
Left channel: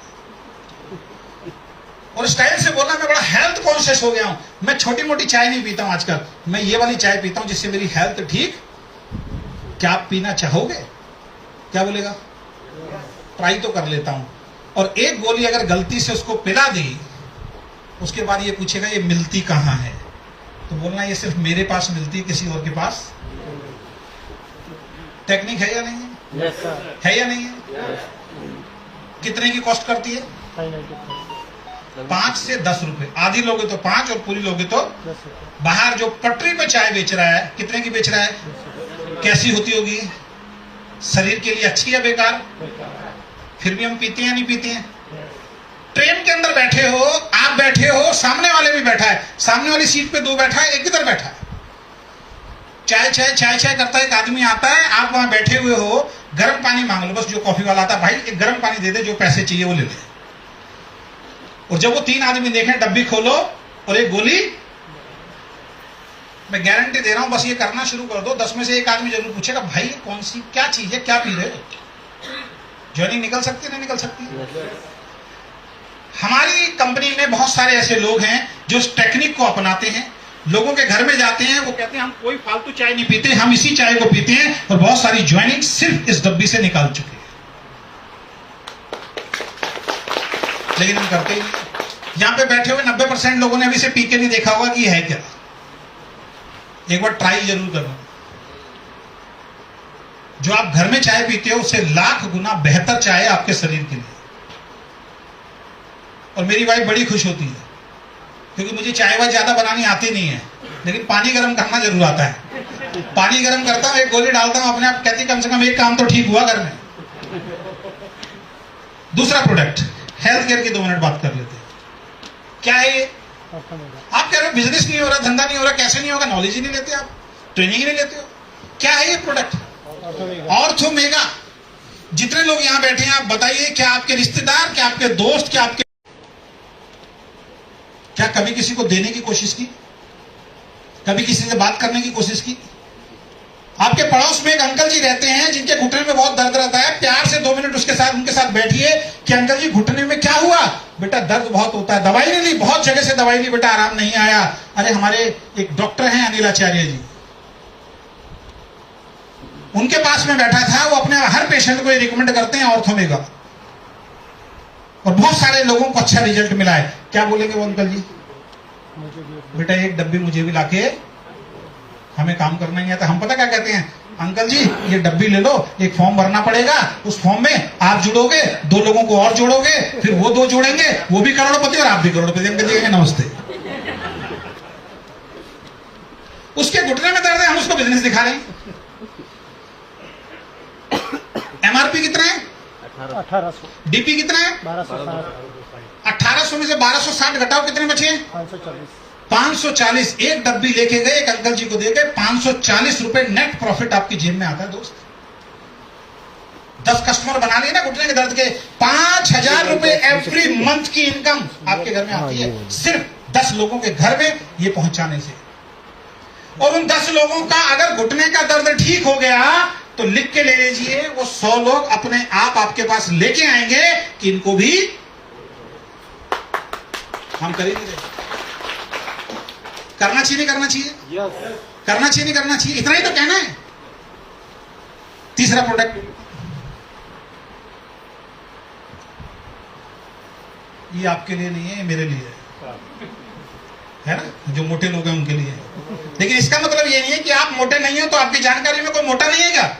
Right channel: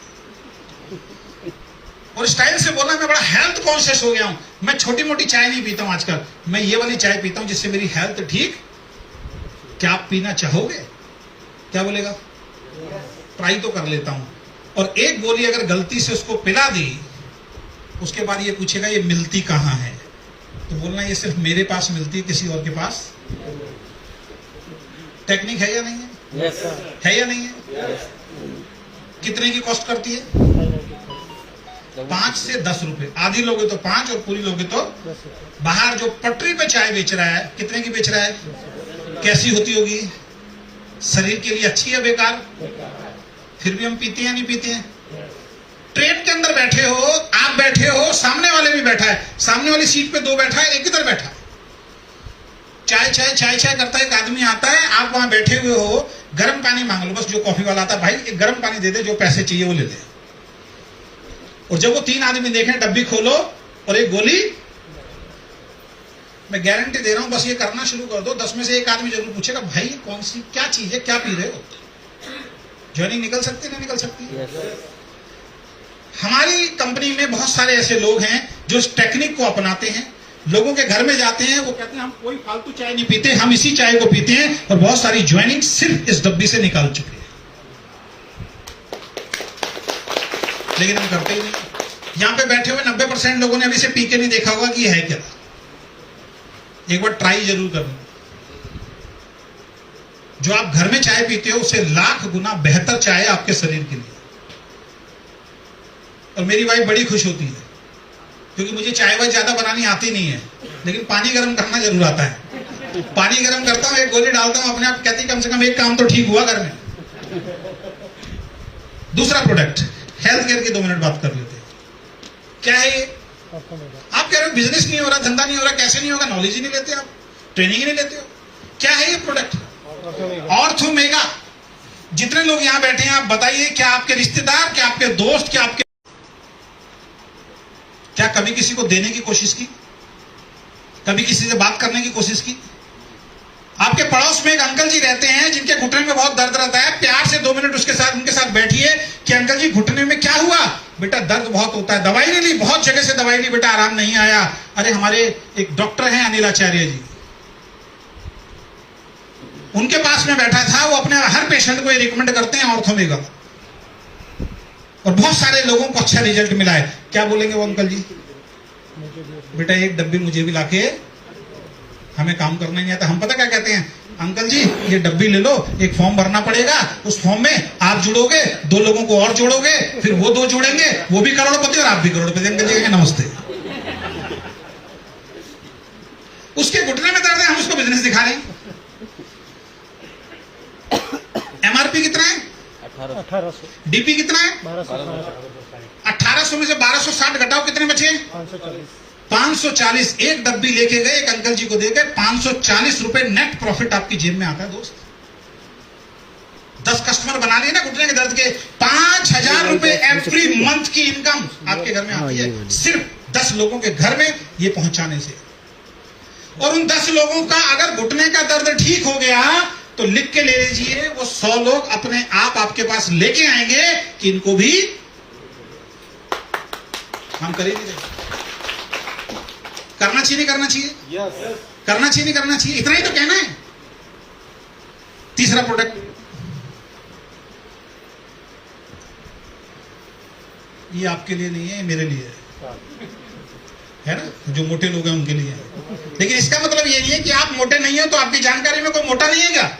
और स्टाइल से बोलना, मैं बड़ा हेल्थ कॉन्शियस हो गया हूं, मैं छोटी मोटी चाय नहीं पीता हूं आजकल, मैं ये वाली चाय पीता हूं जिससे मेरी हेल्थ ठीक। क्या आप पीना चाहोगे? क्या बोलेगा? ट्राई तो कर लेता हूं। और एक गोली अगर गलती से उसको पिला दी, उसके बाद ये पूछेगा ये मिलती कहां है? तो बोलना ये सिर्फ मेरे पास मिलती है, किसी और के पास। टेक्निक है या नहीं है? Yes, sir. है या नहीं है? कितने की कॉस्ट करती है? 5 से 10 रुपए। आधी लोगे तो 5 और पूरी लोगे तो। बाहर जो पटरी पे चाय बेच रहा है, कितने की बेच रहा है? कैसी होती होगी? शरीर के लिए अच्छी या बेकार? फिर भी हम पीते हैं या नहीं पीते हैं? ट्रेन के अंदर बैठे हो, आप बैठे हो, सामने वाले भी बैठा है, सामने वाली सीट पे 2 बैठा है, एक इधर बैठा है, चाय चाय चाय चाय करता है, एक आदमी आता है, आप वहां बैठे हुए हो, गर्म पानी मांग लो, बस जो कॉफी वाला आता है, भाई एक गर्म पानी दे दे, जो पैसे चाहिए वो ले ले। और जब वो 3 आदमी देखें, डब्बी खोलो और एक गोली, मैं गारंटी दे रहा हूं, बस ये करना शुरू कर दो, 10 में से एक आदमी जरूर पूछेगा, भाई कौन सी क्या चीज है, क्या पी रहे हो? ज्वाइनिंग निकल सकती नहीं निकल सकती? हमारी कंपनी में बहुत सारे ऐसे लोग हैं जो इस टेक्निक को अपनाते हैं, लोगों के घर में जाते हैं, वो कहते हैं हम कोई फालतू चाय नहीं पीते, हम इसी चाय को पीते हैं, और बहुत सारी ज्वाइनिंग सिर्फ इस डब्बी से निकाल चुके हैं। लेकिन हम करते ही नहीं। यहां पे बैठे हुए 90% लोगों ने अभी से पी के नहीं देखा होगा कि ये है क्या। एक बार ट्राई जरूर करना। जो आप घर में चाय पीते हो उससे लाख गुना बेहतर चाय है आपके शरीर के लिए। और मेरी वाइफ बड़ी खुश होती है, क्योंकि मुझे चाय वाय ज्यादा बनानी आती नहीं है, लेकिन पानी गर्म करना जरूर आता है। पानी गर्म करता हूं, एक गोली डालता हूं, अपने आप कहती कम से कम एक काम तो ठीक हुआ घर में। दूसरा प्रोडक्ट, हेल्थ केयर की 2 मिनट बात कर लेते हैं। क्या है ये? आप कह रहे हो बिजनेस नहीं हो रहा, धंधा नहीं हो रहा, कैसे नहीं होगा? नॉलेज ही नहीं लेते आप, ट्रेनिंग ही नहीं लेते हो। क्या है ये प्रोडक्ट? ऑर्थोमेगा। जितने लोग यहां बैठे हैं, आप बताइए, क्या आपके रिश्तेदार, क्या आपके दोस्त, क्या कभी किसी को देने की कोशिश की? कभी किसी से बात करने की कोशिश की? आपके पड़ोस में एक अंकल जी रहते हैं जिनके घुटने में बहुत दर्द रहता है, प्यार से 2 मिनट उनके साथ बैठिए कि अंकल जी घुटने में क्या हुआ? बेटा दर्द बहुत होता है, दवाई नहीं ली, बहुत जगह से दवाई ली बेटा, आराम नहीं आया। अरे हमारे एक डॉक्टर हैं अनिल आचार्य जी, उनके पास में बैठा था, वो अपने हर पेशेंट को रिकमेंड करते हैं ऑर्थोमेगा, और बहुत सारे लोगों को अच्छा रिजल्ट मिला है। क्या बोलेंगे वो अंकल जी? बेटा एक डब्बी मुझे भी लाके, हमें काम करना नहीं आता। हम पता क्या कहते हैं, अंकल जी ये डब्बी ले लो, एक फॉर्म भरना पड़ेगा, उस फॉर्म में आप जुड़ोगे, 2 लोगों को और जोड़ोगे, फिर वो 2 जोड़ेंगे, वो भी करोड़पति और आप भी करोड़पति। अंकल जी नमस्ते। उसके घुटने में दर्द है, हम उसको बिजनेस दिखा रहे हैं। एमआरपी कितना है? 1800। डीपी कितना है? 1800 में से 1260 घटाओ, कितने बचे? 540। 540। एक डब्बी लेके गए, एक अंकल जी को दे गए, 540 रुपए नेट प्रॉफिट आपकी जेब में आता है दोस्त। 10 कस्टमर बना लिए ना घुटने के दर्द के, 5000 रुपए एवरी मंथ की इनकम आपके घर में आती है, सिर्फ 10 लोगों के घर में ये पहुंचाने से। और उन 10 लोगों का अगर घुटने का दर्द ठीक हो गया तो लिख के ले लीजिए, वो 100 लोग अपने आप आपके पास लेके आएंगे कि इनको भी हम करेंगे। करना चाहिए नहीं करना चाहिए? करना चाहिए नहीं करना चाहिए? इतना ही तो कहना है। तीसरा प्रोडक्ट, ये आपके लिए नहीं है, ये मेरे लिए है ना, जो मोटे लोग हैं उनके लिए है। लेकिन इसका मतलब ये नहीं है कि आप मोटे नहीं हो तो आपकी जानकारी में कोई मोटा नहीं है क्या?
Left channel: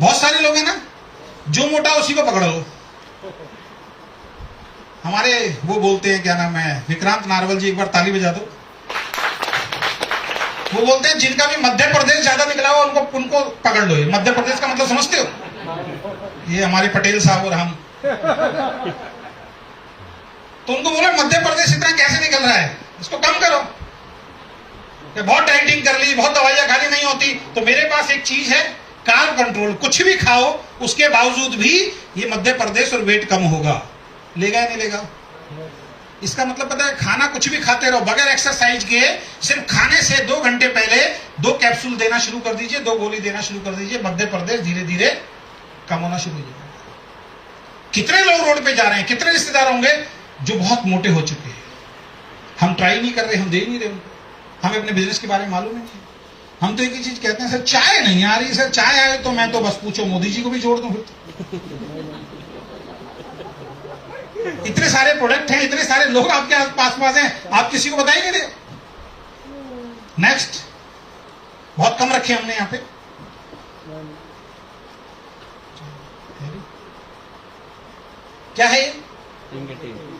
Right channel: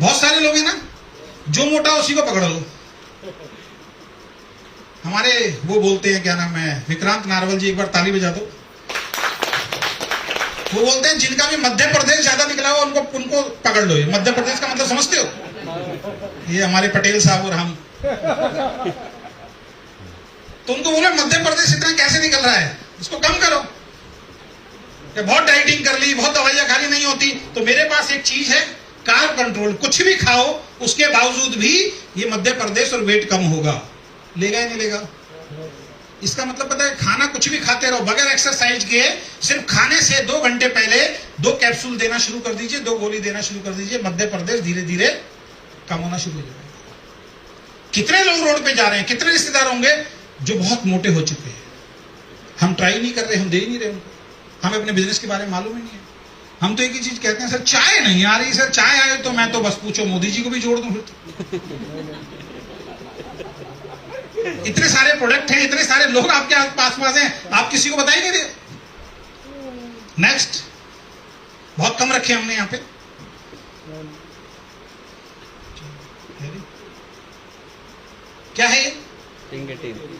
बहुत सारे लोग हैं ना, जो मोटा उसी को पकड़ लो। हमारे वो बोलते हैं, क्या नाम है, विक्रांत नारवल जी, एक बार ताली बजा दो। वो बोलते हैं जिनका भी मध्य प्रदेश ज्यादा निकला हुआ उनको पकड़ लो। ये मध्य प्रदेश का मतलब समझते हो? ये हमारे पटेल साहब और हम, तो उनको बोलो मध्य प्रदेश इतना कैसे निकल रहा है, इसको कम करो। ये बहुत डाइटिंग कर ली, बहुत दवाइयां खाली नहीं होती, तो मेरे पास एक चीज है, कार्ब कंट्रोल। कुछ भी खाओ, उसके बावजूद भी ये मध्य प्रदेश और वेट कम होगा। लेगा या नहीं लेगा? इसका मतलब पता है, खाना कुछ भी खाते रहो बगैर एक्सरसाइज के, सिर्फ खाने से 2 घंटे पहले 2 कैप्सूल देना शुरू कर दीजिए, 2 गोली देना शुरू कर दीजिए, मध्य प्रदेश धीरे धीरे कम होना शुरू हो जाएगा। कितने लोग रोड पे जा रहे हैं, कितने रिश्तेदार होंगे जो बहुत मोटे हो चुके हैं। हम ट्राई नहीं कर रहे, हम दे नहीं रहे उनको, हमें अपने बिजनेस के बारे में मालूम ही नहीं है। हम तो एक ही चीज कहते हैं, सर चाय नहीं आ रही, सर चाय आए तो मैं तो बस पूछो मोदी जी को भी जोड़ दूं फिर तो। इतने सारे प्रोडक्ट हैं, इतने सारे लोग आपके पास हैं, आप किसी को बता ही नहीं रहे। नेक्स्ट, बहुत कम रखे हमने यहां पे। क्या है ये?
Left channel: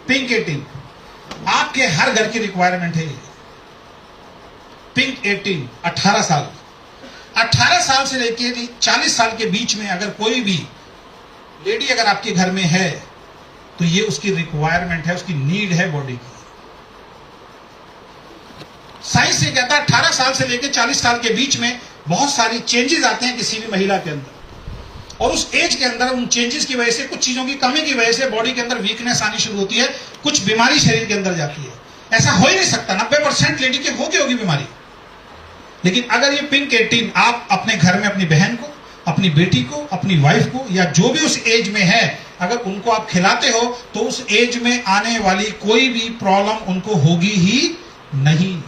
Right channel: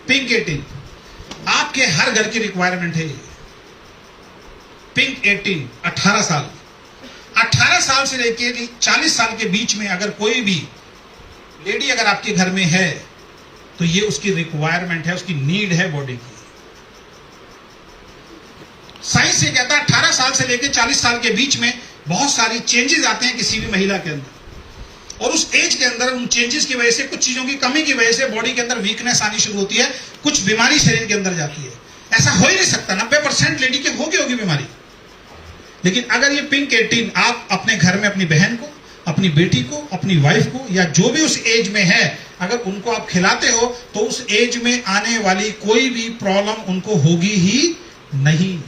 पिंक 18। आपके हर घर की रिक्वायरमेंट है ये पिंक 18। 18 साल, 18 साल से लेकर 40 साल के बीच में अगर कोई भी लेडी अगर आपके घर में है तो ये उसकी रिक्वायरमेंट है, उसकी नीड है बॉडी की। साइंस ये कहता है 18 साल से लेकर 40 साल के बीच में बहुत सारी चेंजेस आते हैं किसी भी महिला के अंदर, और उस एज के अंदर उन चेंजेस की वजह से, कुछ चीजों की कमी की वजह से बॉडी के अंदर वीकनेस आनी शुरू होती है, कुछ बीमारी शरीर के अंदर जाती है। ऐसा हो ही नहीं सकता, 90% लेडी के होगी बीमारी। लेकिन अगर ये पिंक 18 आप अपने घर में अपनी बहन को, अपनी बेटी को, अपनी वाइफ को, या जो भी उस एज में है, अगर उनको आप खिलाते हो तो उस एज में आने वाली कोई भी प्रॉब्लम उनको होगी ही नहीं।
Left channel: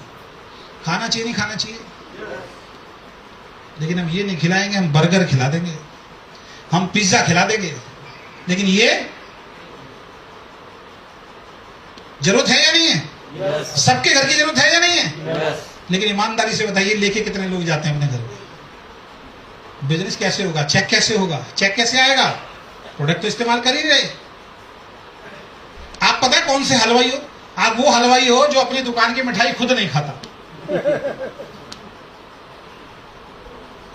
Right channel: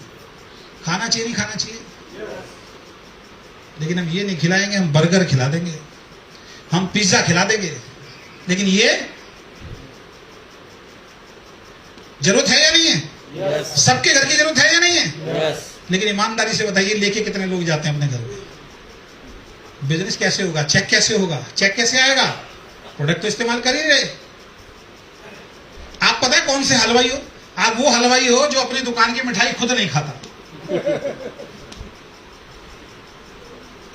खाना चाहिए नहीं खाना चाहिए? लेकिन हम ये नहीं खिलाएंगे, हम बर्गर खिला देंगे, हम पिज्जा खिला देंगे, लेकिन ये जरूरत है या नहीं है? सबके घर की जरूरत है या नहीं है? लेकिन ईमानदारी से बताइए, लेके कितने लोग जाते हैं अपने घर में? बिजनेस कैसे होगा? चेक कैसे होगा? चेक कैसे आएगा? प्रोडक्ट तो इस्तेमाल कर ही रहे। आप पता है कौन से हलवाई हो? आप वो हलवाई हो जो अपनी दुकान की मिठाई खुद नहीं खाता।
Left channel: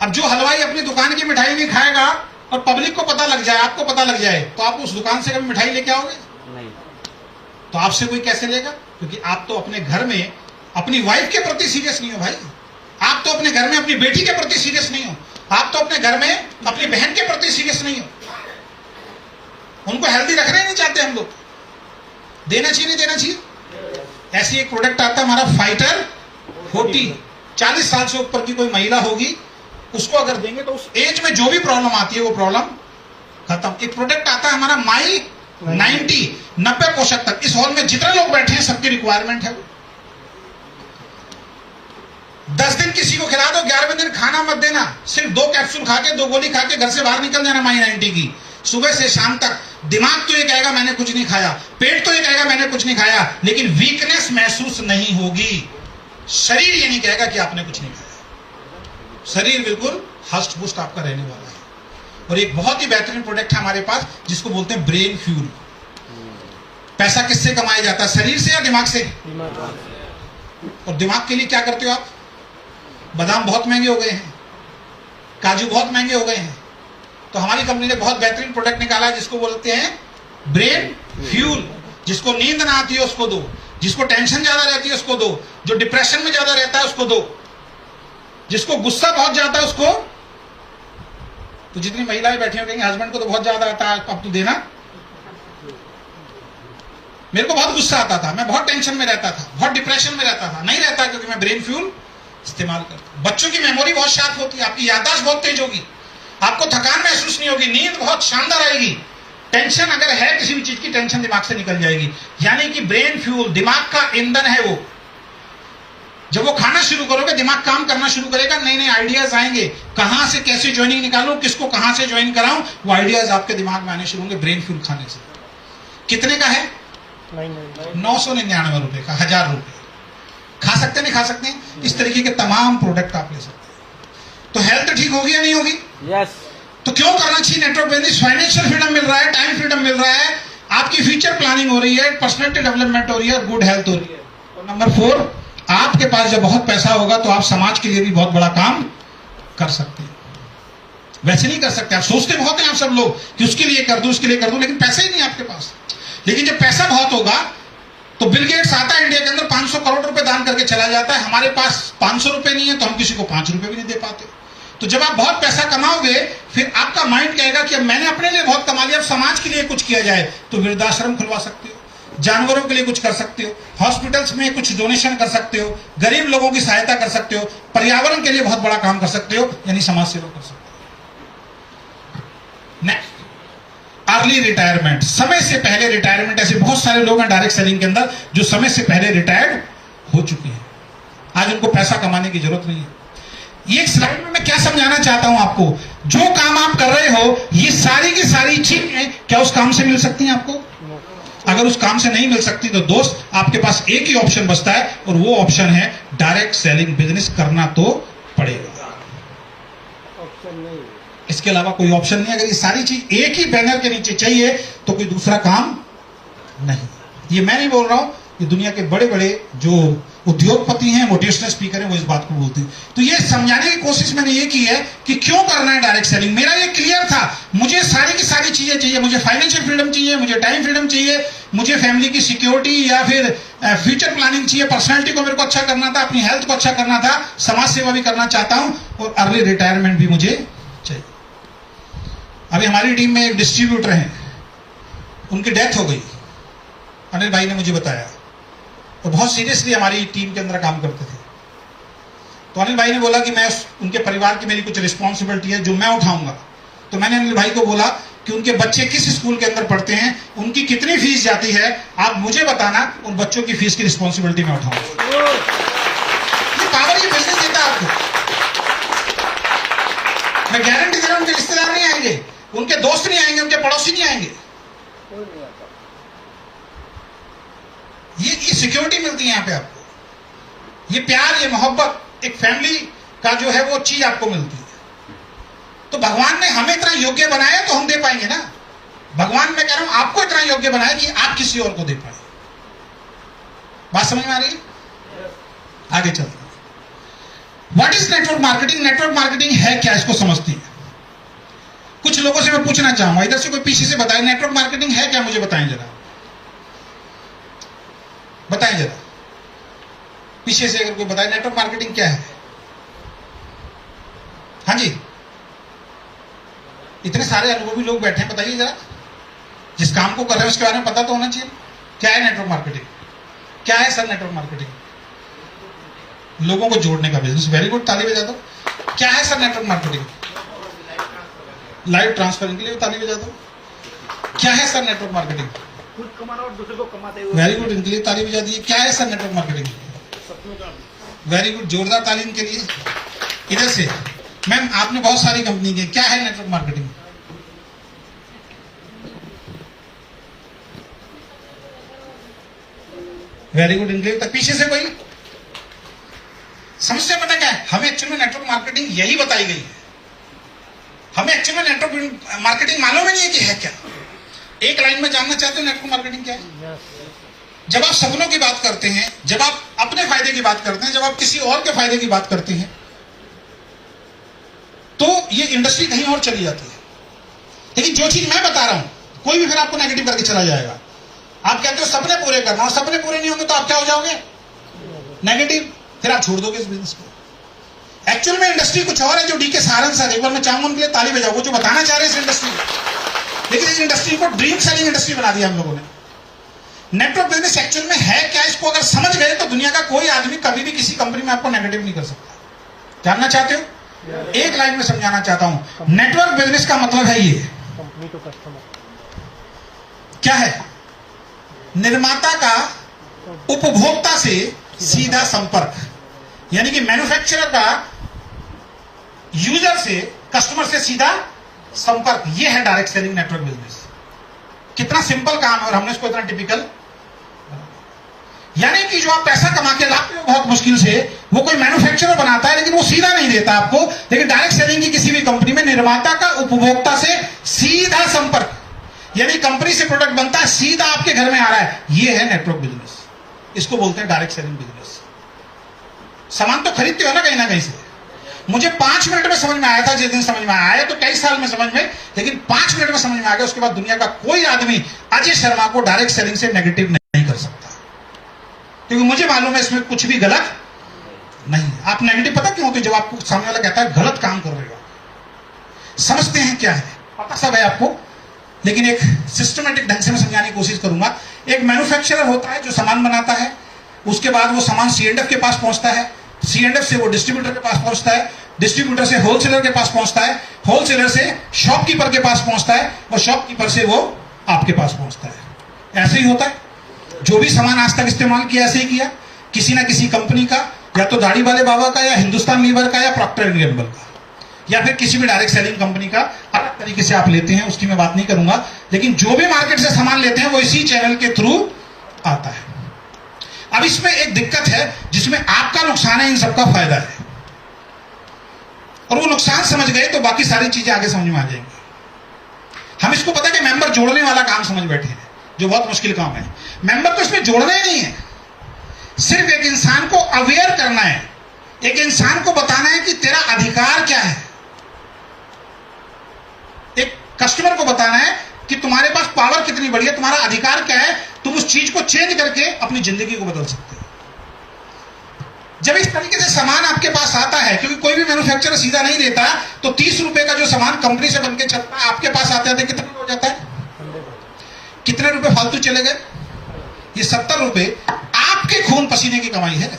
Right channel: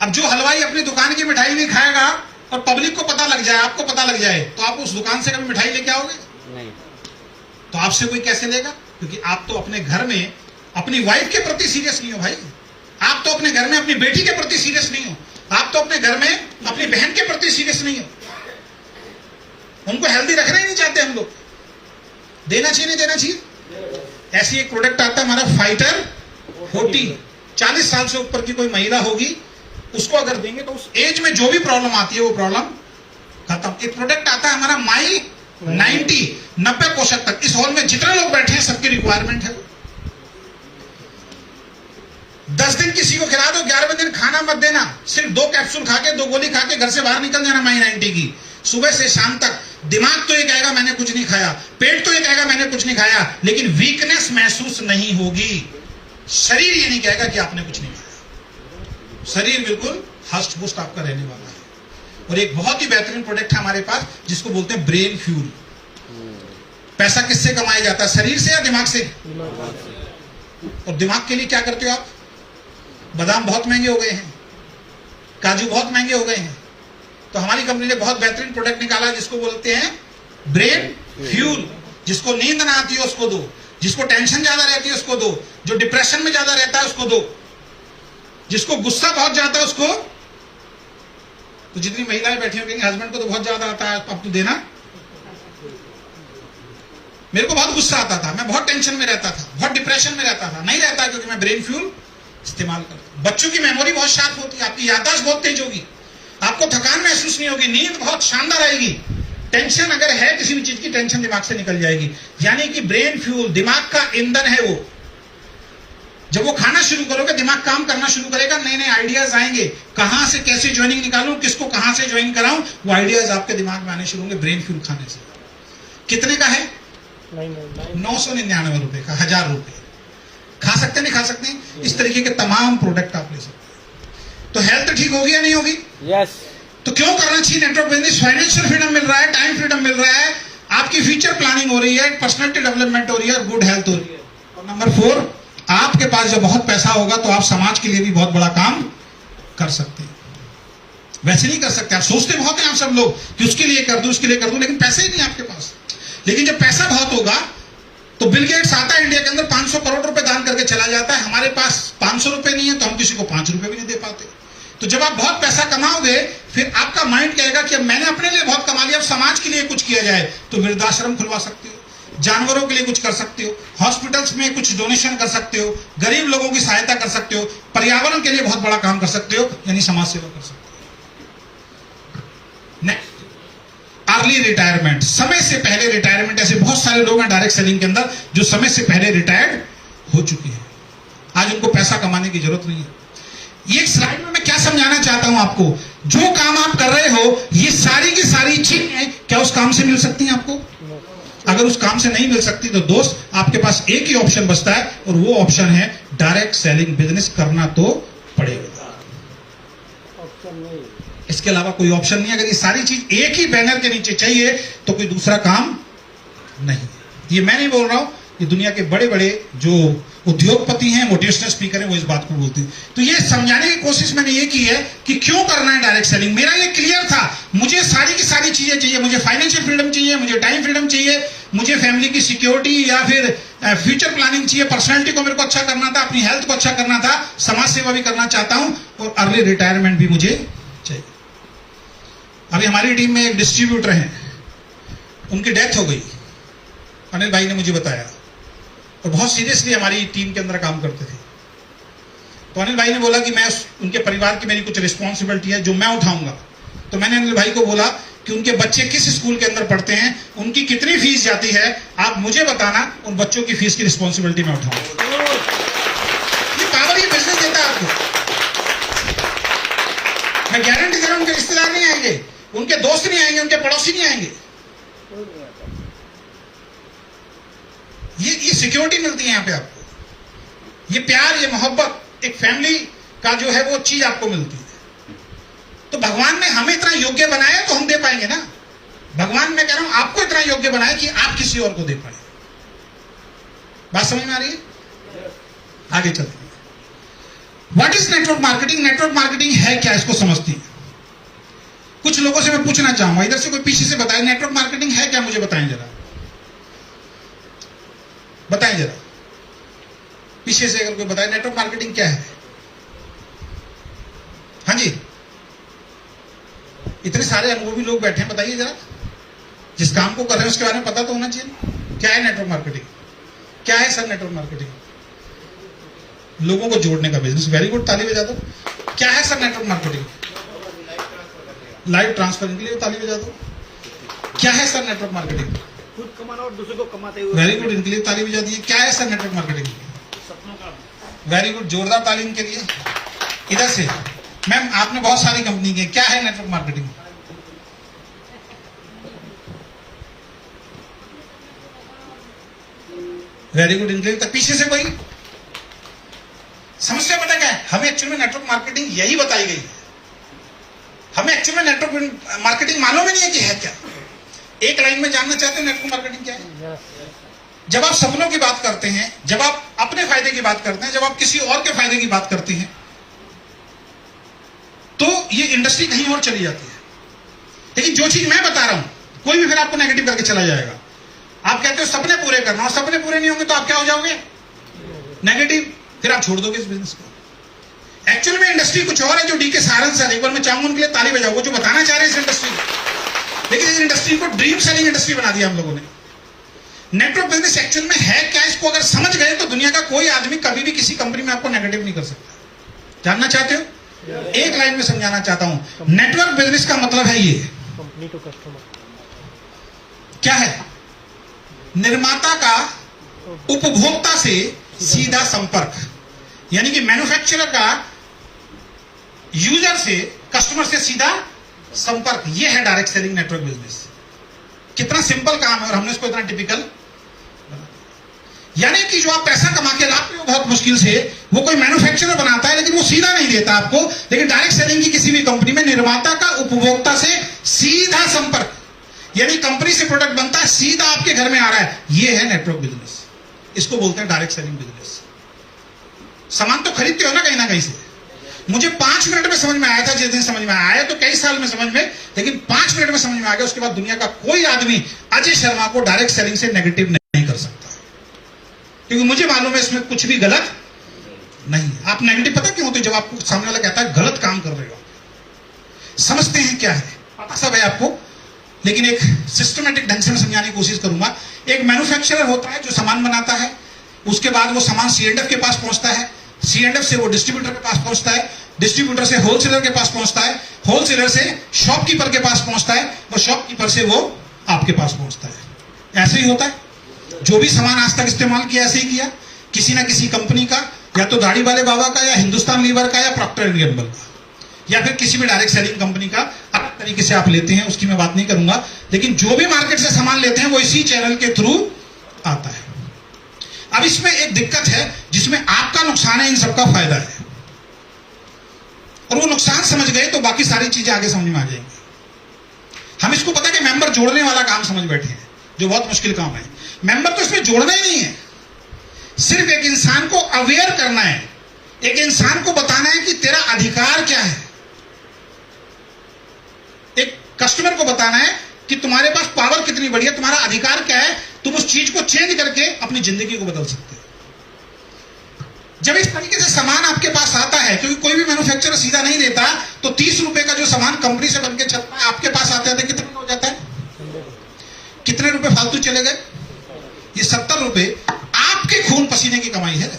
अब जो हलवाई अपनी दुकान की मिठाई नहीं खाएगा और पब्लिक को पता लग जाए, आपको पता लग जाए, तो आप उस दुकान से कभी मिठाई लेके आओगे? नहीं। तो आपसे कोई कैसे लेगा? क्योंकि आप तो अपने घर में अपनी वाइफ के प्रति सीरियस नहीं हो भाई। आप तो अपने घर में अपनी बेटी के प्रति सीरियस नहीं हो। आप तो अपने घर में अपनी बहन के प्रति सीरियस नहीं हो। उनको हेल्दी रखना ही नहीं चाहते हम लोग। देना चाहिए नहीं देना चाहिए? ऐसी एक प्रोडक्ट आता है हमारा फाइटर 40, 40 साल से ऊपर की कोई महिला होगी, उसको अगर देंगे तो उस एज में जो भी प्रॉब्लम आती है वो प्रॉब्लम खत्म। एक प्रोडक्ट आता है हमारा माई 90 पोषक तत्व। इस हॉल में जितने लोग बैठे हैं सबकी रिक्वायरमेंट है। 10 दिन किसी को खिला दो, 11वें दिन खाना मत देना, सिर्फ 2 कैप्सूल खा के 2 गोली खा के घर से बाहर निकल जाना माई 90 की। सुबह से शाम तक दिमाग तो ये कहेगा मैंने कुछ नहीं खाया, पेट तो ये कहेगा मैंने कुछ नहीं खाया, लेकिन वीकनेस महसूस नहीं होगी। शरीर ये नहीं कहेगा कि आपने कुछ नहीं खाया, शरीर बिल्कुल हष्ट पुष्ट आपका रहने वाला है। और एक बहुत ही बेहतरीन प्रोडक्ट है हमारे पास जिसको बोलते हैं ब्रेन फ्यूल। पैसा किससे कमाया जाता है, शरीर से या दिमाग से? और दिमाग के लिए क्या करते हो आप? बादाम बहुत महंगे हो गए हैं, काजू बहुत महंगे हो गए हैं, तो हमारी कंपनी ने बहुत बेहतरीन प्रोडक्ट निकाला है जिसको बोलते हैं ब्रेन फ्यूल। जिसको नींद ना आती है उसको दो, जिसको टेंशन ज्यादा रहती है उसको दो, जो डिप्रेशन में ज्यादा रहता है उसको दो, जिसको गुस्सा बहुत ज्यादा है उसको। तो जितनी महिलाएं बैठी हो कहेंगी हस्बैंड को तो बहुत ज्यादा आता है, अब तो देना। मेरे को बहुत गुस्सा आता था, मैं बहुत टेंशन में रहता था, बहुत डिप्रेशन में रहता था, नहीं रहता क्योंकि मैं ब्रेन फ्यूल इस्तेमाल करता हूं। बच्चों की मेमोरी बहुत शार्प होती है, आपकी याददाश्त बहुत तेज होगी, आपको थकान महसूस नहीं होगी, नींद बहुत शानदार आएगी, टेंशन अगर है किसी भी चीज की टेंशन दिमाग से निकल जाएगी। यानी कि ब्रेन फ्यूल दिमाग का ईंधन है वो। जब वो खाना शुरू करोगे दिमाग काम करना शुरू करेगा, नए नए आइडियाज आएंगे, कहां से कैसे ज्वाइनिंग निकालूं, किसको कहां से ज्वाइन कराऊं, वो आइडियाज आपके दिमाग में आने शुरू होंगे ब्रेन फ्यूल खाने से। कितने का है? 999 रुपए का, 1000 रुपए। खा सकते नहीं खा सकते? इस तरीके के तमाम प्रोडक्ट आप ले सकते हैं। तो हेल्थ ठीक होगी या नहीं होगी? यस। तो क्यों करना चाहिए नेटवर्क बिजनेस? फाइनेंशियल फ्रीडम मिल रहा है, टाइम फ्रीडम मिल रहा है, आपकी फ्यूचर प्लानिंग हो रही है, पर्सनैलिटी डेवलपमेंट हो रही है और गुड हेल्थ हो रही है। और नंबर 4, आपके पास जब बहुत पैसा होगा तो आप समाज के लिए भी बहुत बड़ा काम कर सकते हैं। वैसे नहीं कर सकते, आप सोचते बहुत हैं आप सब लोग कि उसके लिए कर दूं, उसके लिए कर दूं, लेकिन पैसा ही नहीं आपके पास। लेकिन जब पैसा बहुत होगा तो बिल गेट्स आता है इंडिया के अंदर, 500 करोड़ रुपए दान करके चला जाता है। हमारे पास 500 रुपए नहीं है तो हम किसी को 5 रुपए भी नहीं दे पाते। तो जब आप बहुत पैसा कमाओगे फिर आपका माइंड कहेगा कि अब मैंने अपने लिए बहुत कमा लिया, अब समाज के लिए कुछ किया जाए। तो वृद्धाश्रम खुलवा सकते हो, जानवरों के लिए कुछ कर सकते हो, हॉस्पिटल्स में कुछ डोनेशन कर सकते हो, गरीब लोगों की सहायता कर सकते हो, पर्यावरण के लिए बहुत बड़ा काम कर सकते हो, यानी समाज सेवा कर सकते हो। नेक्स्ट, अर्ली रिटायरमेंट, समय से पहले रिटायरमेंट। ऐसे बहुत सारे लोग हैं डायरेक्ट सेलिंग के अंदर जो समय से पहले रिटायर्ड हो चुके हैं, आज उनको पैसा कमाने की जरूरत नहीं है। ये स्लाइड में मैं क्या समझाना चाहता हूं आपको, जो काम आप कर रहे हो ये सारी की सारी चीजें क्या उस काम से मिल सकती हैं आपको? अगर उस काम से नहीं मिल सकती तो दोस्त आपके पास एक ही ऑप्शन बचता है और वो ऑप्शन है डायरेक्ट सेलिंग बिजनेस करना तो पड़ेगा, ऑप्शन नहीं, इसके अलावा कोई ऑप्शन नहीं। अगर ये सारी चीज एक ही बैनर के नीचे चाहिए तो कोई दूसरा काम नहीं। ये मैं नहीं बोल रहा हूं, ये दुनिया के बड़े बड़े जो उद्योगपति हैं, मोटिवेशनल स्पीकर हैं, वो इस बात को बोलते हैं। तो ये समझाने की कोशिश मैंने ये की है कि क्यों करना है डायरेक्ट सेलिंग। मेरा ये क्लियर था, मुझे सारी की सारी चीजें चाहिए, मुझे फाइनेंशियल फ्रीडम चाहिए, मुझे टाइम फ्रीडम चाहिए, मुझे फैमिली की सिक्योरिटी या फिर फ्यूचर प्लानिंग चाहिए, पर्सनैलिटी को मेरे को अच्छा करना था, अपनी हेल्थ को अच्छा करना था, समाज सेवा भी करना चाहता हूं और अर्ली रिटायरमेंट भी मुझे चाहिए। अभी हमारी टीम में एक डिस्ट्रीब्यूटर हैं, उनकी डेथ हो गई, अनिल भाई ने मुझे बताया, और बहुत सीरियसली हमारी टीम के अंदर काम करते थे। तो अनिल भाई ने बोला कि मैं उनके परिवार की मेरी कुछ रिस्पॉन्सिबिलिटी है जो मैं उठाऊंगा। तो मैंने अनिल भाई को बोला कि उनके बच्चे किस स्कूल के अंदर पढ़ते हैं, उनकी कितनी फीस जाती है, आप मुझे बताना, उन बच्चों की फीस की रिस्पॉन्सिबिलिटी मैं उठाऊंगा। ये पावर ये बिजनेस देता है आपको। मैं गारंटी दे रहा हूं, उनके रिश्तेदार नहीं आएंगे, उनके दोस्त नहीं आएंगे, उनके पड़ोसी नहीं आएंगे। ये सिक्योरिटी मिलती है यहां पे आपको, ये प्यार, ये मोहब्बत, एक फैमिली का जो है वो चीज आपको मिलती है। तो भगवान ने हमें इतना योग्य बनाया तो हम दे पाएंगे ना। भगवान मैं कह रहा हूं आपको इतना योग्य बनाया कि आप किसी और को दे पाए। बात समझ में आ रही है? आगे चलते हैं। What is network marketing? Network marketing है क्या, इसको समझती है। कुछ लोगों से मैं पूछना चाहूंगा, इधर से कोई पीछे से बताए नेटवर्क मार्केटिंग है क्या, मुझे बताएं जरा, बताएं जरा पीछे से अगर कोई बताए नेटवर्क मार्केटिंग क्या है। हाँ जी, इतने सारे अनुभवी लोग बैठे हैं, बताइए जरा, जिस काम को कर रहे हैं उसके बारे में पता तो होना चाहिए। क्या है नेटवर्क मार्केटिंग? क्या है सर नेटवर्क मार्केटिंग? लोगों को जोड़ने का बिजनेस। वेरी गुड, ताली बजा दो। क्या है sir network marketing? Live transfer, इनके लिए ताली बजा दो। क्या है सर नेटवर्क मार्केटिंग? खुद कमाना और दूसरे को कमाते हुए। वेरी गुड, इनके लिए ताली बजा दी। क्या है सर नेटवर्क मार्केटिंग? सपनों का। वेरी गुड, जोरदार ताली इनके लिए। इधर से मैम, आपने बहुत सारी कंपनी की, क्या है नेटवर्क मार्केटिंग? वेरी गुड, इनके लिए। तक पीछे से कोई समस्या पता क्या है? हमें एक्चुअल में नेटवर्क मार्केटिंग यही बताई गई है। हमें एक्चुअल में नेटवर्क मार्केटिंग मालूम ही नहीं है कि है क्या। एक लाइन में जानना चाहते हो नेटवर्क मार्केटिंग क्या है? जब आप सपनों की बात करते हैं, जब आप अपने फायदे की बात करते हैं, जब आप किसी और के फायदे की बात करते हैं, तो ये इंडस्ट्री कहीं और चली जाती है। लेकिन जो चीज मैं बता रहा हूं, कोई भी फिर आपको नेगेटिव करके चला जाएगा। आप कहते हो सपने पूरे करना, और सपने पूरे नहीं होंगे तो आप क्या हो जाओगे? नेगेटिव। फिर आप छोड़ दोगे इस बिजनेस को। एक्चुअल में इंडस्ट्री कुछ और है जो डी के सारंग सर, एक बार मैं चाहूंगा उनके लिए ताली बजाओ, वो जो बताना चाह रहे हैं इस इंडस्ट्री को। लेकिन इस इंडस्ट्री को ड्रीम सेलिंग इंडस्ट्री बना दिया हम लोगों ने। नेटवर्क बिजनेस एक्चुअल में है क्या, इसको अगर समझ गए तो दुनिया का कोई आदमी कभी भी किसी कंपनी में आपको नेगेटिव नहीं कर सकता। जानना चाहते हो? एक लाइन में समझाना चाहता हूं। नेटवर्क बिजनेस का मतलब है ये, कंपनी टू कस्टमर। क्या है? निर्माता का उपभोक्ता से सीधा संपर्क, यानी कि मैन्युफैक्चरर का यूजर से, कस्टमर से सीधा संपर्क। ये है डायरेक्ट सेलिंग नेटवर्क बिजनेस। कितना सिंपल काम है और हमने इसको इतना टिपिकल। यानी कि जो आप पैसा कमा के लाते हो बहुत मुश्किल से, वो कोई मैन्युफैक्चरर बनाता है लेकिन वो सीधा नहीं देता आपको। लेकिन डायरेक्ट सेलिंग की किसी भी कंपनी में निर्माता का उपभोक्ता से सीधा संपर्क, यानी कंपनी से प्रोडक्ट बनता है, सीधा आपके घर में आ रहा है। ये है नेटवर्क बिजनेस। इसको बोलते हैं डायरेक्ट सेलिंग बिजनेस। सामान तो खरीदते हो ना कहीं से। मुझे 5 मिनट में समझ में आया था जिस दिन समझ में आया, तो कई साल में समझ में, लेकिन 5 मिनट में समझ में आ गया। उसके बाद दुनिया का कोई आदमी अजय शर्मा को डायरेक्ट सेलिंग से नेगेटिव नहीं कर सकता, क्योंकि मुझे मालूम है इसमें कुछ भी गलत नहीं है। आप नेगेटिव पता क्यों होते? जब आपको सामने वाला कहता है गलत काम कर रहे हो, समझते हैं क्या है, पता सब है आपको, लेकिन एक सिस्टमेटिक ढंग से मैं समझाने की कोशिश करूंगा। एक मैन्युफैक्चरर होता है जो सामान बनाता है, उसके बाद वो सामान C&F के पास पहुंचता है, C&F से वो डिस्ट्रीब्यूटर के पास पहुंचता है, डिस्ट्रीब्यूटर से होलसेलर के पास पहुंचता है, होलसेलर से शॉपकीपर के पास पहुंचता है, और शॉपकीपर से वो आपके पास पहुंचता है। ऐसे ही होता है। जो भी सामान आज तक इस्तेमाल किया ऐसे ही किया, किसी ना किसी कंपनी का, या तो दाढ़ी वाले बाबा का, या हिंदुस्तान लीवर का, या प्रॉक्टर एंड गैम्बल का, या फिर किसी भी डायरेक्ट सेलिंग कंपनी का। अलग तरीके से आप लेते हैं, उसकी मैं बात नहीं करूंगा, लेकिन जो भी मार्केट से सामान लेते हैं वो इसी चैनल के थ्रू आता है। अब इसमें एक दिक्कत है जिसमें आपका नुकसान है, इन सबका फायदा है। और वो नुकसान समझ गए तो बाकी सारी चीजें आगे समझ में आ जाएंगी। हम इसको पता है कि मेंबर जोड़ने वाला काम समझ बैठे हैं, जो बहुत मुश्किल काम है। मेंबर तो इसमें जोड़ना ही नहीं है, सिर्फ एक इंसान को अवेयर करना है, एक इंसान को बताना है कि तेरा अधिकार क्या है। एक कस्टमर को बताना है कि तुम्हारे पास पावर कितनी बड़ी है, तुम्हारा अधिकार क्या है, तुम उस चीज को चेंज करके अपनी जिंदगी को बदल सकते हो। जब इस तरीके से सामान आपके पास आता है, क्योंकि कोई भी मैन्युफैक्चरर सीधा नहीं देता, तो 30 रुपए का जो सामान कंपनी से बनके चलता है आपके पास आते आते कितने हो जाता है? कितने रुपए फालतू चले गए? ये 70 रुपए आपके खून पसीने की कमाई है।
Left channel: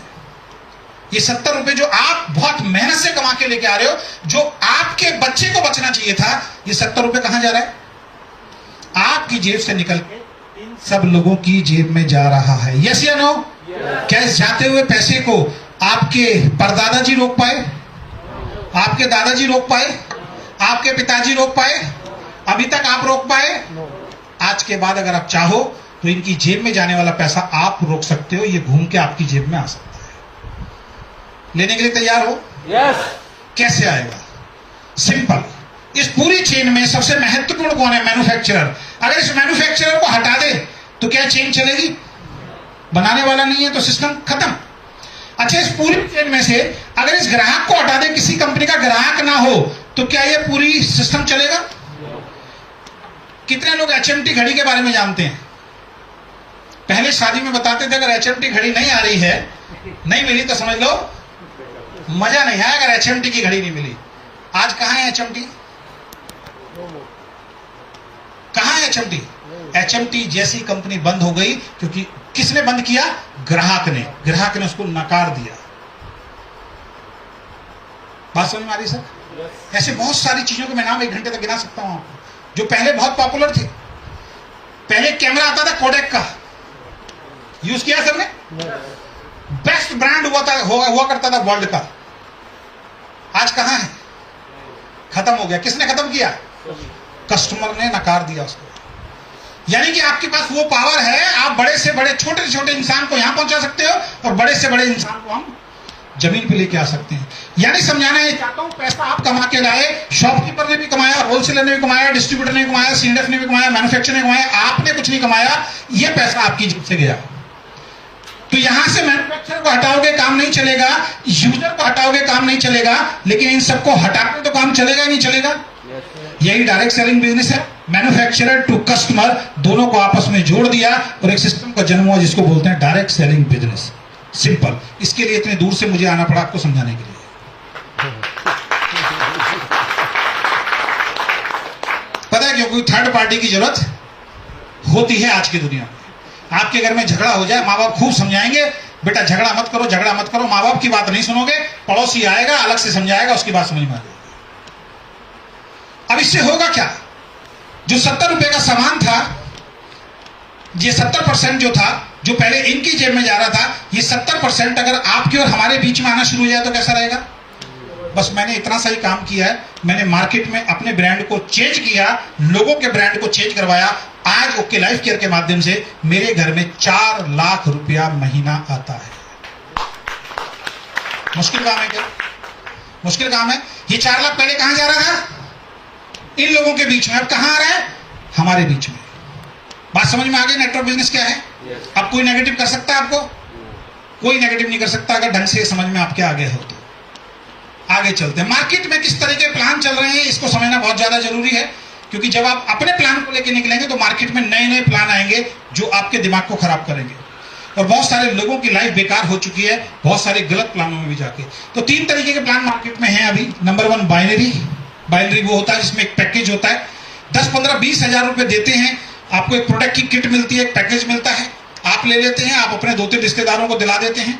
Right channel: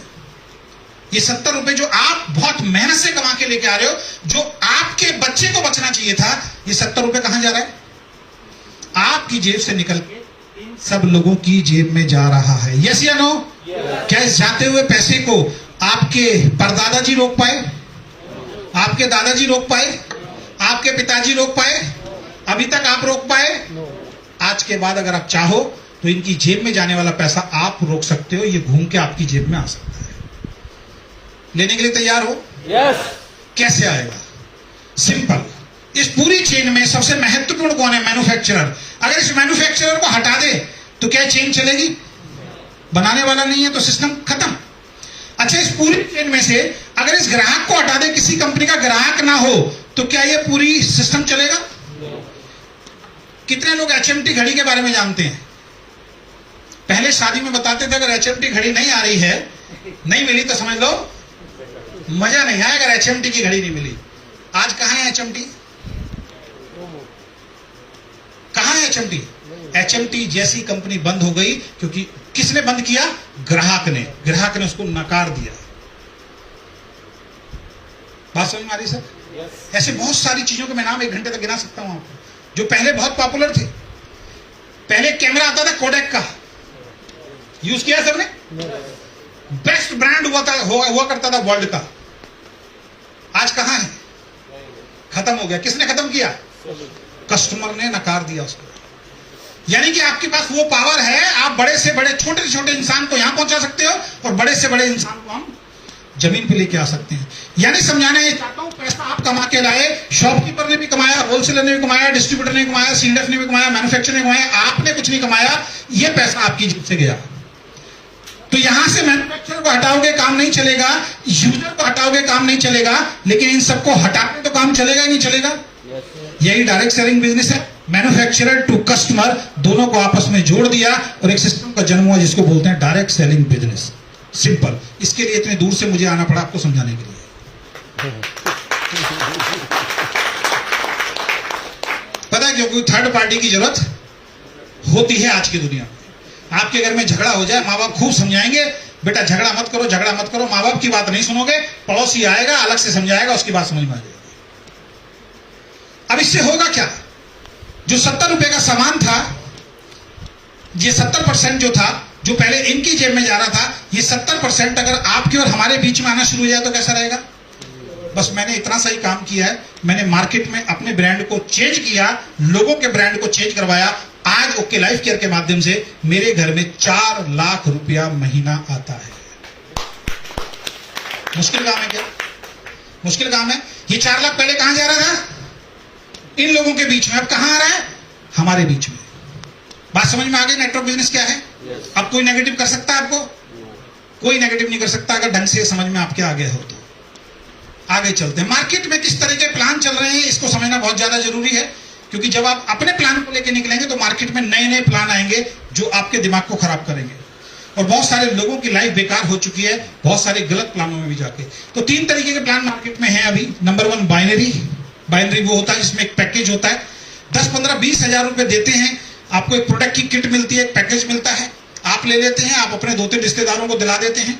ये 70 रुपए जो आप बहुत मेहनत से कमा के लेके आ रहे हो, जो आपके बच्चे को बचना चाहिए था, ये 70 रुपए कहां जा रहा है? आपकी जेब से निकल के सब लोगों की जेब में जा रहा है। यस या नो? क्या इस जाते हुए पैसे को आपके परदादाजी रोक पाए? आपके दादाजी रोक पाए? आपके पिताजी रोक पाए? अभी तक आप रोक पाए? आज के बाद अगर आप चाहो तो इनकी जेब में जाने वाला पैसा आप रोक सकते हो। ये घूम के आपकी जेब में आ सकता है। लेने के लिए तैयार हो? यस। कैसे आएगा? सिंपल। इस पूरी चेन में सबसे महत्वपूर्ण कौन है? मैन्युफैक्चरर। अगर इस मैन्युफैक्चरर को हटा दे तो क्या चेन चलेगी? बनाने वाला नहीं है तो सिस्टम खत्म। अच्छा, इस पूरी चेन में से अगर इस ग्राहक को हटा दे, किसी कंपनी का ग्राहक ना हो, तो क्या ये पूरी सिस्टम चलेगा? कितने लोग HMT घड़ी के बारे में जानते हैं? पहले शादी में बताते थे अगर HMT घड़ी नहीं आ रही है, नहीं मिली तो समझ लो मजा नहीं है, अगर HMT की घड़ी नहीं मिली। आज कहां है HMT? कहां है एचएमटी? एचएमटी जैसी कंपनी बंद हो गई, क्योंकि किसने बंद किया? ग्राहक ने उसको नकार दिया। बात समझ में आ रही सर? ऐसे बहुत सारी चीजों के मैं नाम 1 घंटे तक गिना सकता हूं आपको, जो पहले बहुत पॉपुलर थे। पहले कैमरा आता था कोडेक का, यूज किया सबने? बेस्ट ब्रांड हुआ करता था वर्ल्ड का। आज कहां है? खत्म हो गया। किसने खत्म किया? कस्टमर ने नकार दिया उसको। यानी कि आपके पास वो पावर है, आप बड़े से बड़े छोटे से छोटे इंसान को यहां पहुंचा सकते हो, और बड़े से बड़े इंसान को हम जमीन पे लेके आ सकते हैं। यानी समझाना ये चाहता हूं, पैसा आप कमा के लाए, शॉपकीपर ने भी कमाया, होलसेलर ने भी कमाया, डिस्ट्रीब्यूटर ने भी कमाया, सीएनएफ ने भी कमाया, मैन्युफैक्चरर ने कमाया, आपने कुछ नहीं कमाया, ये पैसा आपकी जेब से गया। तो यहां से मैन्युफैक्चरर को हटाओगे काम नहीं चलेगा, यूजर को हटाओगे काम नहीं चलेगा, लेकिन इन सबको हटाकर तो काम चलेगा ही नहीं चलेगा। यही डायरेक्ट सेलिंग बिजनेस है। मैन्युफैक्चरर टू कस्टमर दोनों को आपस में जोड़ दिया और एक सिस्टम का जन्म हुआ जिसको बोलते हैं डायरेक्ट सेलिंग बिजनेस। सिंपल। इसके लिए इतने दूर से मुझे आना पड़ा आपको समझाने के लिए। पता है क्यों? कोई थर्ड पार्टी की जरूरत होती है आज की दुनिया में। आपके घर में झगड़ा हो जाए, माँ बाप खूब समझाएंगे, बेटा झगड़ा मत करो, झगड़ा मत करो। माँ बाप की बात नहीं सुनोगे, पड़ोसी आएगा अलग से समझाएगा, उसकी बात समझ में आ जाएगी। अब इससे होगा क्या? जो 70 रुपए का सामान था, ये 70% जो था, जो पहले इनकी जेब में जा रहा था, ये 70% अगर आपके और हमारे बीच में आना शुरू हो जाए तो कैसा रहेगा? बस मैंने इतना सही काम किया है, मैंने मार्केट में अपने ब्रांड को चेंज किया, लोगों के ब्रांड को चेंज करवाया। आज ओके लाइफ केयर के माध्यम से मेरे घर में 4 लाख रुपया महीना आता है। मुश्किल काम है क्या? मुश्किल काम है। ये 4 लाख पहले कहां जा रहा था? इन लोगों के बीच में। अब कहां आ रहा है? हमारे बीच में। बात समझ में आ गई? नेटवर्क बिजनेस क्या है? अब कोई नेगेटिव कर सकता है आपको? कोई नेगेटिव नहीं कर सकता अगर ढंग से समझ में आपके आगे हो तो। आगे चलते हैं। मार्केट में किस तरह के प्लान चल रहे हैं इसको समझना बहुत ज्यादा जरूरी है, क्योंकि जब आप अपने प्लान को लेकर निकलेंगे तो मार्केट में नए नए प्लान आएंगे जो आपके दिमाग को खराब करेंगे। और बहुत सारे लोगों की लाइफ बेकार हो चुकी है बहुत सारे गलत प्लानों में भी जाके। तो 3 तरीके के प्लान मार्केट में हैं अभी। Number 1 binary. बाइनरी वो होता है जिसमें एक पैकेज होता है, 10, 15, 20 हजार रुपए देते हैं, आपको एक प्रोडक्ट की किट मिलती है, एक पैकेज मिलता है, आप ले लेते हैं, आप अपने 2-3 रिश्तेदारों को दिला देते हैं,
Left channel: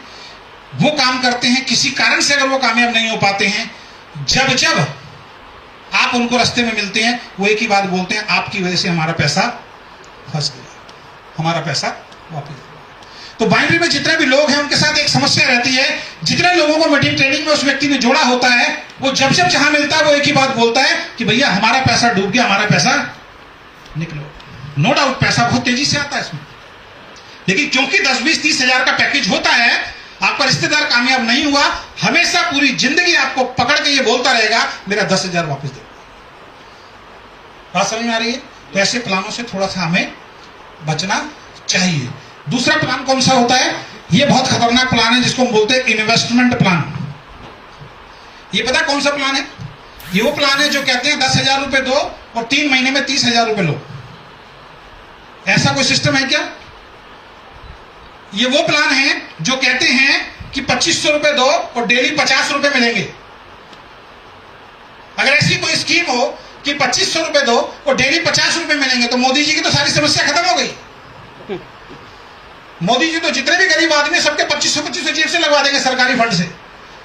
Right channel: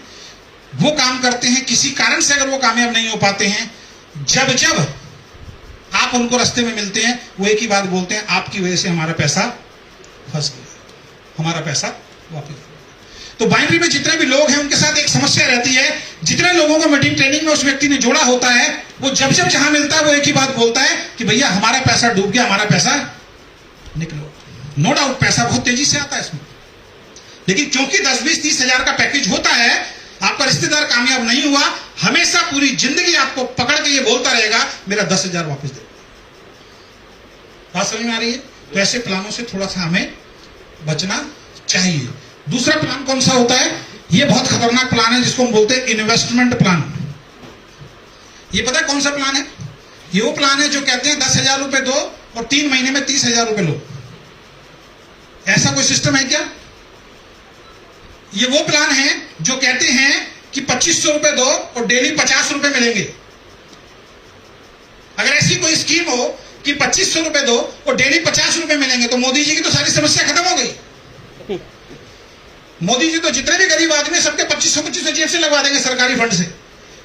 वो काम करते हैं। किसी कारण से अगर वो कामयाब नहीं हो पाते हैं, जब जब आप उनको रास्ते में मिलते हैं, वो एक ही बात बोलते हैं, आपकी वजह से हमारा पैसा फंस गया, हमारा पैसा वापस। तो बाइनरी में जितने भी लोग हैं उनके साथ एक समस्या रहती है, जितने लोगों को मीटिंग ट्रेनिंग में उस व्यक्ति ने जोड़ा होता है, वो जब जब जहां मिलता है वो एक ही बात बोलता है कि भैया हमारा पैसा डूब गया, हमारा पैसा निकलो। नो डाउट पैसा बहुत तेजी से आता है इसमें, लेकिन क्योंकि 10, 20, 30 हजार का पैकेज होता है, आपका रिश्तेदार कामयाब नहीं हुआ, हमेशा पूरी जिंदगी आपको पकड़ के ये बोलता रहेगा मेरा 10,000 वापस दे। बात समझ में आ रही है? तो ऐसे प्लानों से थोड़ा सा हमें बचना चाहिए। दूसरा प्लान कौन सा होता है? ये बहुत खतरनाक प्लान है जिसको हम बोलते हैं इन्वेस्टमेंट प्लान। ये पता है कौन सा प्लान है? ये वो प्लान है जो कहते हैं 10,000 रुपए दो और 3 महीने में 30,000 रुपए लो। ऐसा कोई सिस्टम है क्या? ये वो प्लान है जो कहते हैं कि 2500 रुपए दो और डेली 50 रुपए मिलेंगे। अगर ऐसी कोई स्कीम हो कि 2500 रुपए दो और डेली 50 रुपए मिलेंगे तो मोदी जी की तो सारी समस्या खत्म हो गई। मोदी जी तो जितने भी गरीब आदमी सबके 2500 जेब से लगवा देंगे सरकारी फंड से,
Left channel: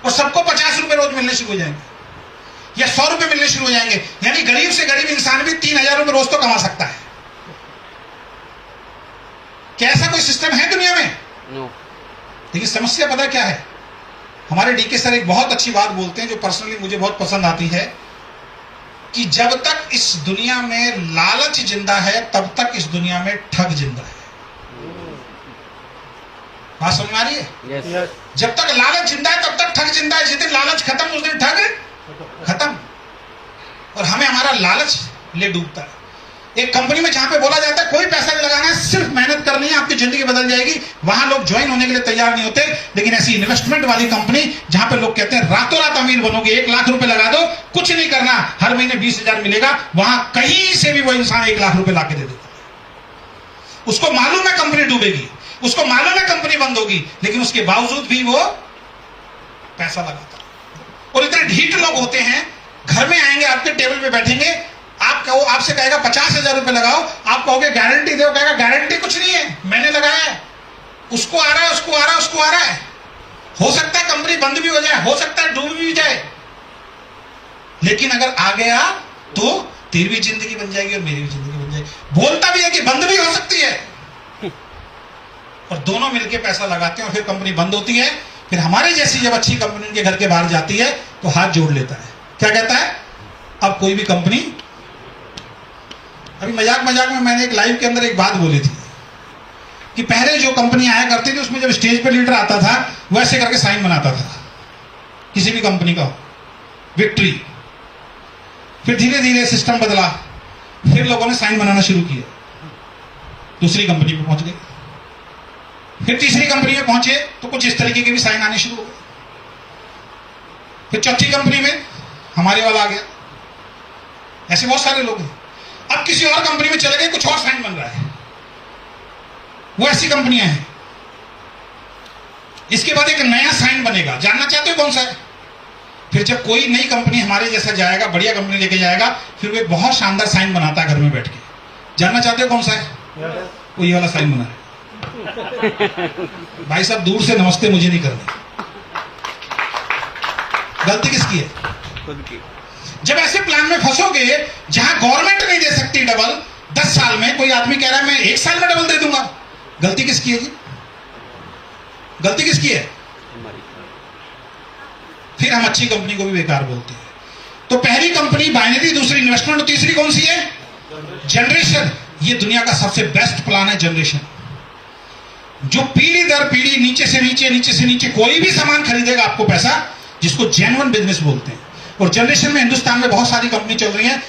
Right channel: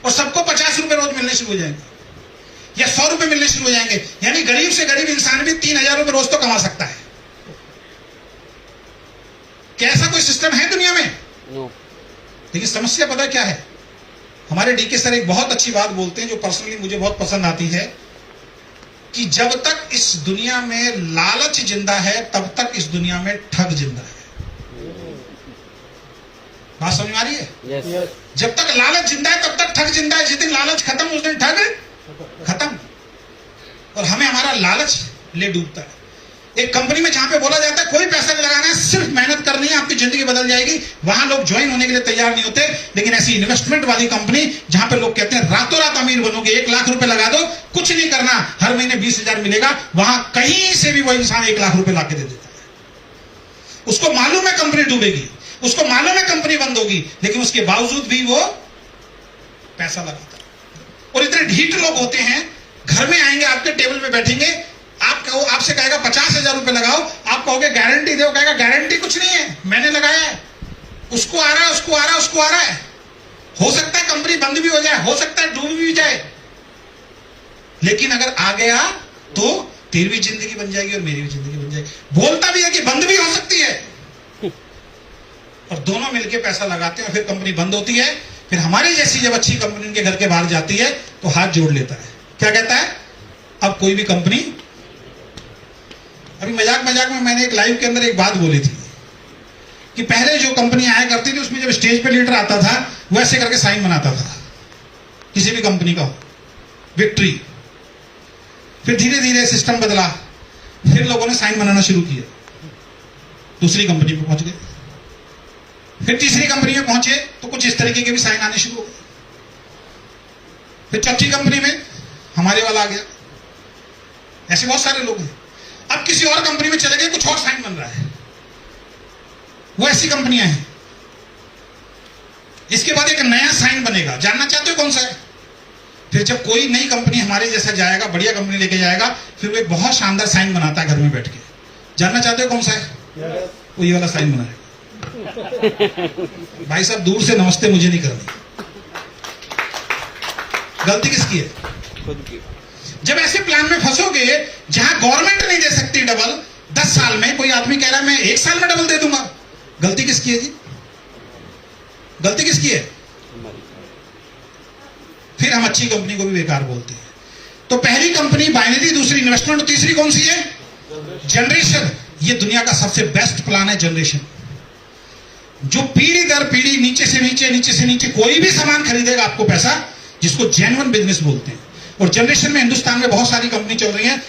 और सबको 50 रुपए रोज मिलने शुरू हो जाएंगे या 100 रुपए मिलने शुरू हो जाएंगे। यानी गरीब से गरीब इंसान भी 3,000 रुपए रोज तो कमा सकता है। क्या ऐसा कोई सिस्टम है दुनिया में? नो। लेकिन समस्या पता क्या है? हमारे डीके सर एक बहुत अच्छी बात बोलते हैं जो पर्सनली मुझे बहुत पसंद आती है, कि जब तक इस दुनिया में लालच जिंदा है तब तक इस दुनिया में ठग जिंदा है। बात समझ में आ रही है? यस। जब तक लालच जिंदा है तब तक ठग जिंदा है। जिस दिन लालच खत्म उस दिन ठग खत्म। और हमें हमारा लालच ले डूबता है। एक कंपनी में जहां पे बोला जाता है कोई पैसा नहीं लगाना है, सिर्फ मेहनत करनी है, आपकी जिंदगी बदल जाएगी, वहां लोग ज्वाइन होने के लिए तैयार नहीं होते। लेकिन ऐसी इन्वेस्टमेंट वाली कंपनी जहां पे लोग कहते हैं रातों रात अमीर बनोगे, 1 लाख रुपए लगा दो, कुछ नहीं करना, हर महीने 20,000 मिलेगा, वहां कहीं से भी वो इंसान 1 लाख रुपए लाके दे देता है। उसको मालूम है कंपनी डूबेगी, उसको मालूम है कंपनी बंद होगी, लेकिन उसके बावजूद भी वो पैसा लगाता है। और इतने ढीठ लोग होते हैं, घर में आएंगे, आपके टेबल पे बैठेंगे, आप कहो, आपसे कहेगा 50,000 रुपए लगाओ, आप कहोगे गारंटी दो, कहेगा गारंटी कुछ नहीं है, मैंने लगाया है, उसको आ रहा है, उसको आ रहा है, उसको आ रहा है। हो सकता है कंपनी बंद भी हो जाए, हो सकता है डूब भी जाए, लेकिन अगर आ गया तो तेरी भी जिंदगी बन जाएगी और मेरी भी जिंदगी बन जाएगी। बोलता भी है कि बंद भी हो सकती है, और दोनों मिलकर पैसा लगाते हैं और फिर कंपनी बंद होती है। फिर हमारी जैसी जब अच्छी कंपनी उनके घर के बाहर जाती है तो हाथ जोड़ लेता है, क्या कहता है, अब कोई भी कंपनी। अभी मजाक मजाक में मैंने एक लाइव के अंदर एक बात बोली थी कि पहले जो कंपनी आया करती थी उसमें जब स्टेज पे लीडर आता था वो ऐसे करके साइन बनाता था, किसी भी कंपनी का विक्ट्री। फिर धीरे धीरे सिस्टम बदला, फिर लोगों ने साइन बनाना शुरू किया, दूसरी कंपनी पे पहुंच गए, फिर तीसरी कंपनी में पहुंचे तो कुछ इस तरीके के भी साइन आने शुरू हो गए। फिर चौथी कंपनी में हमारे वाला आ गया, ऐसे बहुत सारे लोग हैं। अब किसी और कंपनी में चले गए, कुछ और साइन बन रहा है, वो ऐसी कंपनियां हैं। इसके बाद एक नया साइन बनेगा, जानना चाहते हो कौन सा है? फिर जब कोई नई कंपनी हमारे जैसा जाएगा, बढ़िया कंपनी लेके जाएगा, फिर वो एक बहुत शानदार साइन बनाता है घर में बैठ के। जानना चाहते हो कौन सा है? वो ये वाला साइन बना है। भाई साहब दूर से नमस्ते मुझे नहीं करना। गलती किसकी है? खुद की। जब ऐसे प्लान में फंसोगे जहां गवर्नमेंट नहीं दे सकती डबल, 10 साल में कोई आदमी कह रहा है मैं 1 साल में डबल दे दूंगा, गलती किसकी है जी? गलती किसकी है? हमारी। फिर हम अच्छी कंपनी को भी बेकार बोलते हैं। तो पहली कंपनी बाइनरी, दूसरी इन्वेस्टमेंट, और तीसरी कौन सी है? जनरेशन। ये दुनिया का सबसे बेस्ट प्लान है, जनरेशन। जो पीढ़ी दर पीढ़ी नीचे से नीचे, नीचे से नीचे कोई भी सामान खरीदेगा आपको पैसा, जिसको जेन्युइन बिजनेस बोलते हैं। और जनरेशन में हिंदुस्तान में बहुत सारी कंपनी चल रही हैं।